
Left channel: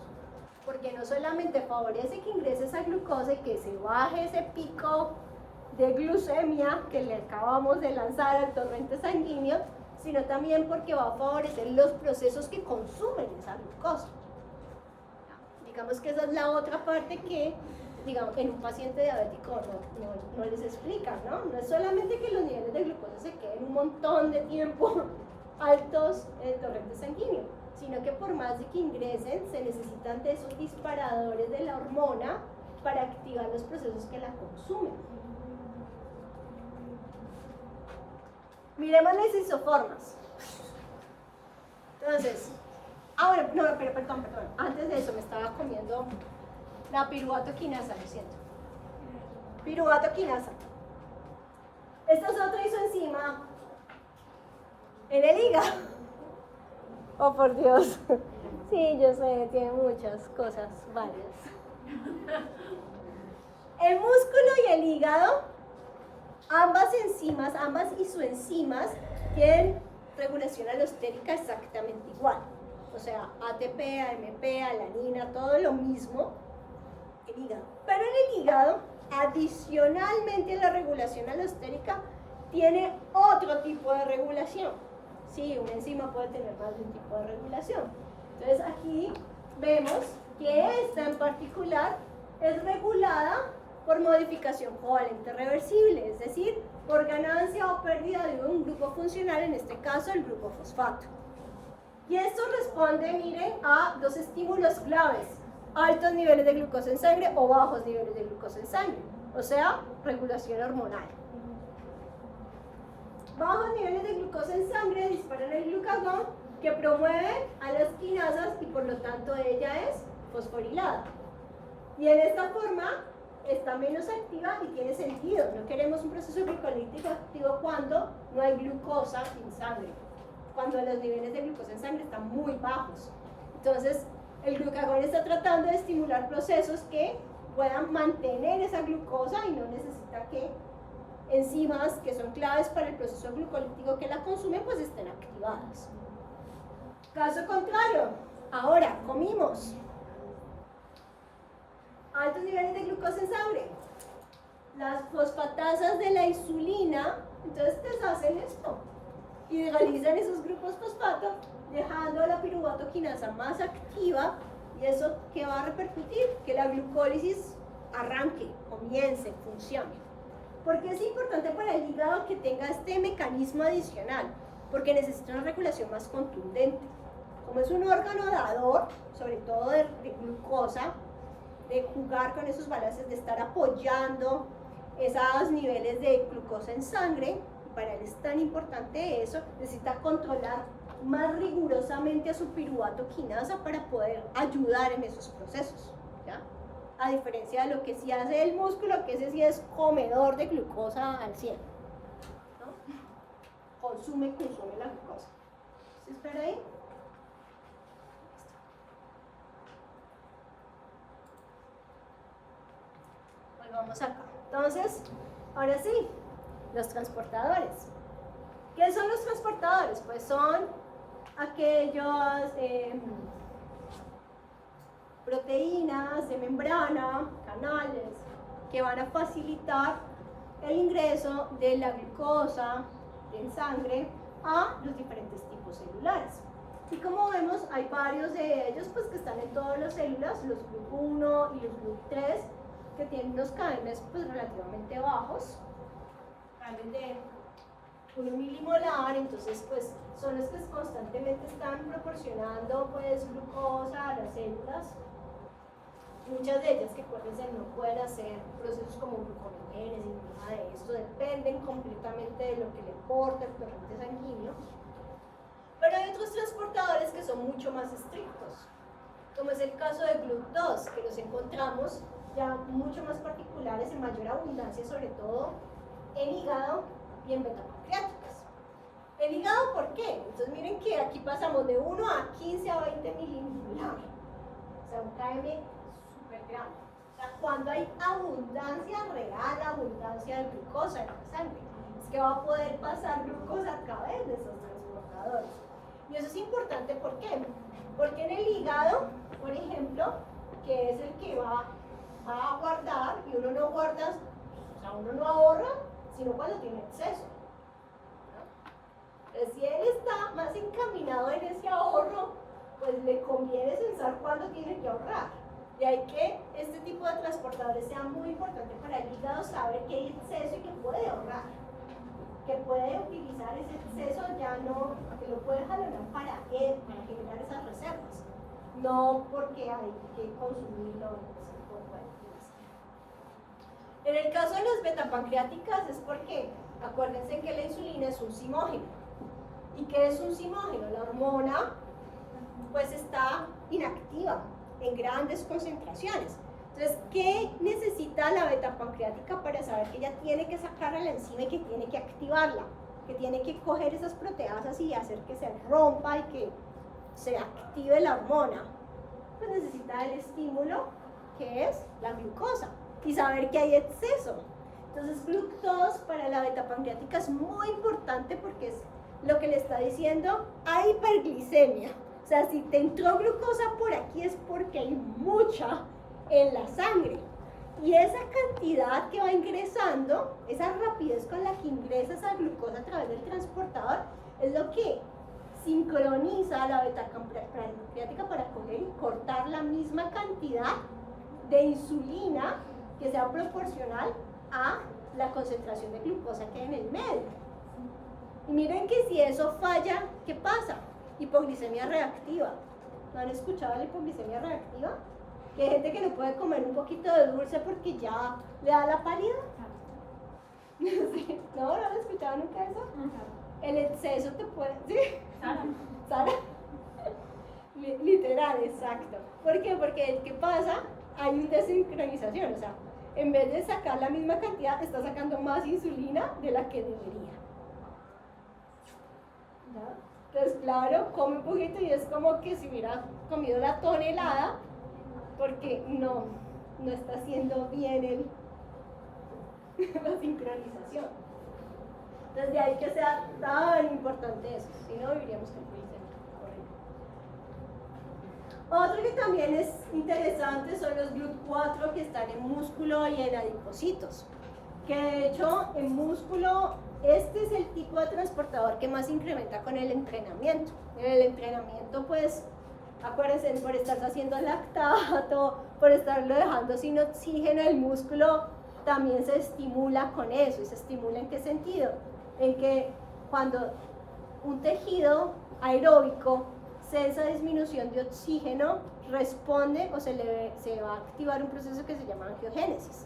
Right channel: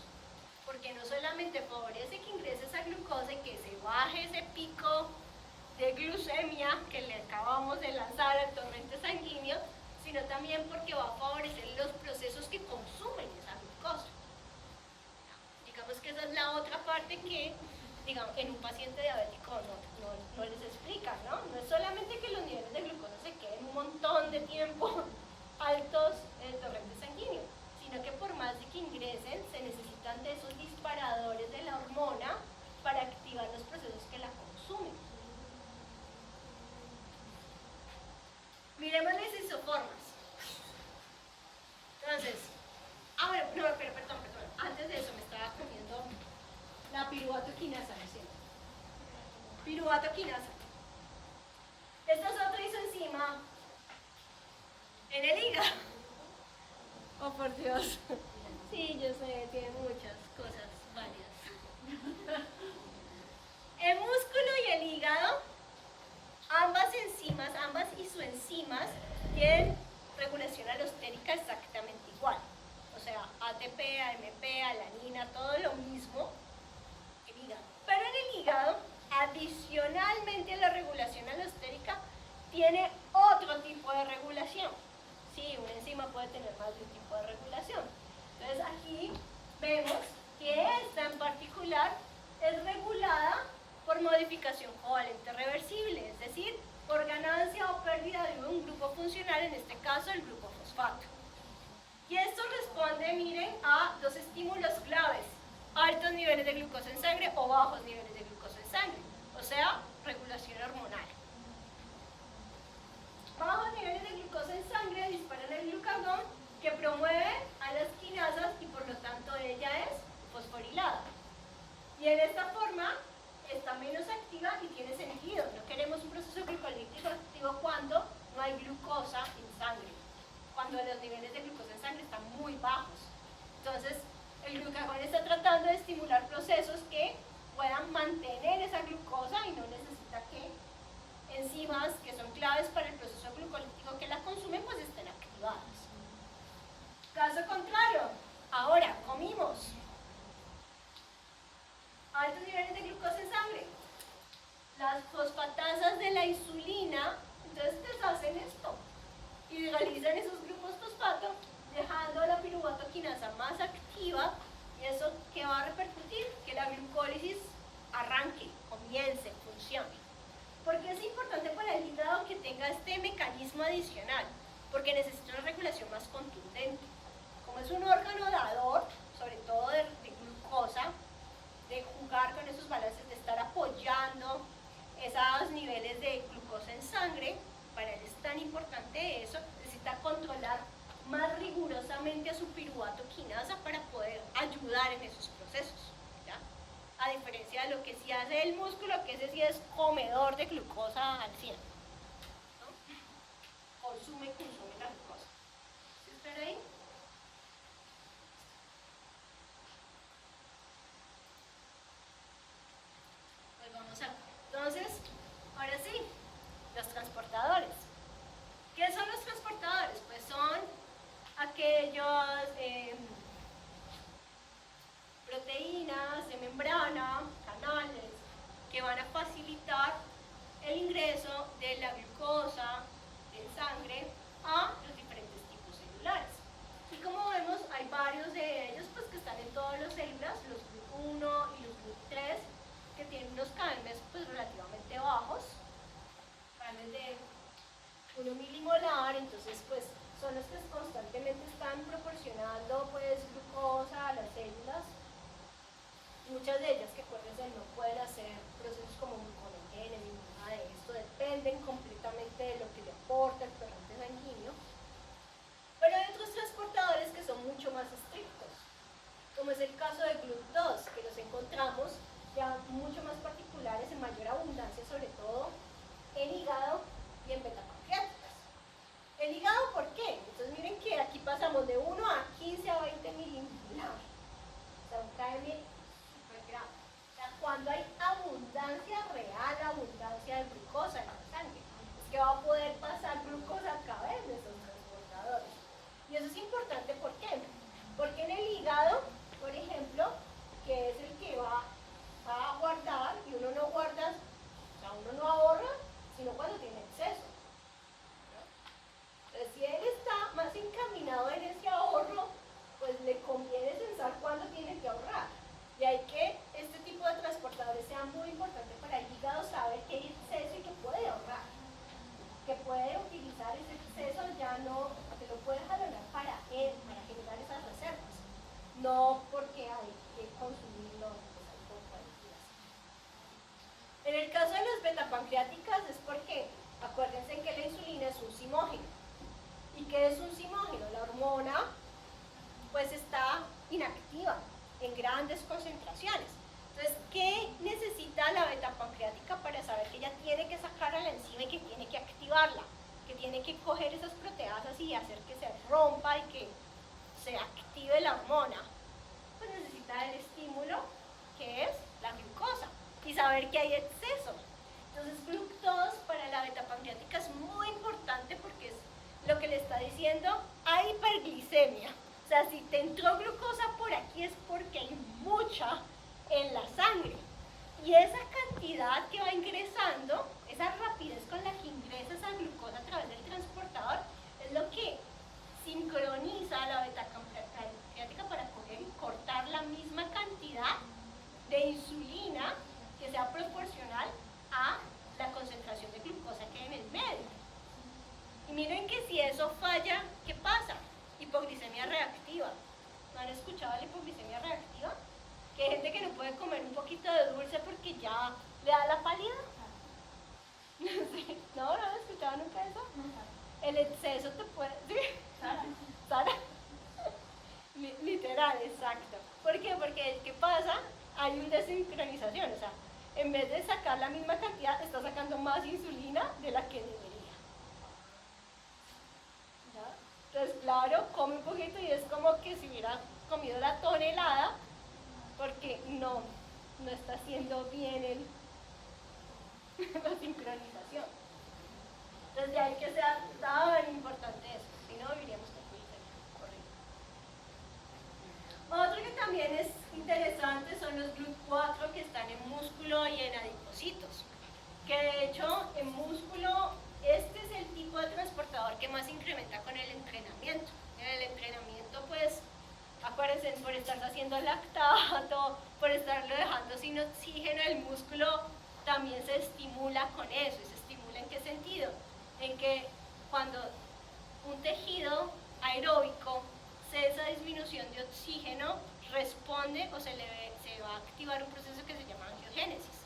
porque no solamente favorece que ingrese esa glucosa y que se baje ese pico de glucemia que le acabamos de lanzar al torrente sanguíneo, sino también porque va a favorecer los procesos que consumen esa glucosa. Digamos que esa es la otra parte que, digamos, en un paciente diabético no les explican, ¿no? No es solamente que los niveles de glucosa se queden un montón de tiempo altos en el torrente sanguíneo, sino que por más de que ingresen, se necesitan de esos disparadores de la hormona para activar los procesos que la consumen. Miremos las isoformas. Entonces, bueno, no, pero perdón, antes de eso me estaba comiendo la piruvato quinasa, lo siento. Piruvato quinasa. Esta es otra isoenzima en el hígado. Oh, por Dios. Sí, yo sé, tiene muchas cosas, varias. El músculo y el hígado, ambas isoenzimas tienen regulación alostérica exactamente igual. O sea, ATP, AMP, alanina, todo lo mismo, el hígado. Pero en el hígado, adicionalmente a la regulación alostérica, tiene otro tipo de regulación. Sí, una enzima puede tener más de un tipo de regulación. Entonces aquí vemos que esta en particular es regulada por modificación covalente reversible, es decir, por ganancia o pérdida de un grupo funcional, en este caso el grupo fosfato. Y esto responde, miren, a dos estímulos claves: altos niveles de glucosa en sangre o bajos niveles de glucosa en sangre, o sea, regulación hormonal. Bajos niveles de glucosa en sangre disparan el glucagón, que promueve a las quinasas y por lo tanto ella es fosforilada. Y en esta forma está menos activa y tiene sentido. No queremos un proceso glucolítico activo cuando no hay glucosa en sangre, cuando los niveles de glucosa en sangre están muy bajos. Entonces, el glucagón está tratando de estimular procesos que puedan mantener esa glucosa y no necesita que enzimas que son claves para el proceso glucolítico que la consumen pues estén activadas. Caso contrario, ahora comimos, altos niveles de glucosa en sangre, las fosfatasas de la insulina entonces deshacen esto y realizan esos grupos fosfato, dejando la piruvato quinasa más activa. ¿Y eso qué va a repercutir? Que la glucólisis arranque, comience, funcione. ¿Por qué es importante para el hígado que tenga este mecanismo adicional? Porque necesita una regulación más contundente. Como es un órgano dador, sobre todo de glucosa, de jugar con esos balances, de estar apoyando esos niveles de glucosa en sangre, para él es tan importante eso, necesita controlar más rigurosamente a su piruvato quinasa para poder ayudar en esos procesos, ¿ya? A diferencia de lo que sí hace el músculo, que ese sí es comedor de glucosa al 100, ¿no? Consume la glucosa. ¿Sí espera ahí? Volvamos acá. Entonces, ahora sí, los transportadores. ¿Qué son los transportadores? Pues son aquellos proteínas de membrana, canales, que van a facilitar el ingreso de la glucosa en sangre a los diferentes tipos celulares. Y como vemos, hay varios de ellos pues, que están en todas las células, los GLUT1 y los GLUT3, que tienen unos KMs pues, relativamente bajos, KMs de 1 milimolar, entonces pues son los que constantemente están proporcionando pues glucosa a las células. Muchas de ellas que no pueden hacer procesos como gluconeogenes ni nada de esto, dependen completamente de lo que le aporta el torrente sanguíneo. Pero hay otros transportadores que son mucho más estrictos, como es el caso de GLUT2, que los encontramos ya mucho más particulares en mayor abundancia, sobre todo en hígado y en beta-pancreáticas. ¿El hígado por qué? Entonces miren que aquí pasamos de 1 a 15 a 20 milimolar, o sea un KM súper grande. O sea, cuando hay abundancia real, abundancia de glucosa en la sangre, es que va a poder pasar glucosa a través de esos transportadores. Y eso es importante no porque hay que consumirlo. En el caso de las betapancreáticas es porque, acuérdense que la insulina es un simógeno. ¿Y qué es un simógeno? La hormona pues está inactiva en grandes concentraciones. Entonces, ¿qué necesita la betapancreática para saber que ella tiene que sacarla a la enzima y que tiene que activarla? Que tiene que coger esas proteasas y hacer que se rompa y que se active la hormona. Pues necesita el estímulo, que es la glucosa, y saber que hay exceso. Entonces, fructosa para la betapancreática es muy importante porque es lo que le está diciendo, hay hiperglicemia. O sea, si te entró glucosa por aquí es porque hay mucha en la sangre. Y esa cantidad que va ingresando, esa rapidez con la que ingresa esa glucosa a través del transportador, es lo que sincroniza a la betapancreática para coger y cortar la misma cantidad de insulina que sea proporcional a la concentración de glucosa que hay en el medio. Y miren que si eso falla, ¿qué pasa? Hipoglicemia reactiva. ¿No han escuchado la hipoglicemia reactiva? Que hay gente que no puede comer un poquito de dulce porque ya le da la pálida. ¿No han escuchado nunca eso? El exceso te puede... ¿Sí? ¿Sara? Literal, exacto. ¿Por qué? Porque ¿qué pasa? Hay una desincronización, o sea, en vez de sacar la misma cantidad, está sacando más insulina de la que debería. ¿No? Entonces, claro, come un poquito y es como que si hubiera comido la tonelada, porque no está haciendo bien la sincronización. Entonces, de ahí que sea tan importante eso, si no viviríamos con Otro que también es interesante son los GLUT4 que están en músculo y en adipocitos. Que de hecho en músculo este es el tipo de transportador que más incrementa con el entrenamiento. En el entrenamiento pues acuérdense, por estar haciendo lactato, por estarlo dejando sin oxígeno, el músculo también se estimula con eso. ¿Y se estimula en qué sentido? En que cuando un tejido aeróbico esa disminución de oxígeno responde o se va a activar un proceso que se llama angiogénesis.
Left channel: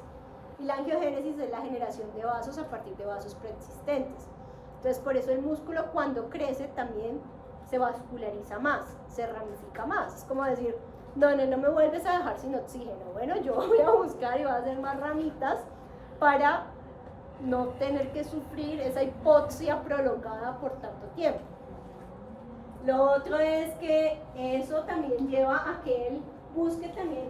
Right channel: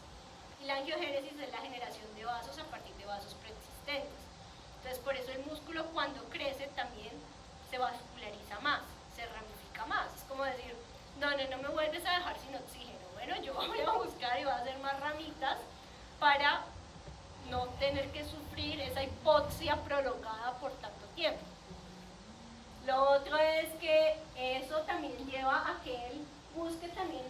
Y la angiogénesis es la generación de vasos a partir de vasos preexistentes. Entonces, por eso el músculo cuando crece también se vasculariza más, se ramifica más. Es como decir, no me vuelves a dejar sin oxígeno. Bueno, yo voy a buscar y voy a hacer más ramitas para no tener que sufrir esa hipoxia prolongada por tanto tiempo. Lo otro es que eso también lleva a que él busque también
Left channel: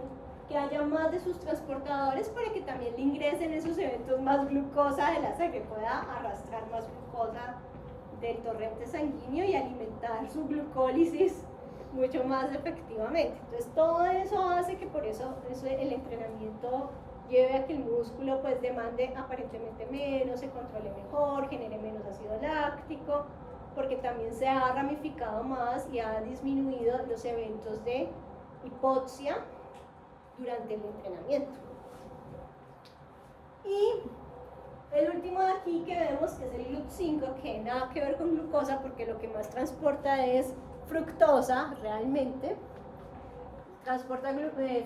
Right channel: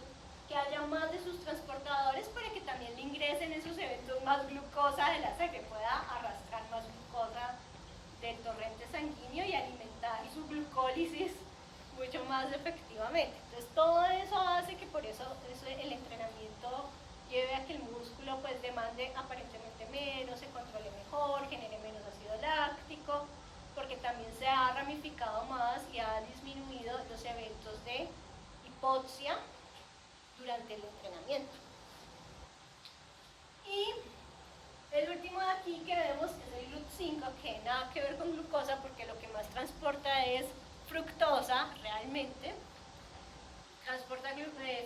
que haya más de sus transportadores para que también le ingresen esos eventos más glucosa de la sangre, pueda arrastrar más glucosa del torrente sanguíneo y alimentar su glucólisis mucho más efectivamente. Entonces todo eso hace que por eso el entrenamiento lleve a que el músculo pues demande aparentemente menos, se controle mejor, genere menos ácido láctico, porque también se ha ramificado más y ha disminuido los eventos de hipoxia durante el entrenamiento. Y el último de aquí que vemos que es el GLUT5, que nada que ver con glucosa porque lo que más transporta es fructosa realmente, transporta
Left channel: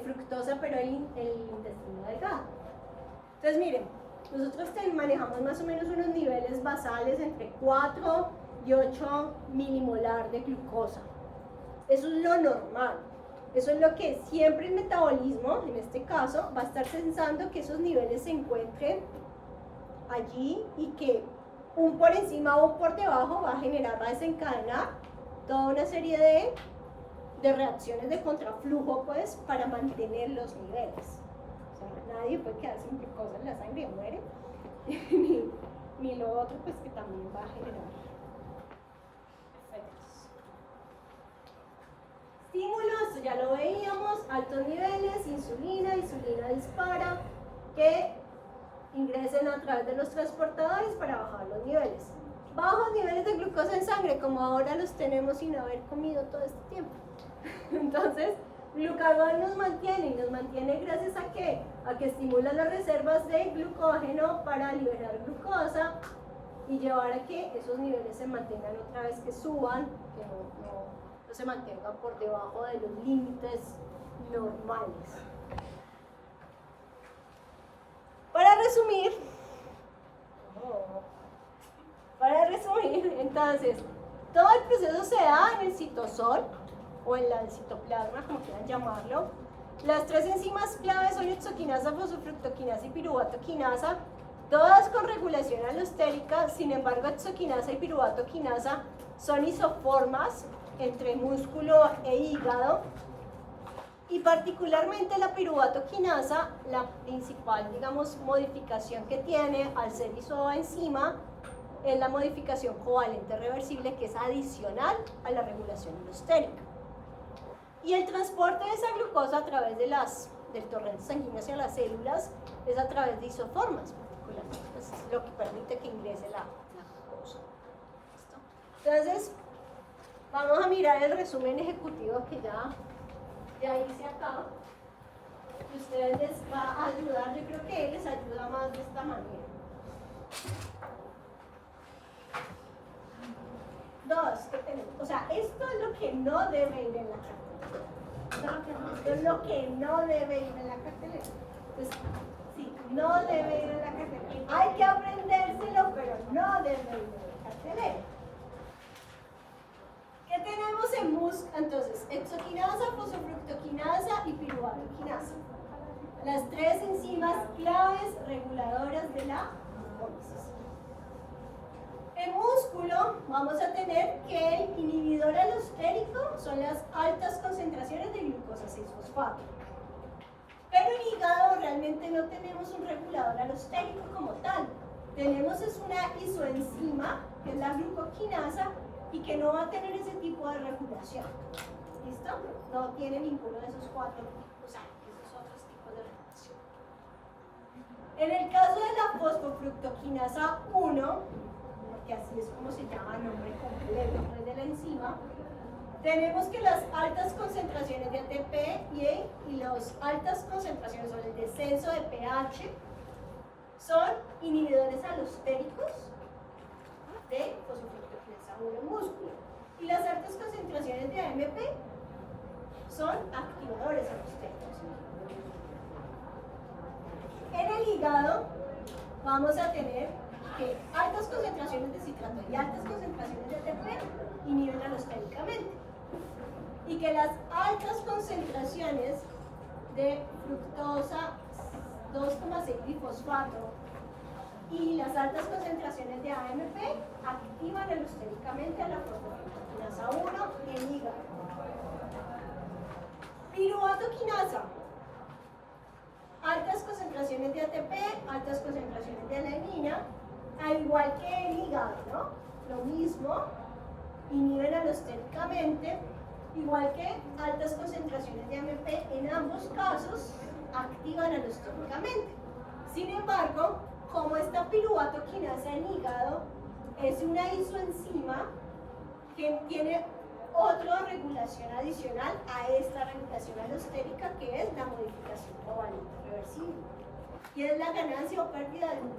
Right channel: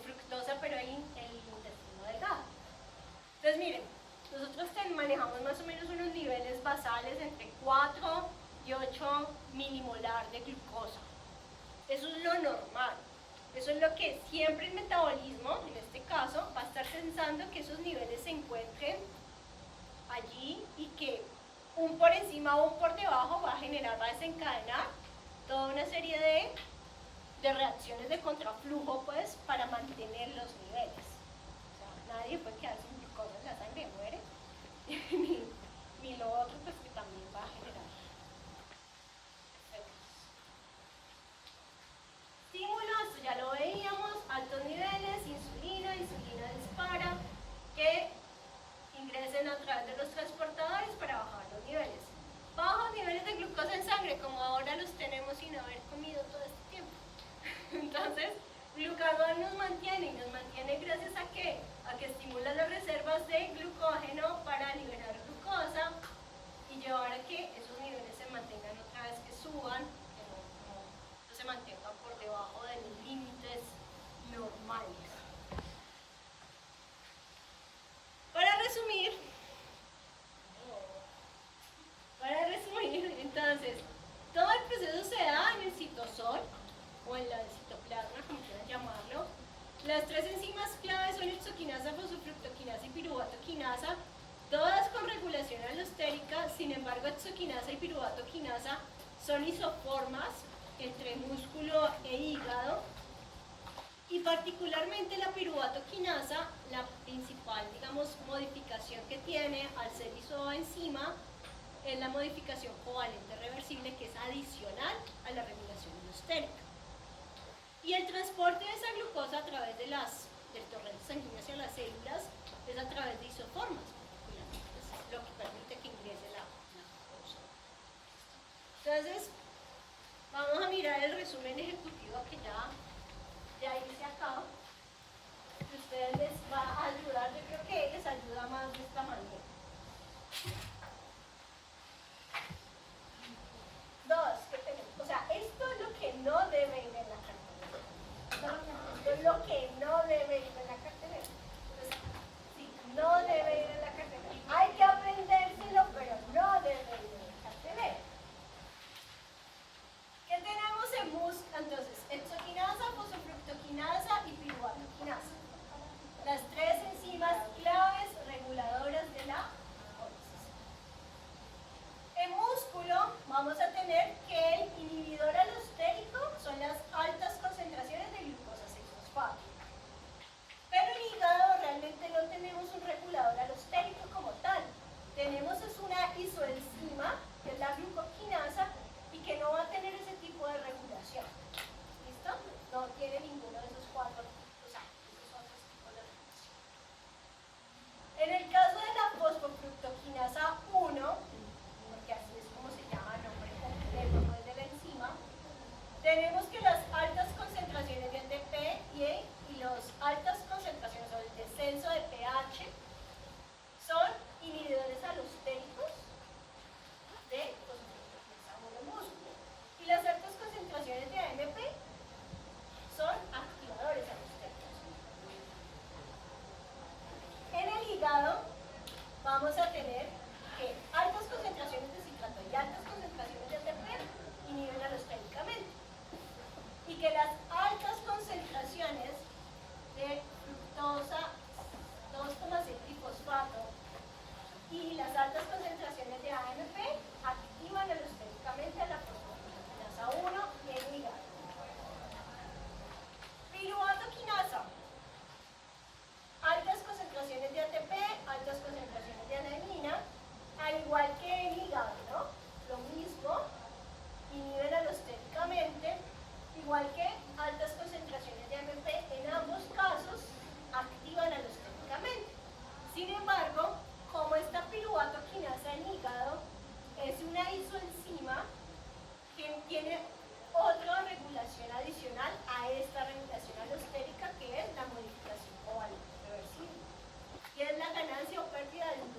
fructosa pero el intestino delgado. Entonces miren, nosotros manejamos más o menos unos niveles basales entre 4 y 8 milimolar de glucosa. Eso es lo normal. Eso es lo que siempre el metabolismo, en este caso, va a estar pensando que esos niveles se encuentren allí y que un por encima o un por debajo va a desencadenar toda una serie de reacciones de contraflujo pues para mantener los niveles. O sea, nadie puede quedar sin glucosa en la sangre y muere. ni lo otro pues que también va a generar estímulos, ya lo veíamos, altos niveles, insulina dispara, que ingresen a través de los transportadores para bajar los niveles. Bajos niveles de glucosa en sangre, como ahora los tenemos sin haber comido todo este tiempo. Entonces, glucagón nos mantiene gracias a ¿qué? A que estimula las reservas de glucógeno para liberar glucosa y llevar a que esos niveles se mantengan otra vez, que suban, que no se mantengan por debajo de los límites normales. Para resumir, entonces, todo el proceso se da en el citosol o en la citoplasma, como quieran llamarlo. Las tres enzimas claves son hexoquinasa, fosfofructoquinasa y piruvatoquinasa, todas con regulación alostérica. Sin embargo, hexoquinasa y piruvatoquinasa son isoformas entre músculo e hígado, y particularmente la piruvatoquinasa, la principal, digamos, modificación que tiene al ser isoenzima es la modificación covalente reversible, que es adicional a la regulación alostérica. Y el transporte de esa glucosa a través del torrente sanguíneo hacia las células es a través de isoformas, particularmente, es lo que permite que ingrese la glucosa. Entonces, vamos a mirar el resumen ejecutivo que ya hice acá. Ustedes les va a ayudar, yo creo que les ayuda más de esta manera. 2, ¿qué tenemos? O sea, esto es lo que no debe ir en la cartelera. Es lo que no debe ir en la cartelera. Entonces, sí, no debe ir en la cartelera. Hay que aprendérselo, pero no debe ir en la cartelera. ¿Qué tenemos en MUSC? Entonces, hexoquinasa, fosfofructoquinasa y piruvatoquinasa. Las tres enzimas claves reguladoras de la glucólisis. En músculo vamos a tener que el inhibidor alostérico son las altas concentraciones de glucosa 6-fosfato. Pero en hígado realmente no tenemos un regulador alostérico como tal. Tenemos es una isoenzima, que es la glucoquinasa, y que no va a tener ese tipo de regulación. ¿Listo? No tiene ninguno de esos cuatro tipos, esos otros tipos de regulación. En el caso de la fosfofructoquinasa 1, que así es como se llama el nombre completo de la enzima, tenemos que las altas concentraciones de ATP y las altas concentraciones o el descenso de pH son inhibidores alostéricos de fosfofructoquinasa 1 en músculo, y las altas concentraciones de AMP son activadores alostéricos. En el hígado vamos a tener que altas concentraciones de citrato y altas concentraciones de ATP inhiben alostéricamente, y que las altas concentraciones de fructosa 2,6 difosfato y las altas concentraciones de AMP activan alostéricamente a la fosfofructoquinasa 1 en hígado. Piruvatoquinasa, altas concentraciones de ATP, altas concentraciones de alanina, al igual que el hígado, ¿no? Lo mismo, inhiben alostéricamente, igual que altas concentraciones de AMP, en ambos casos activan alostéricamente. Sin embargo, como esta piruvatoquinasa en hígado es una isoenzima que tiene otra regulación adicional a esta regulación alostérica, que es la modificación covalente reversible, y es la ganancia o pérdida de un